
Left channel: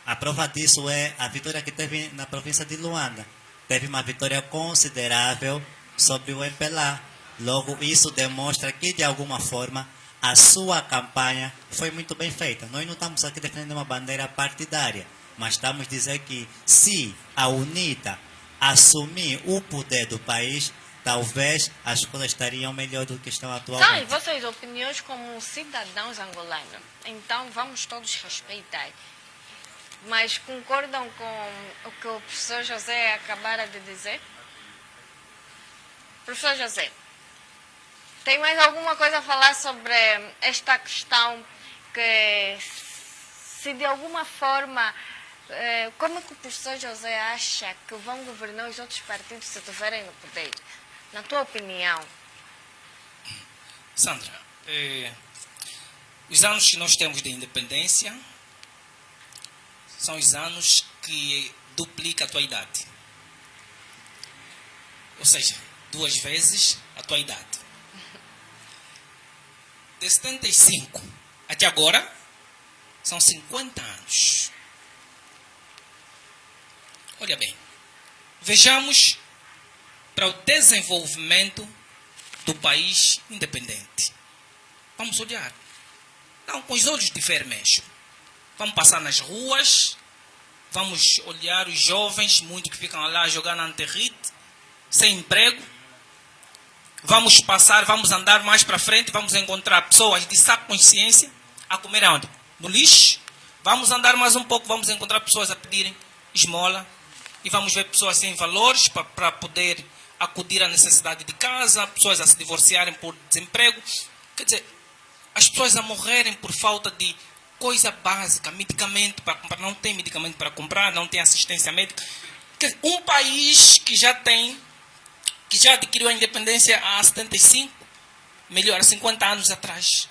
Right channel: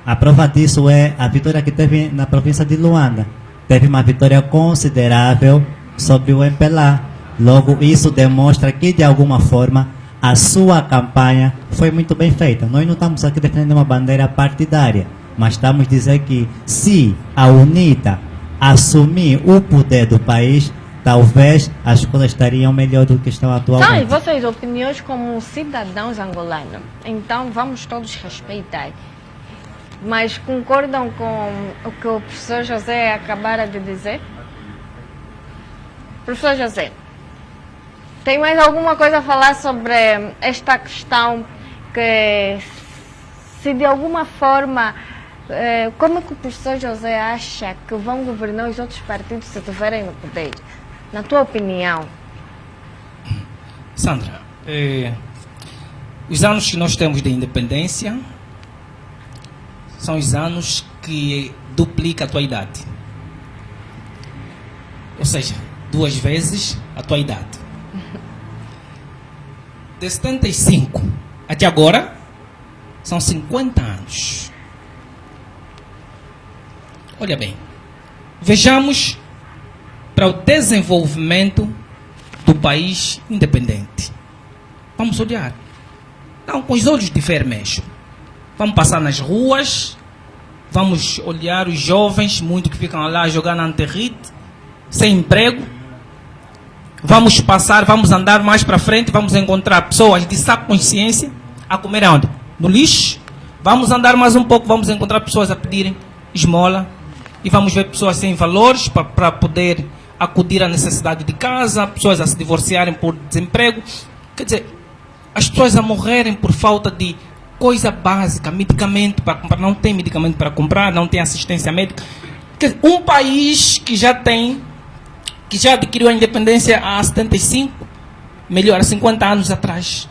a prova disso é a vitória que teve na província de Luanda. Teve uma vitória considerável sobre o MPLA. Logo, isso demonstra que, de alguma forma, a sua campanha foi muito bem feita. Nós não estamos aqui defendendo uma bandeira partidária, mas estamos dizendo que se a UNITA assumir o poder do país, talvez as coisas estariam melhor do que estão atualmente. São vossas opiniões como cidadãos angolanos. Então, vamos todos respeitar. Mas concordam com o que o professor José acabara de dizer? Professor José, tem mais alguma coisa a falar sobre esta questão que, se de alguma forma, como é que o professor José acha que vão governar os outros partidos se estiverem no poder? Na tua opinião? Sandra, os anos que nós temos de independência são os anos que duplica a tua idade. Ou seja, 2 vezes a tua idade. De 75 até agora, são 50 anos. Olha bem, vejamos para o desenvolvimento do país independente. Vamos olhar. Não, com os olhos de vermelho. Vamos passar nas ruas, vamos olhar os jovens, muitos que ficam lá a jogar na Anterrite, sem emprego. Vamos passar, vamos andar mais para frente, vamos encontrar pessoas de sã consciência a comer onde? No lixo. Vamos andar mais um pouco, vamos encontrar pessoas a pedirem esmola. E vamos ver pessoas sem valores para poder acudir à necessidade de casa, pessoas a se divorciarem por desemprego. Quer dizer, as pessoas a morrerem por falta de coisa básica, medicamento para comprar. Não tem medicamento para comprar, não tem assistência médica. Quer dizer, um país que já adquiriu a independência há 75, melhor, há 50 anos atrás.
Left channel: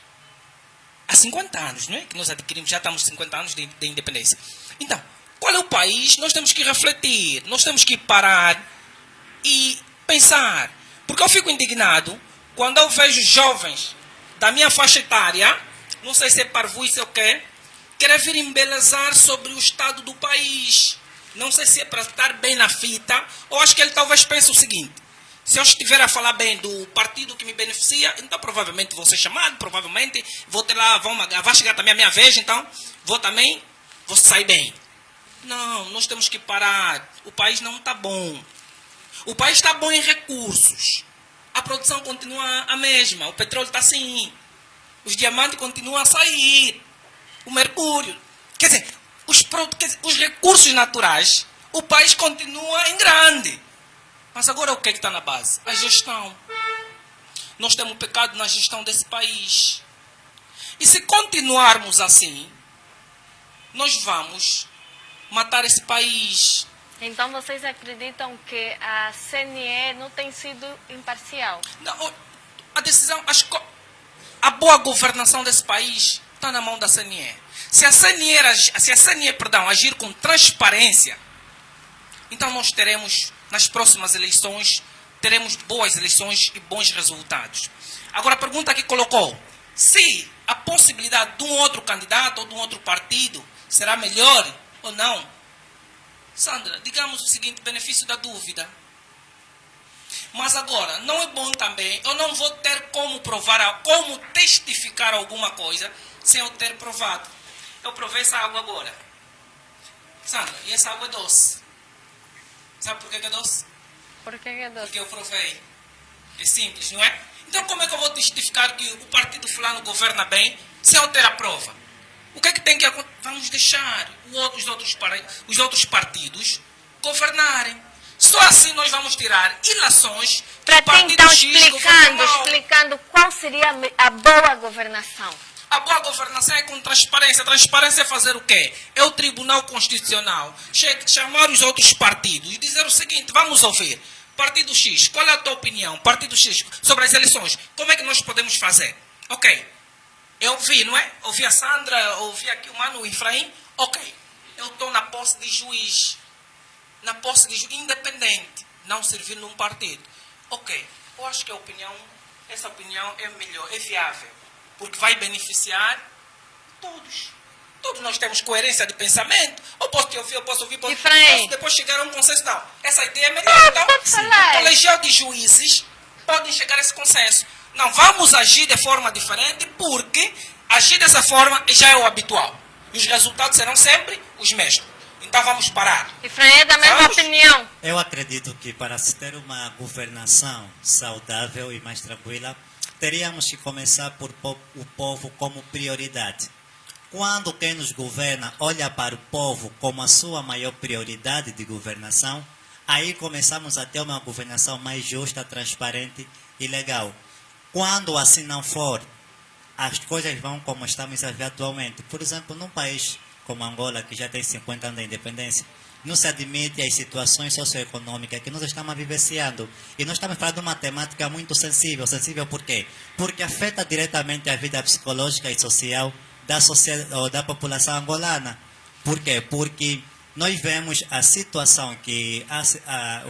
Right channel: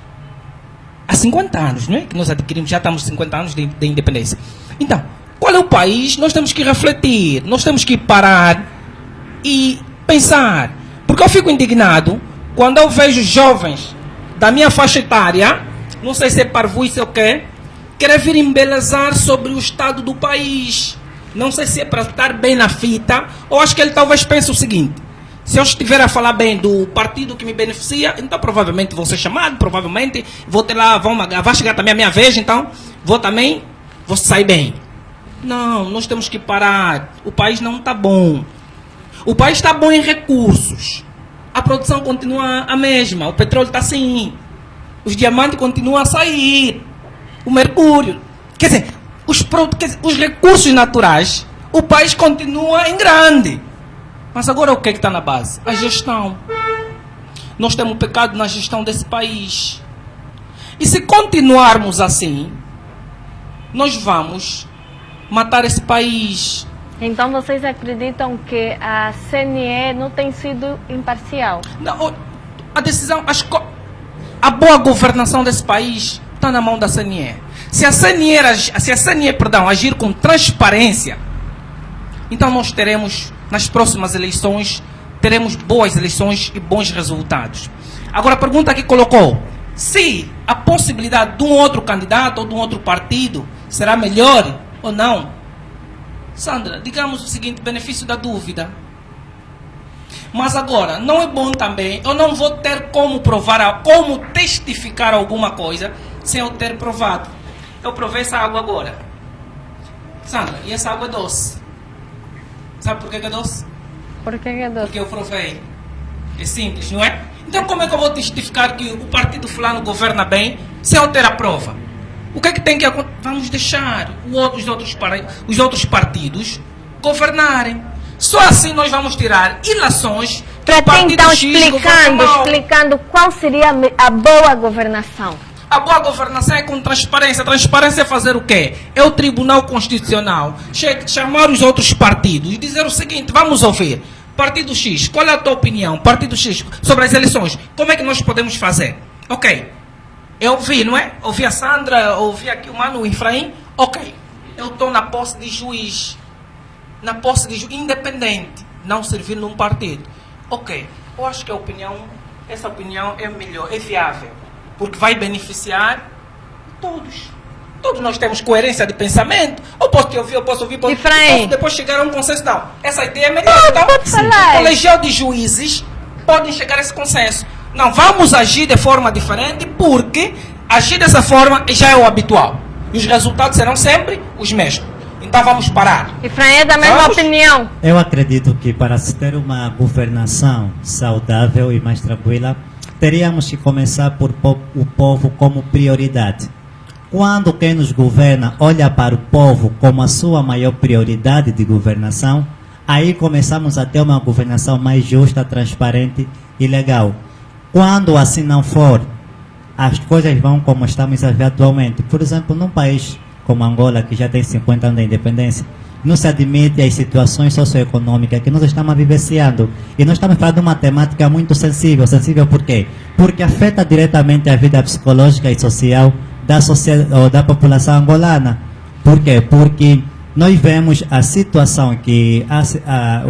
Há 50 anos, não é? Que nós adquirimos, já estamos 50 anos de independência. Então, qual é o país? Nós temos que refletir, nós temos que parar e pensar. Porque eu fico indignado quando eu vejo jovens da minha faixa etária, não sei se é parvoíce ou o quê, querer vir embelezar sobre o estado do país. Não sei se é para estar bem na fita, ou acho que ele talvez pense o seguinte: se eu estiver a falar bem do partido que me beneficia, então provavelmente vou ser chamado, provavelmente vou ter lá, vai chegar também a minha vez, então vou sair bem. Não, nós temos que parar. O país não está bom. O país está bom em recursos. A produção continua a mesma. O petróleo está assim. Os diamantes continuam a sair. O mercúrio. Quer dizer, os recursos naturais, o país continua em grande. Mas agora o que é que está na base? A gestão. Nós temos pecado na gestão desse país. E se continuarmos assim, nós vamos matar esse país. Então vocês acreditam que a CNE não tem sido imparcial? Não, a decisão, a boa governação desse país está na mão da CNE. Se a CNE agir com transparência, então nós teremos, nas próximas eleições, teremos boas eleições e bons resultados. Agora a pergunta que colocou, se a possibilidade de um outro candidato ou de um outro partido será melhor ou não? Sandra, digamos o seguinte, benefício da dúvida. Mas agora, não é bom também, eu não vou ter como provar, como testificar alguma coisa sem eu ter provado. Eu provei essa água agora. Sandra, e essa água é doce. Sabe por que é doce? Por que é doce? Porque eu provei. É simples, não é? Então como é que eu vou testificar que o partido fulano governa bem sem eu ter a prova? O que é que tem que acontecer? Vamos deixar os outros partidos governarem. Só assim nós vamos tirar ilações Para ti, partido então, X governa mal. explicando qual seria a boa governação. A boa governação é com transparência. Transparência é fazer o quê? É o Tribunal Constitucional chamar os outros partidos e dizer o seguinte: vamos ouvir. Partido X, qual é a tua opinião? Partido X, sobre as eleições, como é que nós podemos fazer? Ok. Eu ouvi, não é? Ouvi a Sandra, ouvi aqui o Mano, o Efraim. Ok. Eu estou na posse de juiz. Na posse de juiz independente. Não servir num partido. Ok. Eu acho que essa opinião é melhor, é viável. Porque vai beneficiar todos. Todos nós temos coerência de pensamento. Eu posso te ouvir, eu posso depois chegar a um consenso. Não, essa ideia é melhor. Então, o colegial de juízes podem chegar a esse consenso. Não, vamos agir de forma diferente, porque agir dessa forma já é o habitual. E os resultados serão sempre os mesmos. Então vamos parar. Efraim é da mesma opinião. Eu acredito que para se ter uma governação saudável e mais tranquila, teríamos que começar por o povo como prioridade. Quando quem nos governa olha para o povo como a sua maior prioridade de governação, aí começamos a ter uma governação mais justa, transparente e legal. Quando assim não for, as coisas vão como estamos a ver atualmente. Por exemplo, num país como Angola, que já tem 50 anos de independência, não se admite as situações socioeconômicas que nós estamos vivenciando. E nós estamos falando de uma temática muito sensível. Sensível por quê? Porque afeta diretamente a vida psicológica e social da população angolana. Por quê? Porque nós vemos a situação que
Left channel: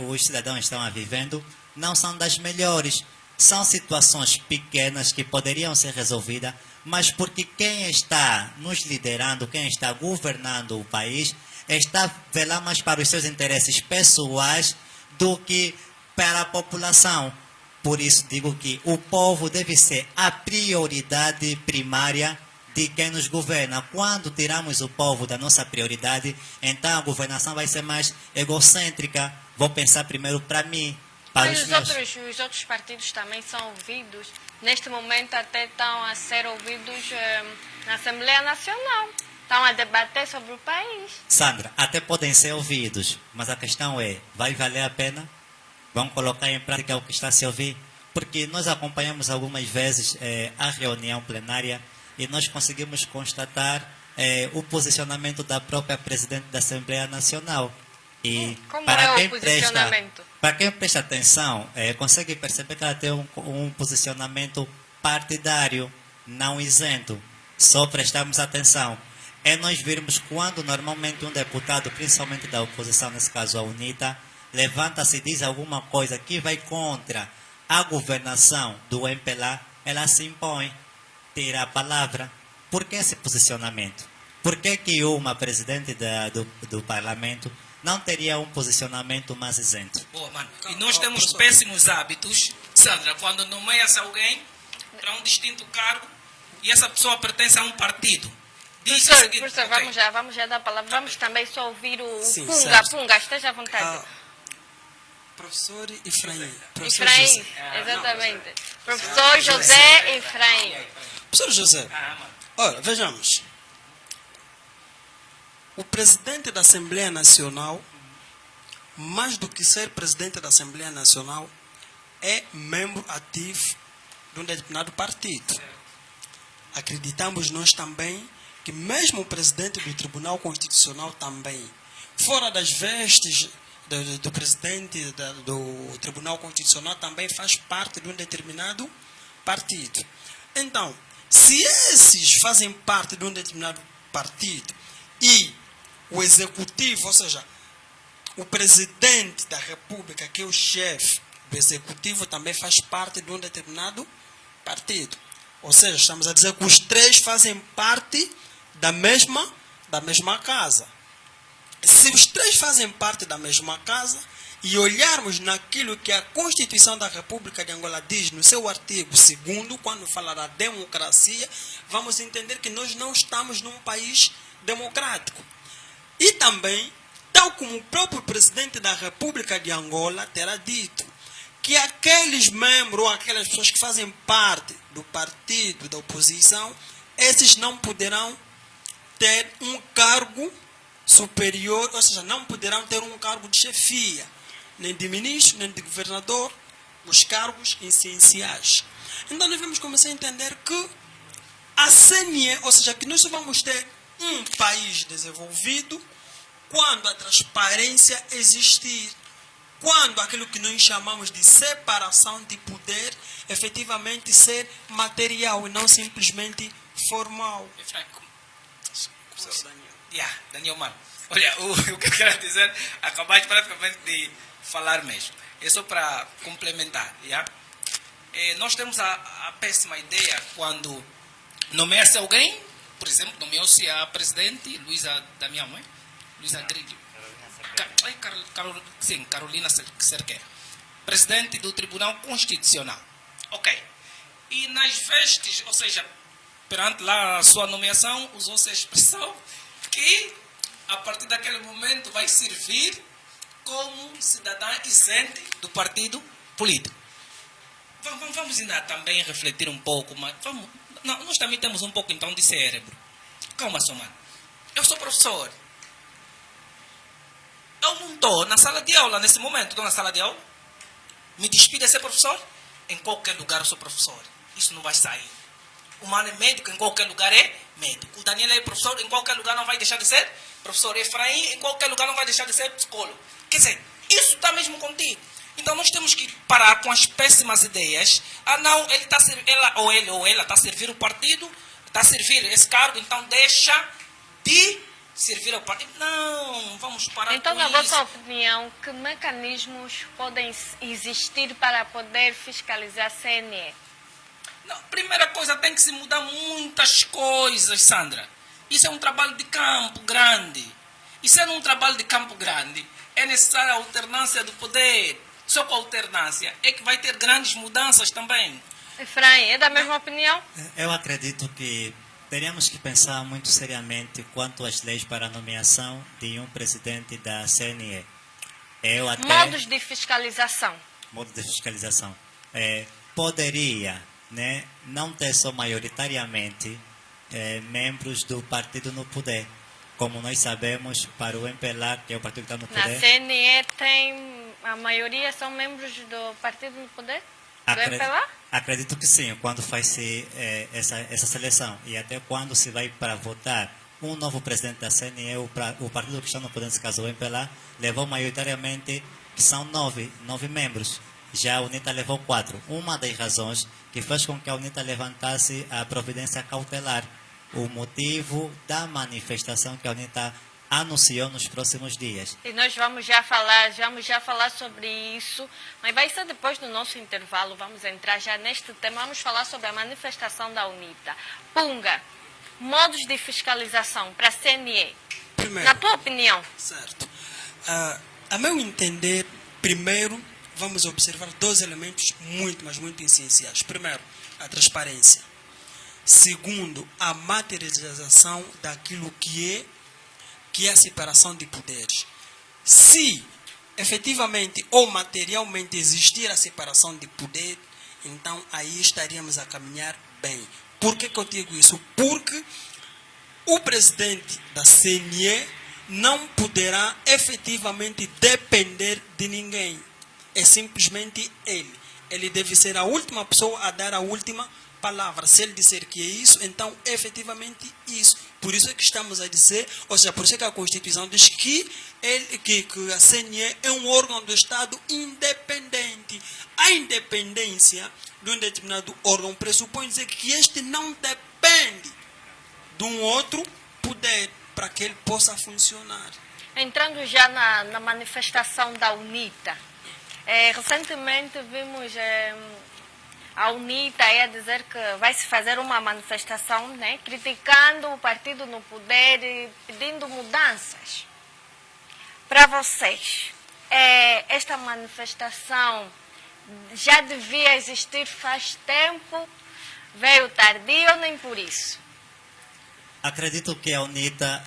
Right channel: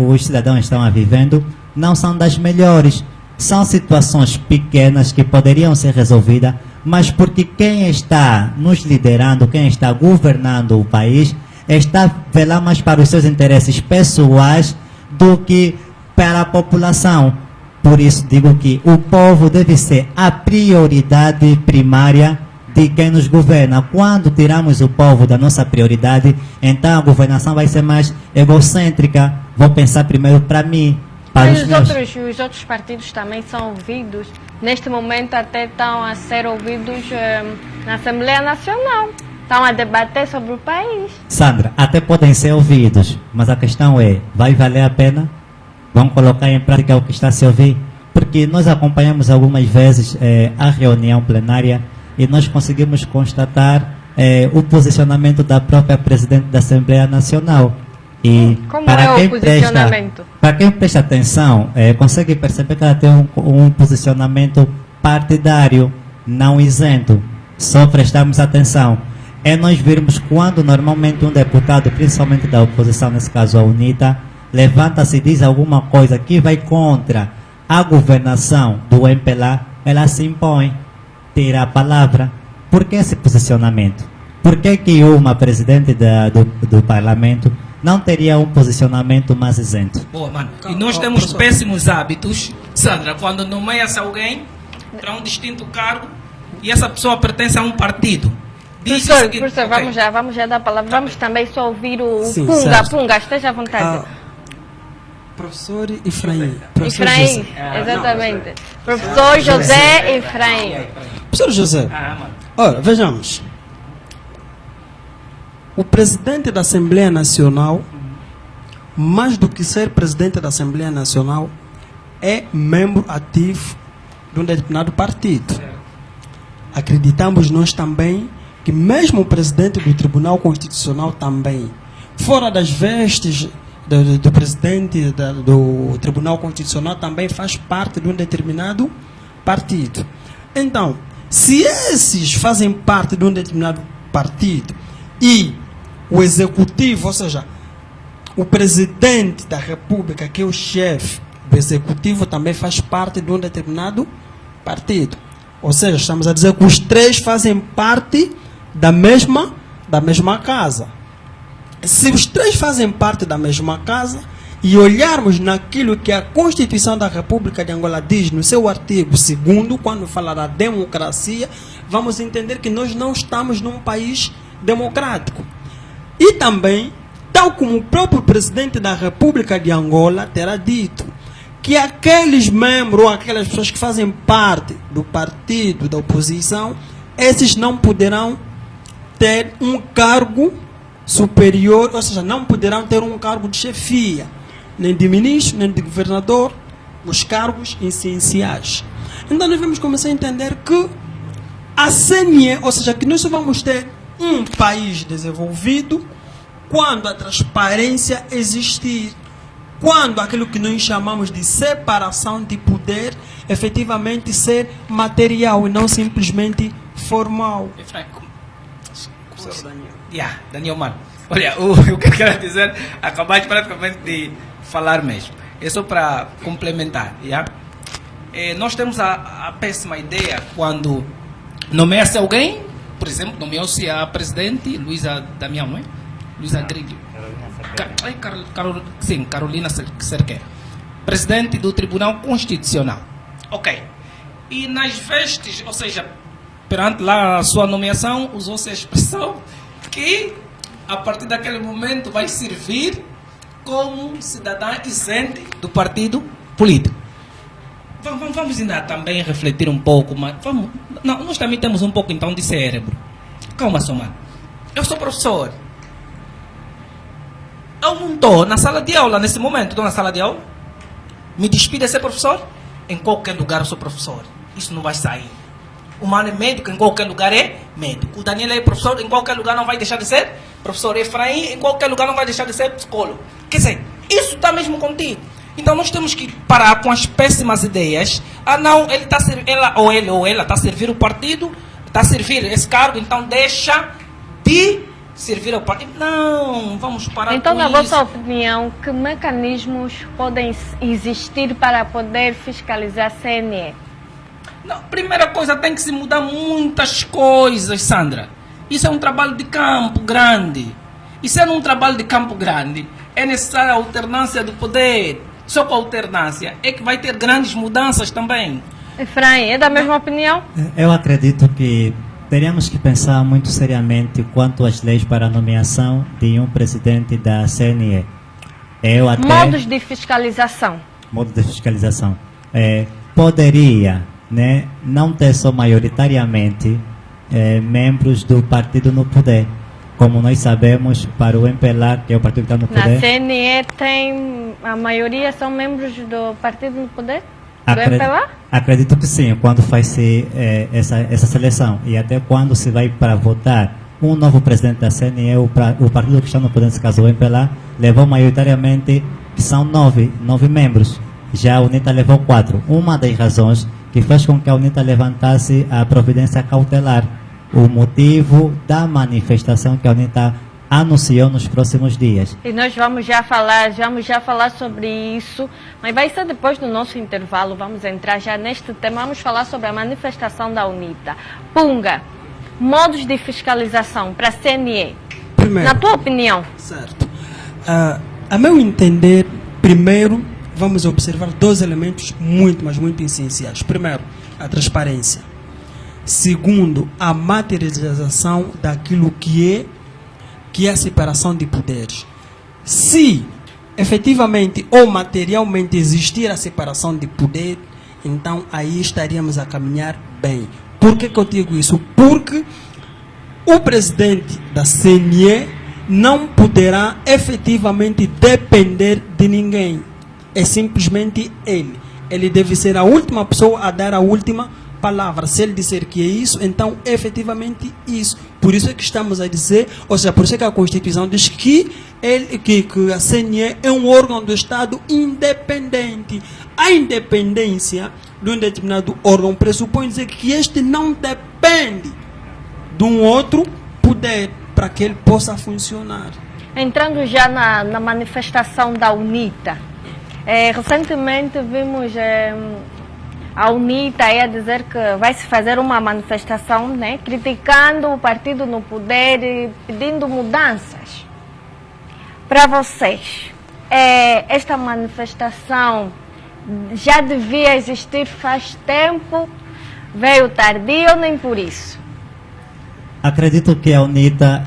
os cidadãos estão vivendo não são das melhores. São situações pequenas que poderiam ser resolvidas, mas porque quem está nos liderando, quem está governando o país, está velando mais para os seus interesses pessoais do que para a população. Por isso digo que o povo deve ser a prioridade primária de quem nos governa. Quando tiramos o povo da nossa prioridade, então a governação vai ser mais egocêntrica. Vou pensar primeiro para mim. Mas os outros partidos também são ouvidos. Neste momento até estão a ser ouvidos na Assembleia Nacional. Estão a debater sobre o país. Sandra, até podem ser ouvidos, mas a questão é, vai valer a pena? Vamos colocar em prática o que está a se ouvir? Porque nós acompanhamos algumas vezes a reunião plenária e nós conseguimos constatar o posicionamento da própria presidente da Assembleia Nacional. E como é o posicionamento? Para quem presta atenção, consegue perceber que ela tem um posicionamento partidário, não isento. Só prestamos atenção. É nós virmos quando normalmente um deputado, principalmente da oposição, nesse caso a UNITA, levanta-se e diz alguma coisa que vai contra a governação do MPLA, ela se impõe, tira a palavra. Por que esse posicionamento? Por que uma presidente do parlamento não teria um posicionamento mais isento? Boa, mano. E nós temos péssimos hábitos, Sandra, quando nomeia-se alguém para um distinto cargo e essa pessoa pertence a um partido. Professor, vamos já dar a palavra. Vamos também só ouvir o Punga, esteja à vontade. Professor Efraim. Efraim, exatamente. Professor José Efraim. Professor José, ora, vejamos. O presidente da Assembleia Nacional, mais do que ser presidente da Assembleia Nacional, é membro ativo de um determinado partido. Acreditamos nós também que mesmo o presidente do Tribunal Constitucional também, fora das vestes do presidente do Tribunal Constitucional, também faz parte de um determinado partido. Então, se esses fazem parte de um determinado partido e o executivo, ou seja, o presidente da República, que é o chefe do executivo, também faz parte de um determinado partido. Ou seja, estamos a dizer que os três fazem parte da mesma casa. Se os três fazem parte da mesma casa e olharmos naquilo que a Constituição da República de Angola diz no seu artigo 2º, quando fala da democracia, vamos entender que nós não estamos num país democrático. E também, tal como o próprio presidente da República de Angola terá dito, que aqueles membros ou aquelas pessoas que fazem parte do partido da oposição, esses não poderão ter um cargo superior, ou seja, não poderão ter um cargo de chefia, nem de ministro, nem de governador, os cargos essenciais. Então nós vamos começar a entender que a CNE, ou seja, que nós só vamos ter um país desenvolvido quando a transparência existir, quando aquilo que nós chamamos de separação de poder efetivamente ser material e não simplesmente formal. Daniel Mano, olha, o que eu quero dizer, acabaste praticamente de falar mesmo. É só para complementar. Nós temos a péssima ideia quando nomeia-se alguém, por exemplo, nomeou-se a presidente Luísa Damião, não é? Luísa Grilho. Carolina Cerqueira, presidente do Tribunal Constitucional. Ok. E nas vestes, ou seja, perante lá a sua nomeação, usou-se a expressão que a partir daquele momento vai servir como cidadã isente do partido político. Vamos ainda também refletir um pouco, mas nós também temos um pouco então de cérebro. Calma, só, mano. Eu sou professor. Eu não estou na sala de aula nesse momento, estou na sala de aula. Me despido de ser professor? Em qualquer lugar eu sou professor. Isso não vai sair. O Mano é médico, em qualquer lugar é médico. O Daniel é professor, em qualquer lugar não vai deixar de ser professor. Efraim, em qualquer lugar não vai deixar de ser psicólogo. Quer dizer, isso está mesmo contigo. Então nós temos que parar com as péssimas ideias. Não, ele está ou ela está a servir o partido, está a servir esse cargo, então deixa de servir ao partido. Não, vamos parar então, com na isso. vossa opinião, que mecanismos podem existir para poder fiscalizar a CNE? Não, primeira coisa, tem que se mudar muitas coisas, Sandra. Isso é um trabalho de campo grande. E sendo um trabalho de campo grande, é necessária a alternância do poder. Só com a alternância é que vai ter grandes mudanças também. Efraim, é da mesma opinião? Eu acredito que teríamos que pensar muito seriamente quanto às leis para a nomeação de um presidente da CNE. Modos de fiscalização. Modo de fiscalização. Poderia, né, não ter só maioritariamente membros do partido no poder. Como nós sabemos, para o MPLA, que é o partido que está no poder... Na CNE a maioria são membros do partido no poder? Do MPLA? Acredito que sim, quando faz-se essa seleção. E até quando se vai para votar um novo presidente da CNE, o partido que está no poder, nesse caso o MPLA, levou maioritariamente, que são nove membros. Já a UNITA levou 4. Uma das razões que fez com que a UNITA levantasse a providência cautelar, o motivo da manifestação que a UNITA anunciou nos próximos dias. E nós vamos já falar sobre isso, mas vai ser depois do nosso intervalo, vamos entrar já neste tema, vamos falar sobre a manifestação da UNITA. Punga, modos de fiscalização para a CNE, primeiro, na tua opinião? Certo. A meu entender, primeiro, vamos observar 2 elementos muito, mas muito essenciais. Primeiro, a transparência. Segundo, a materialização daquilo que é a separação de poderes. Se efetivamente ou materialmente existir a separação de poder, então aí estaríamos a caminhar bem. Por que eu digo isso? Porque o presidente da CNE não poderá efetivamente depender de ninguém. É simplesmente ele. Ele deve ser a última pessoa a dar a última palavra. Se ele disser que é isso, então efetivamente isso. Por isso é que estamos a dizer, ou seja, por isso é que a Constituição diz que a CNE é um órgão do Estado independente. A independência de um determinado órgão pressupõe dizer que este não depende de um outro poder para que ele possa funcionar. Entrando já na manifestação da UNITA, recentemente vimos a UNITA a dizer que vai se fazer uma manifestação, né, criticando o partido no poder e pedindo mudanças. Para vocês, esta manifestação já devia existir faz tempo, veio tardio ou nem por isso? Acredito que a UNITA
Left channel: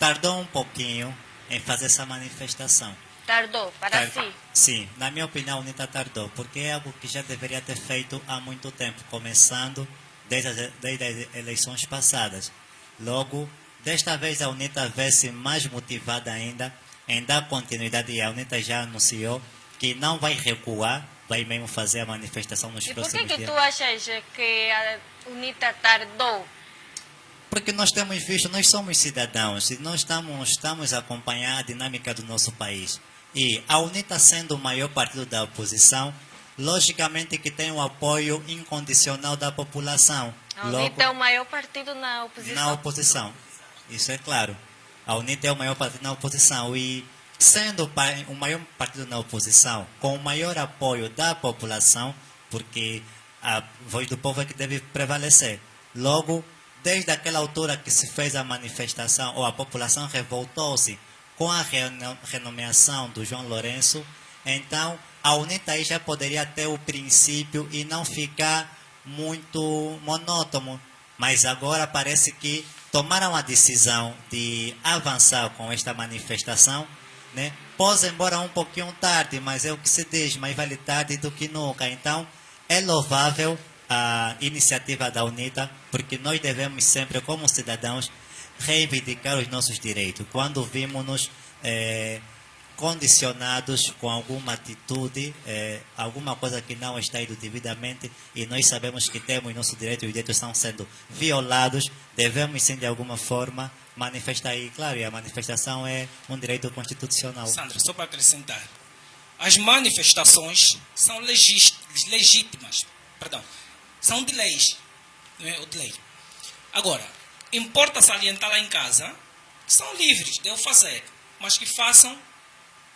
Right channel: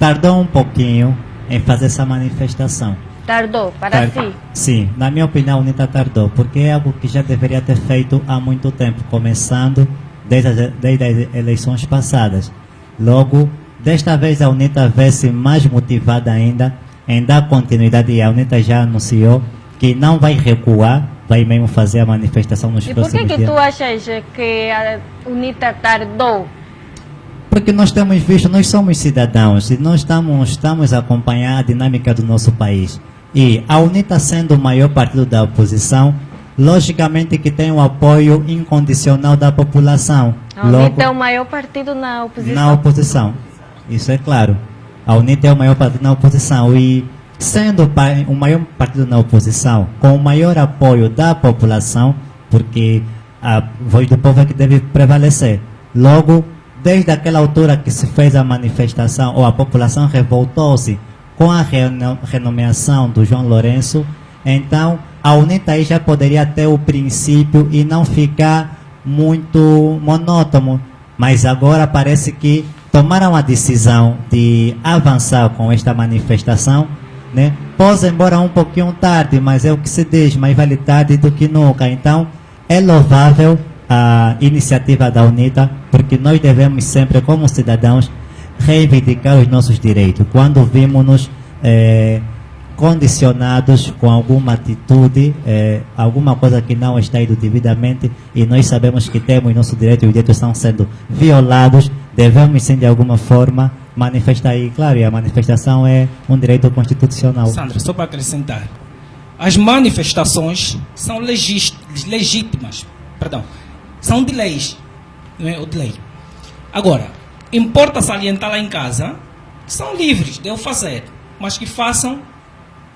tardou um pouquinho em fazer essa manifestação. Tardou, para si? Sim, na minha opinião, a UNITA tardou, porque é algo que já deveria ter feito há muito tempo, começando desde as eleições passadas. Logo, desta vez a UNITA vê-se mais motivada ainda em dar continuidade, e a UNITA já anunciou que não vai recuar, vai mesmo fazer a manifestação nos E por próximos que dias. tu achas que a UNITA tardou? Porque nós temos visto, nós somos cidadãos e nós estamos a acompanhar a dinâmica do nosso país. E a UNITA sendo o maior partido da oposição, logicamente que tem o apoio incondicional da população. A UNITA é o maior partido na oposição. Na oposição, isso é claro. A UNITA é o maior partido na oposição e sendo o maior partido na oposição, com o maior apoio da população, porque a voz do povo é que deve prevalecer. Logo, desde aquela altura que se fez a manifestação, ou a população revoltou-se com a renomeação do João Lourenço, então a UNITA aí já poderia ter o princípio e não ficar muito monótono. Mas agora parece que tomaram a decisão de avançar com esta manifestação, né? Pode embora um pouquinho tarde, mas é o que se diz, mais vale tarde do que nunca. Então, é louvável a iniciativa da UNITA, porque nós devemos sempre, como cidadãos, reivindicar os nossos direitos. Quando vimos-nos condicionados com alguma atitude, alguma coisa que não está indo devidamente, e nós sabemos que temos nosso direito e os direitos estão sendo violados, devemos sim, de alguma forma, manifestar. E, claro, a manifestação é um direito constitucional. Sandra, só para acrescentar, as manifestações são legítimas, são de leis, não é? Ou de lei. Agora, importa salientar lá em casa que são livres de eu fazer, mas que façam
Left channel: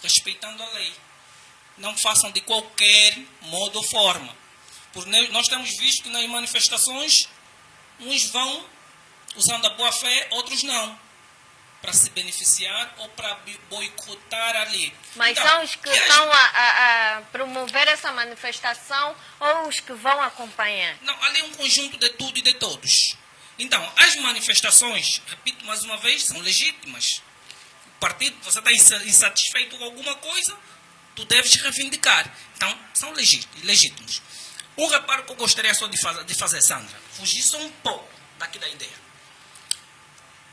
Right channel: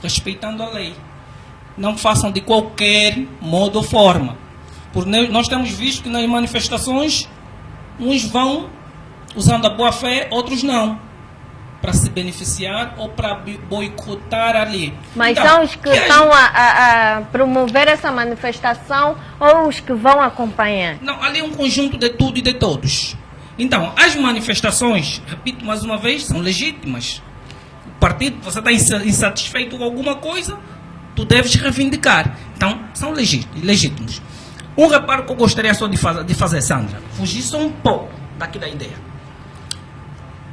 respeitando a lei. Não façam de qualquer modo ou forma. Porque nós temos visto que nas manifestações, uns vão usando a boa fé, outros não, para se beneficiar ou para boicotar ali. Mas então, são os que estão a promover essa manifestação ou os que vão acompanhar? Não, ali é um conjunto de tudo e de todos. Então, as manifestações, repito mais uma vez, são legítimas. O partido, você está insatisfeito com alguma coisa, tu deves reivindicar. Então, são legítimos. Um reparo que eu gostaria só de fazer, Sandra, fugir só um pouco daqui da ideia.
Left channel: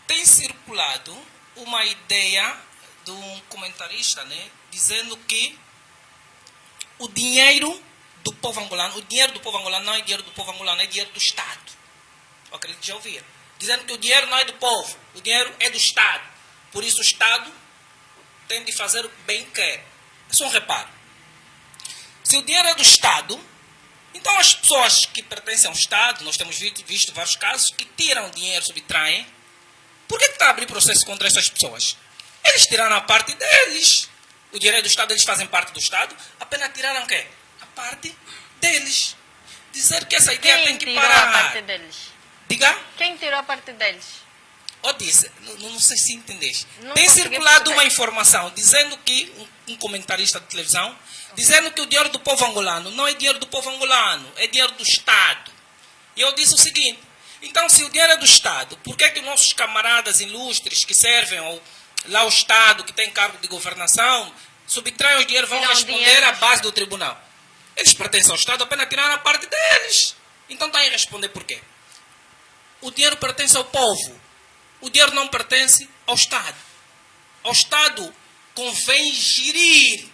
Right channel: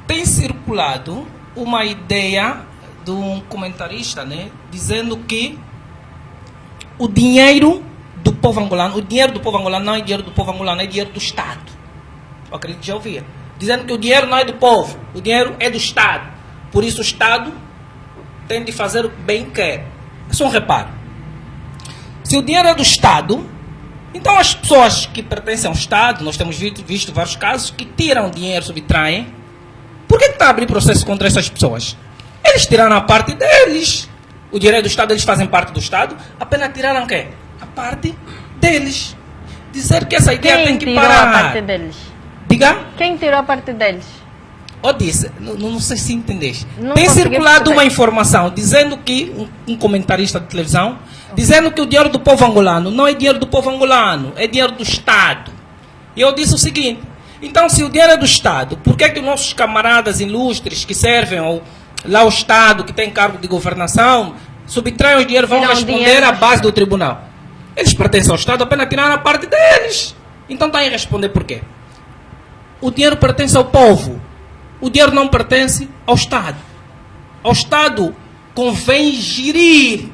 Tem circulado uma ideia de um comentarista, né, dizendo que o dinheiro do povo angolano não é dinheiro do povo angolano, é dinheiro do Estado. Eu acredito que já ouviram. Dizendo que o dinheiro não é do povo, o dinheiro é do Estado. Por isso o Estado tem de fazer o que bem quer. É só um reparo. Se o dinheiro é do Estado, então as pessoas que pertencem ao Estado, nós temos visto vários casos que tiram dinheiro, subtraem. Por que está a abrir processo contra essas pessoas? Eles tiraram a parte deles. O dinheiro é do Estado, eles fazem parte do Estado. Apenas tiraram o quê? A parte deles. Dizer que essa ideia tem que parar. Quem tirou a parte deles? Diga? Quem tirou a parte deles? Eu disse, não sei se entendeste. Não tem consegui circulado perceber. uma informação dizendo que, um comentarista de televisão, dizendo que o dinheiro do povo angolano não é dinheiro do povo angolano, é dinheiro do Estado. E eu disse o seguinte, então se o dinheiro é do Estado, por que é que os nossos camaradas ilustres que servem lá ao Estado, que tem cargo de governação, subtraem o dinheiro, vão responder à base do tribunal? Eles pertencem ao Estado, apenas tiraram a parte deles. Então está aí responder por quê? O dinheiro pertence ao povo. O dinheiro não pertence ao Estado. Ao Estado convém gerir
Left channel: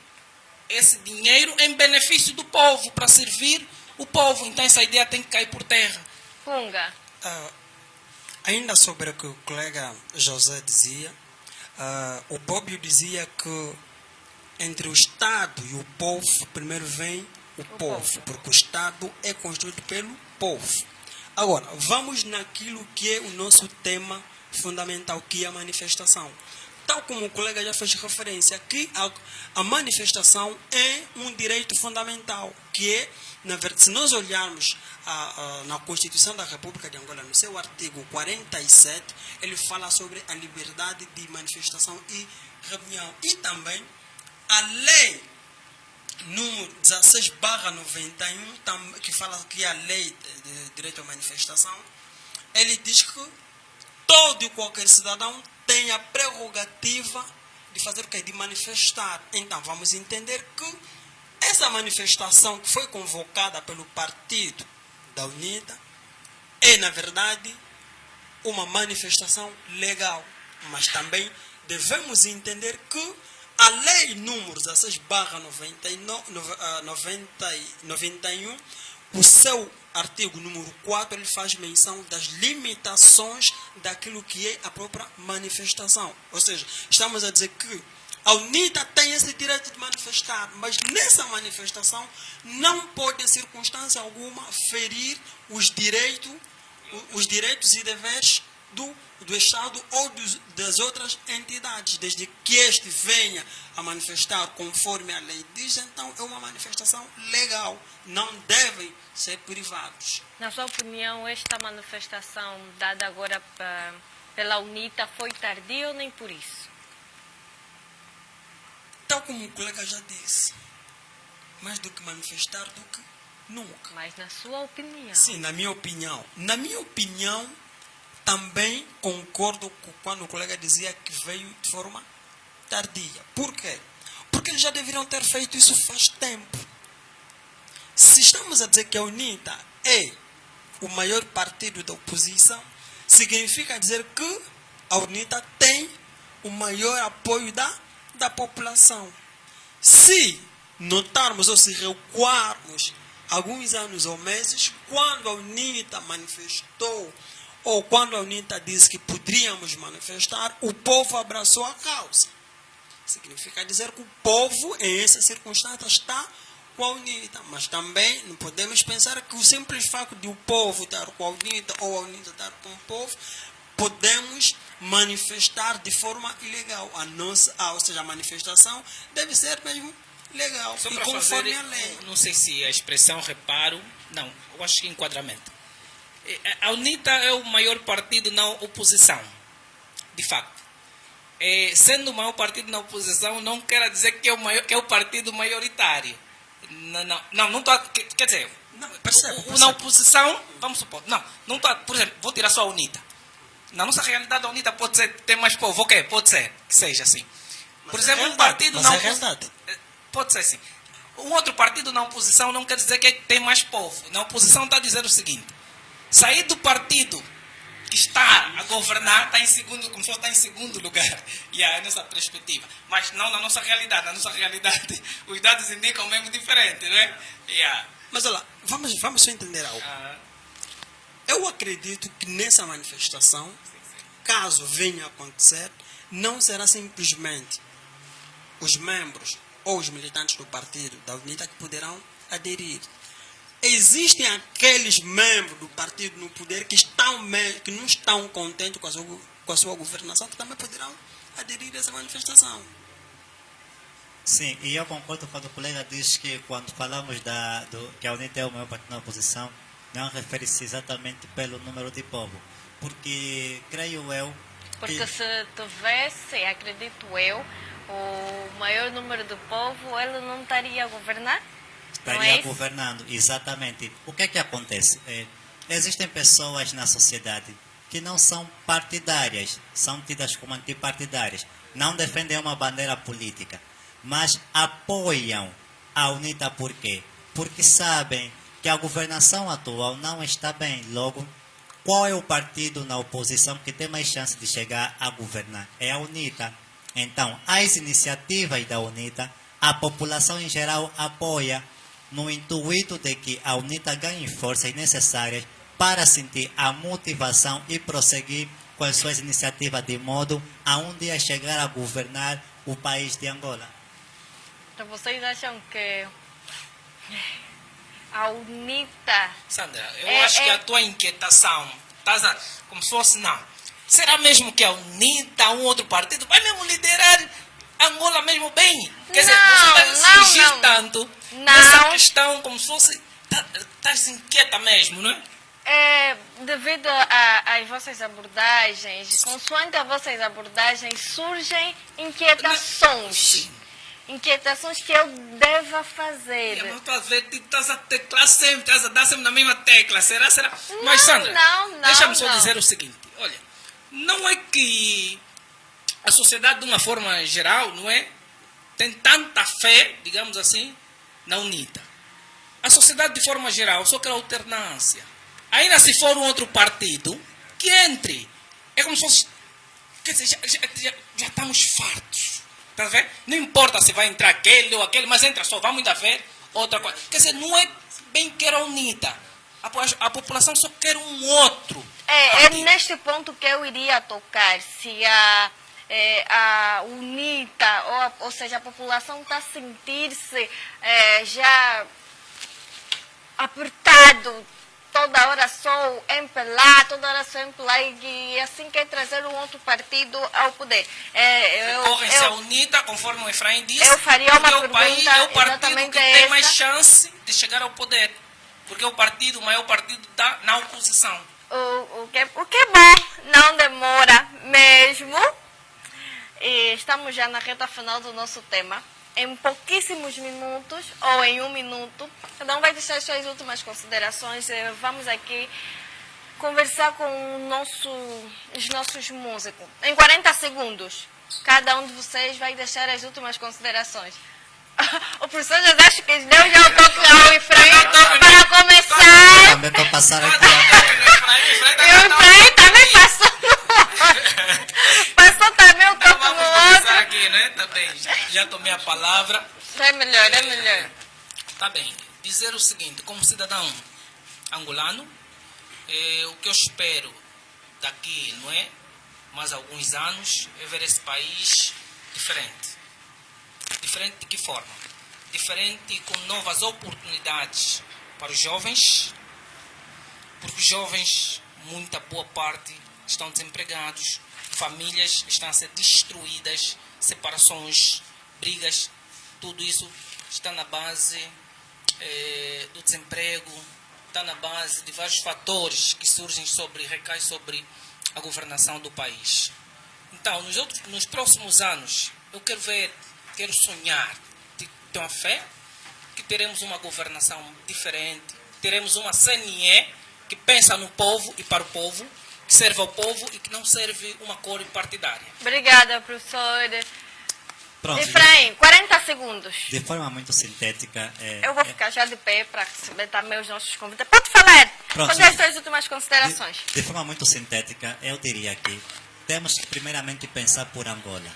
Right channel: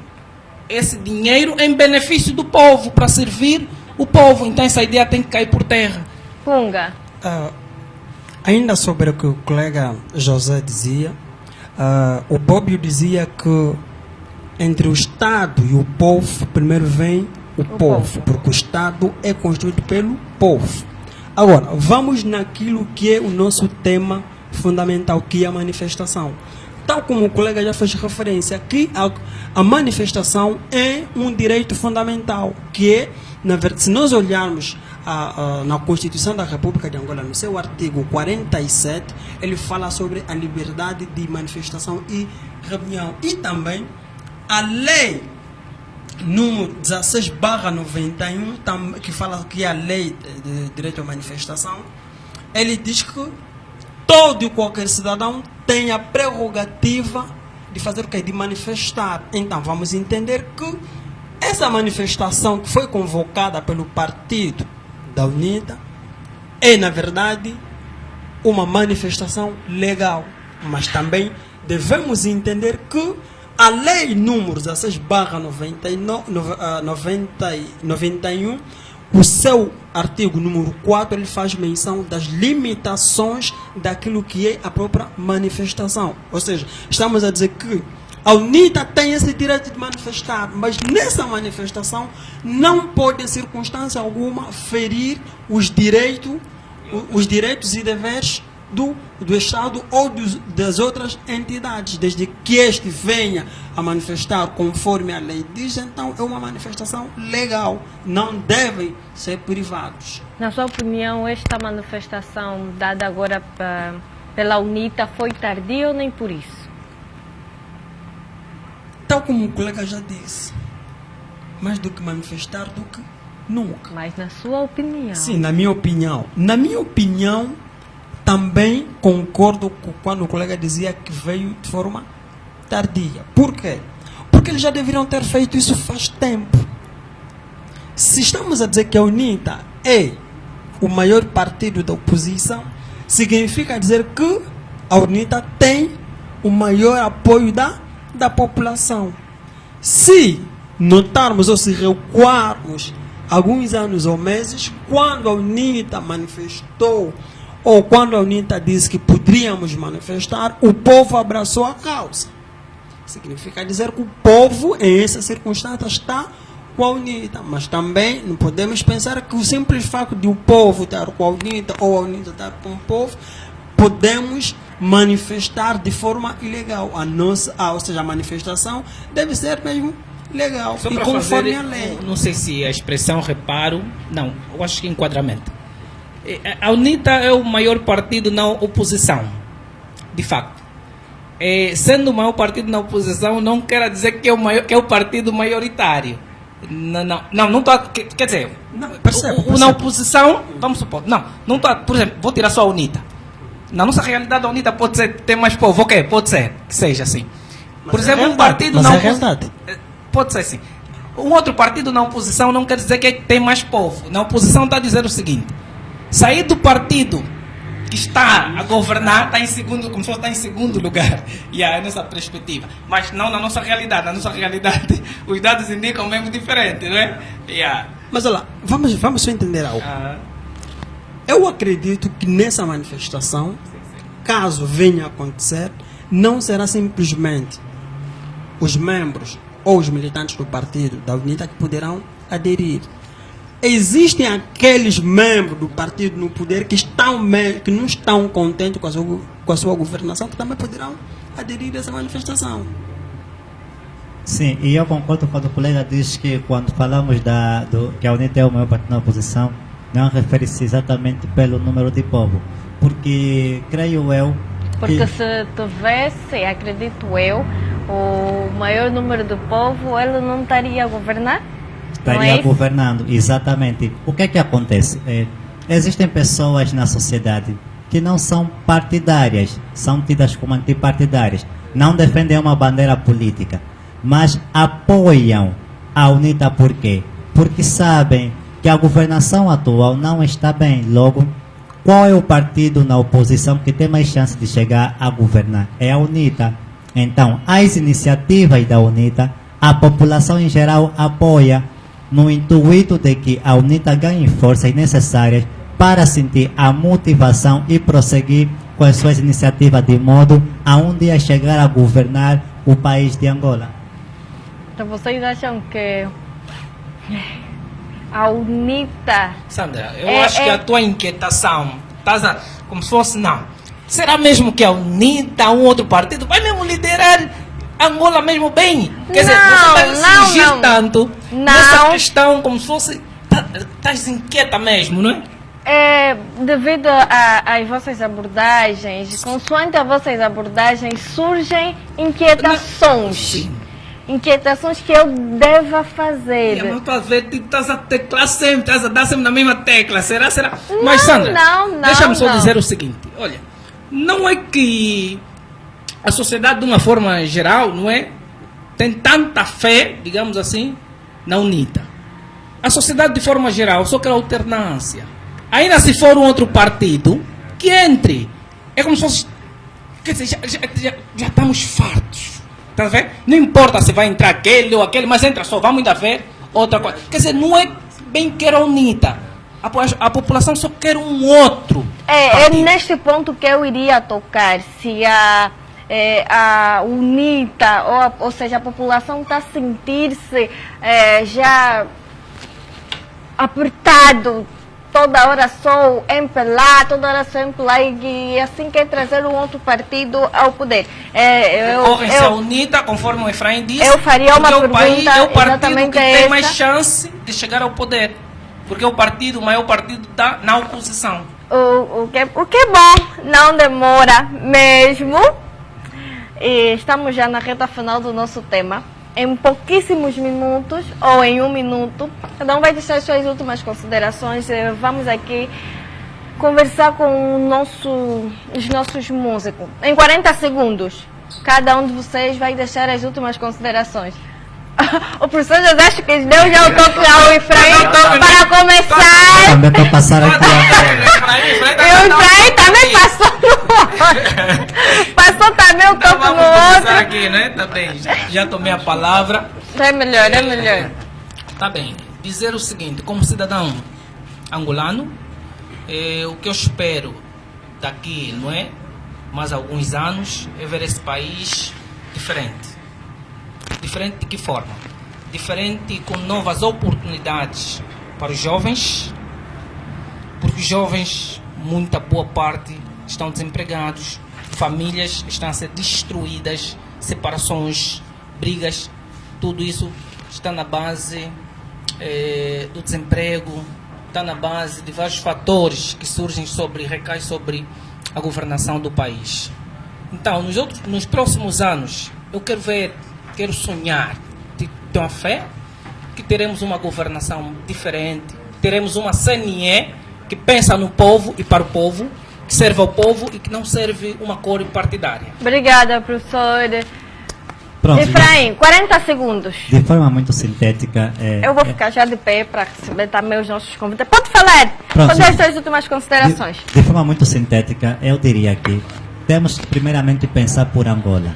esse dinheiro em benefício do povo, para servir o povo. Então essa ideia tem que cair por terra. Punga. Ainda sobre o que o colega José dizia, o Bobbio dizia que entre o Estado e o povo, primeiro vem o povo, porque o Estado é construído pelo povo. Agora, vamos naquilo que é o nosso tema fundamental, que é a manifestação. Tal como o colega já fez referência, que a manifestação é um direito fundamental, que é, na verdade, se nós olharmos na Constituição da República de Angola, no seu artigo 47, ele fala sobre a liberdade de manifestação e reunião. E também a lei número 16/91, que fala que é a lei de direito à manifestação, ele diz que todo e qualquer cidadão tem a prerrogativa de fazer o quê? De manifestar. Então vamos entender que essa manifestação que foi convocada pelo partido da UNITA é, na verdade, uma manifestação legal. Mas também devemos entender que A lei número 16/91, o seu artigo número 4, ele faz menção das limitações daquilo que é a própria manifestação. Ou seja, estamos a dizer que a UNITA tem esse direito de manifestar, mas nessa manifestação não pode, em circunstância alguma, ferir os direitos e deveres do Estado ou das outras entidades, desde que este venha a manifestar conforme a lei diz. Então é uma manifestação legal, não devem ser privados. Na sua opinião, esta manifestação dada agora pela UNITA foi tardia ou nem por isso? Tal como o colega já disse, mais do que manifestar do que nunca. Mas na sua opinião? Sim, na minha opinião. Na minha opinião, também concordo com quando o colega dizia que veio de forma tardia. Por quê? Porque eles já deveriam ter feito isso faz tempo. Se estamos a dizer que a UNITA é o maior partido da oposição, significa dizer que a UNITA tem o maior apoio da população. Se notarmos ou se recuarmos alguns anos ou meses, quando a UNITA manifestou ou quando a UNITA disse que poderíamos manifestar, o povo abraçou a causa. Significa dizer que o povo, em essa circunstância, está com a UNITA. Mas também não podemos pensar que o simples facto de o povo estar com a UNITA ou a UNITA estar com o povo, podemos manifestar de forma ilegal. Ou seja, a manifestação deve ser mesmo legal Só e para conforme fazer, a lei. não sei se a expressão reparo, não, eu acho que enquadramento. A UNITA é o maior partido na oposição, de facto. Sendo o maior partido na oposição, não quer dizer que é o partido maioritário. Não estou. Quer dizer, na oposição, vamos supor, não estou. Por exemplo, vou tirar só a UNITA. Na nossa realidade, a UNITA pode ser, ter mais povo, ok, pode ser, que seja assim. Por exemplo, um partido na oposição. Pode ser assim. Um outro partido na oposição não quer dizer que tem mais povo. Na oposição está a dizer o seguinte: sair do partido que está a governar está em segundo, como se fosse estar em segundo lugar. E é nessa perspectiva. Mas não na nossa realidade. Na nossa realidade, os dados indicam mesmo diferente, não é? Mas olha lá, vamos só entender algo. Eu acredito que nessa manifestação, caso venha a acontecer, não será simplesmente os membros ou os militantes do partido da UNITA que poderão aderir. Existem aqueles membros do partido no poder que não estão contentes com a sua governação, que também poderão aderir a essa manifestação. Sim, e eu concordo quando o colega diz que quando falamos que a UNITA é o maior partido na oposição, não refere-se exatamente pelo número de povo, porque creio eu porque se tivesse, acredito eu, o maior número de povo, ele não estaria a governar? Estaria governando, exatamente. O que é que acontece? Existem pessoas na sociedade que não são partidárias, são tidas como antipartidárias, não defendem uma bandeira política, mas apoiam a UNITA. Por quê? Porque sabem que a governação atual não está bem. Logo, qual é o partido na oposição que tem mais chance de chegar a governar? É a UNITA. Então, as iniciativas da UNITA, a população em geral apoia, no intuito de que a UNITA ganhe forças necessárias para sentir a motivação e prosseguir com as suas iniciativas de modo a um dia chegar a governar o país de Angola. Então vocês acham que a UNITA... Sandra, eu acho que a tua inquietação, como se fosse, não. Será mesmo que a UNITA, um outro partido, vai mesmo liderar Angola mesmo bem? Quer dizer, você vai surgir tanto nessa questão como se fosse... Estás inquieta mesmo, não é? Devido às vossas abordagens, consoante as vossas abordagens, surgem inquietações. Inquietações que eu deva fazer. Mas tu estás a teclar sempre, estás a dar sempre na mesma tecla. Será? Mas Sandra, deixa-me só dizer o seguinte. Olha, não é que a sociedade de uma forma geral, não é? Tem tanta fé, digamos assim, na UNITA. A sociedade de forma geral só quer alternância. Ainda se for um outro partido, que entre. É como se fosse... Quer dizer, já estamos fartos. Tá vendo? Não importa se vai entrar aquele ou aquele, mas entra só, vamos ainda ver outra coisa. Quer dizer, não é bem que era UNITA. A população só quer um outro. É neste ponto que eu iria tocar. Se a UNITA, ou seja, a população está a sentir-se já apertado, toda hora só empelar, e assim quer trazer um outro partido ao poder. Correm-se a UNITA, conforme o Efraim disse, eu faria uma porque pergunta é o partido exatamente que tem mais essa. chance de chegar ao poder. Porque o maior partido está na oposição. O que é bom, não demora mesmo. E estamos já na reta final do nosso tema. Em pouquíssimos minutos, ou em 1 minuto, cada um vai deixar as suas últimas considerações. Vamos aqui conversar com os nossos músicos. Em 40 segundos, cada um de vocês vai deixar as últimas considerações. O professor José acho que deu já o toque ao Efraim para começar. Também para passar aqui. E o Efraim também passou no outro. Passou também o toque no outro. Aqui, né? Tá bem. Já tomei a palavra. É melhor. Tá bem. Dizer o seguinte, como cidadão angolano, o que eu espero daqui, não é? Mais alguns anos, é ver esse país diferente. Diferente de que forma? Diferente com novas oportunidades para os jovens, porque os jovens, muita boa parte, estão desempregados, famílias estão a ser destruídas, separações, brigas, tudo isso está na base do desemprego, está na base de vários fatores que surgem recaem sobre a governação do país. Então, nos próximos anos, eu quero sonhar, tenho a fé que teremos uma governação diferente, teremos uma CNE que pensa no povo e para o povo, que serve ao povo e que não serve uma cor partidária. Obrigada, professor. Pronto, Efraim, 40 segundos. de forma muito sintética. Eu vou ficar já de pé para receber também os nossos convidados. Pode falar. Pronto. Pode dar as suas últimas considerações. De forma muito sintética, eu diria que temos que primeiramente pensar por Angola.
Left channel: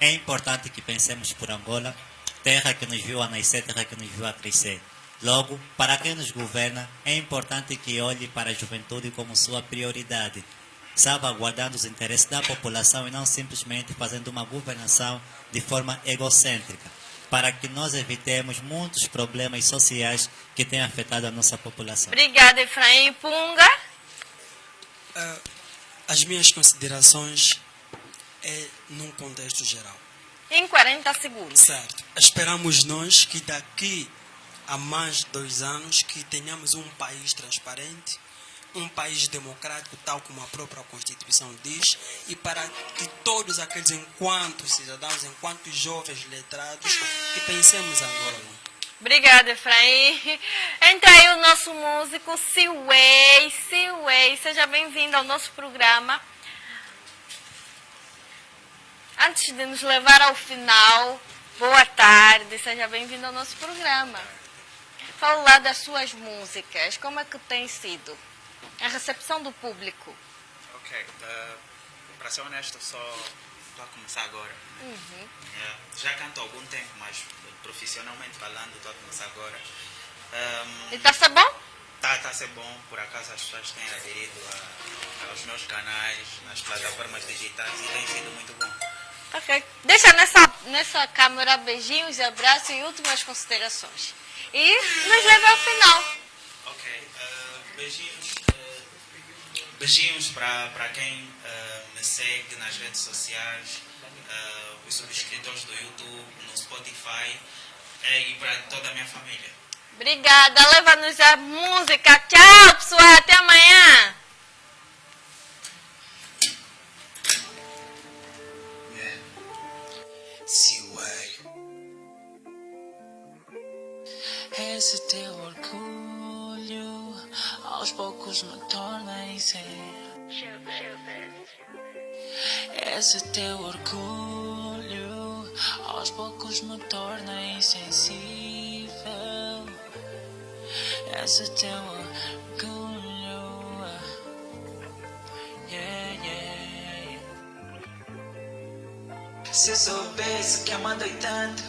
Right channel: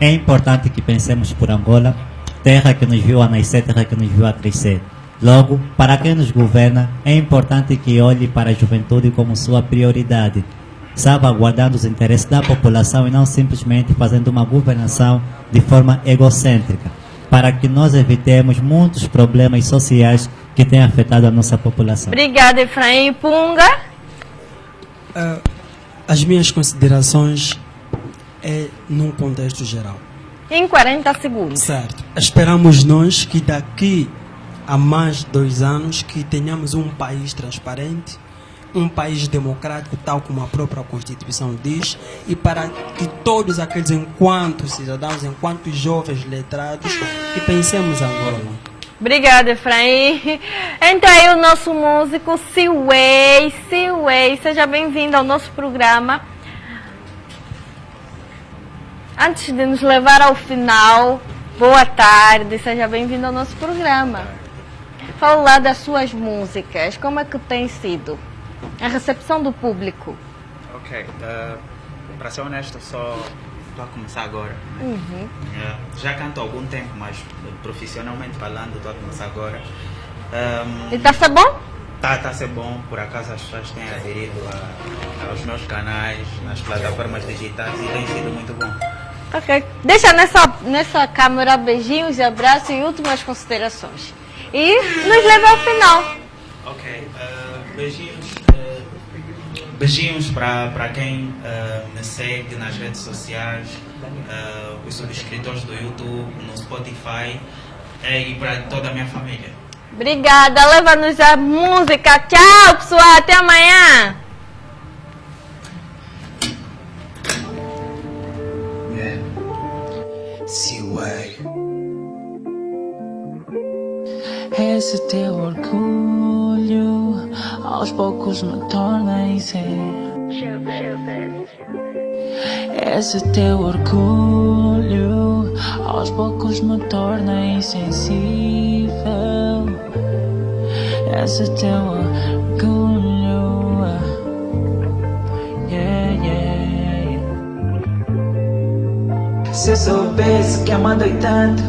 É importante que pensemos por Angola, terra que nos viu a nascer, terra que nos viu a crescer. Logo, para quem nos governa, é importante que olhe para a juventude como sua prioridade, salvaguardando os interesses da população e não simplesmente fazendo uma governação de forma egocêntrica, para que nós evitemos muitos problemas sociais que têm afetado a nossa população. Obrigada, Efraim. Punga? As minhas considerações é num contexto geral. Em 40 segundos. Certo. Esperamos nós que daqui a mais 2 anos que tenhamos um país transparente, um país democrático, tal como a própria Constituição diz, e para que todos aqueles, enquanto cidadãos, enquanto jovens letrados, que pensemos Angola. Obrigada, Efraim. Entra aí o nosso músico, Siway. Seja bem-vindo ao nosso programa. Antes de nos levar ao final, boa tarde, seja bem-vindo ao nosso programa. Fala lá das suas músicas, como é que tem sido a recepção do público? Ok, para ser honesto, só estou a começar agora. Né? Já canto há algum tempo, mas profissionalmente falando, estou a começar agora. E está a ser bom? Está a ser bom, por acaso as pessoas têm aderido aos meus canais, nas plataformas digitais e tem sido muito bom. Ok. Deixa nessa câmera beijinhos, abraços e últimas considerações. E nos leva ao final. Ok. Beijinhos para quem me segue nas redes sociais, os subscritores do YouTube, no Spotify e para toda a minha família. Obrigada. Leva-nos a música. Tchau, pessoal. Até amanhã. Esse teu orgulho aos poucos me torna insensível. Esse teu orgulho aos poucos me torna insensível. Esse teu orgulho, yeah, yeah, yeah. Se eu soubesse que amava tanto,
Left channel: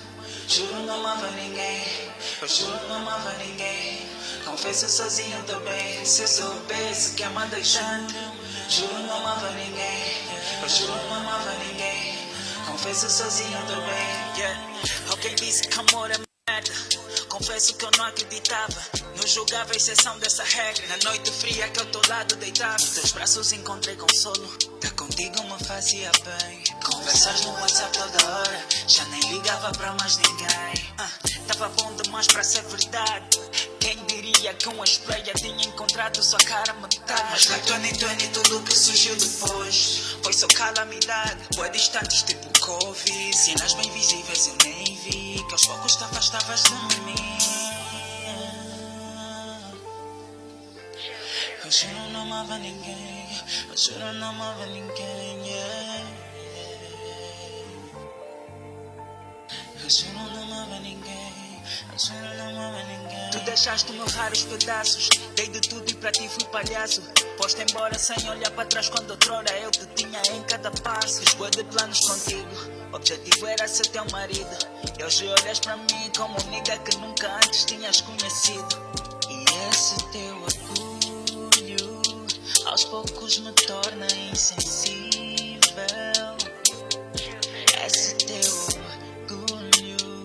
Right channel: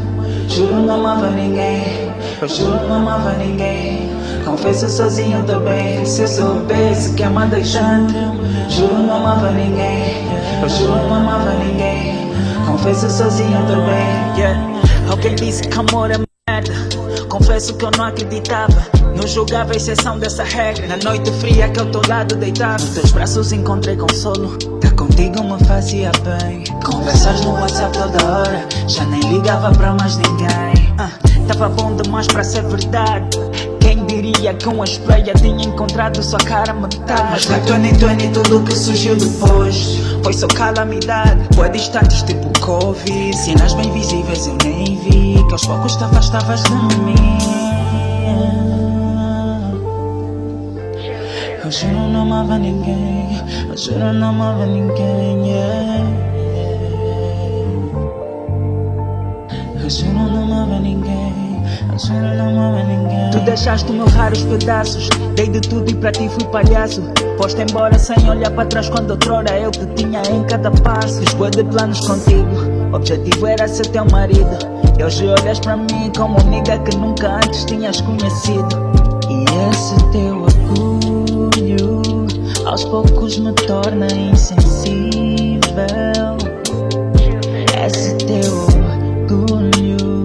juro não amava ninguém. Eu juro não amava ninguém. Confesso sozinho também. Se eu soubesse que amava tanto, juro não amava ninguém. Eu juro não amava ninguém. Confesso sozinho também. Yeah. Alguém disse que amor é merda. Confesso que eu não acreditava. Não julgava a exceção dessa regra. Na noite fria que ao teu lado deitava, nos teus braços encontrei consolo. Tá contigo me fazia bem. Conversas no WhatsApp toda hora. Já nem ligava pra mais ninguém. Tava bom demais pra ser verdade. Quem diria que uma estreia tinha encontrado sua cara metade. Mas na 2020 tudo que surgiu depois foi só calamidade. Foi distantes tipo Covid. Cenas bem visíveis eu nem vi, que aos poucos te afastavas de mim. Eu juro não amava ninguém. Eu juro não amava ninguém. Yeah. Eu juro não amava ninguém. Eu juro não amava ninguém. Tu deixaste meus raros pedaços. Dei de tudo e pra ti fui palhaço. Foste embora sem olhar para trás quando outrora eu te tinha em cada passo. Fiz de planos contigo. O objetivo era ser teu marido. E hoje olhas pra mim como amiga que nunca antes tinhas conhecido. E esse teu orgulho aos poucos me torna insensível. Esse teu orgulho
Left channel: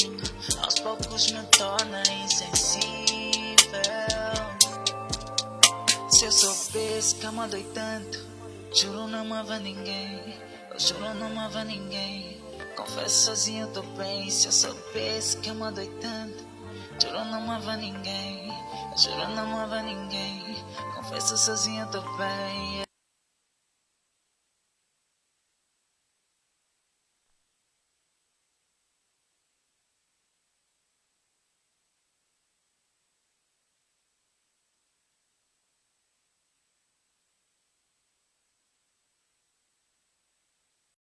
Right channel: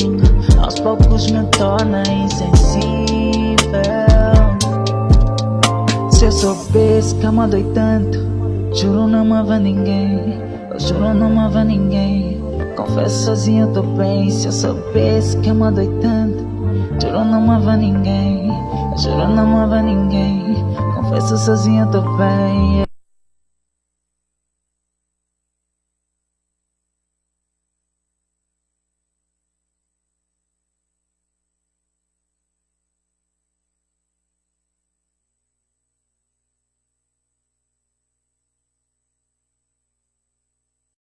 aos poucos me torna insensível. Se eu soubesse que amava tanto, juro não amava ninguém. Eu juro não amava ninguém. Confesso sozinho eu tô bem. Se eu soubesse que amava tanto, juro não amava ninguém. Eu juro não amava ninguém. Confesso sozinho eu tô bem.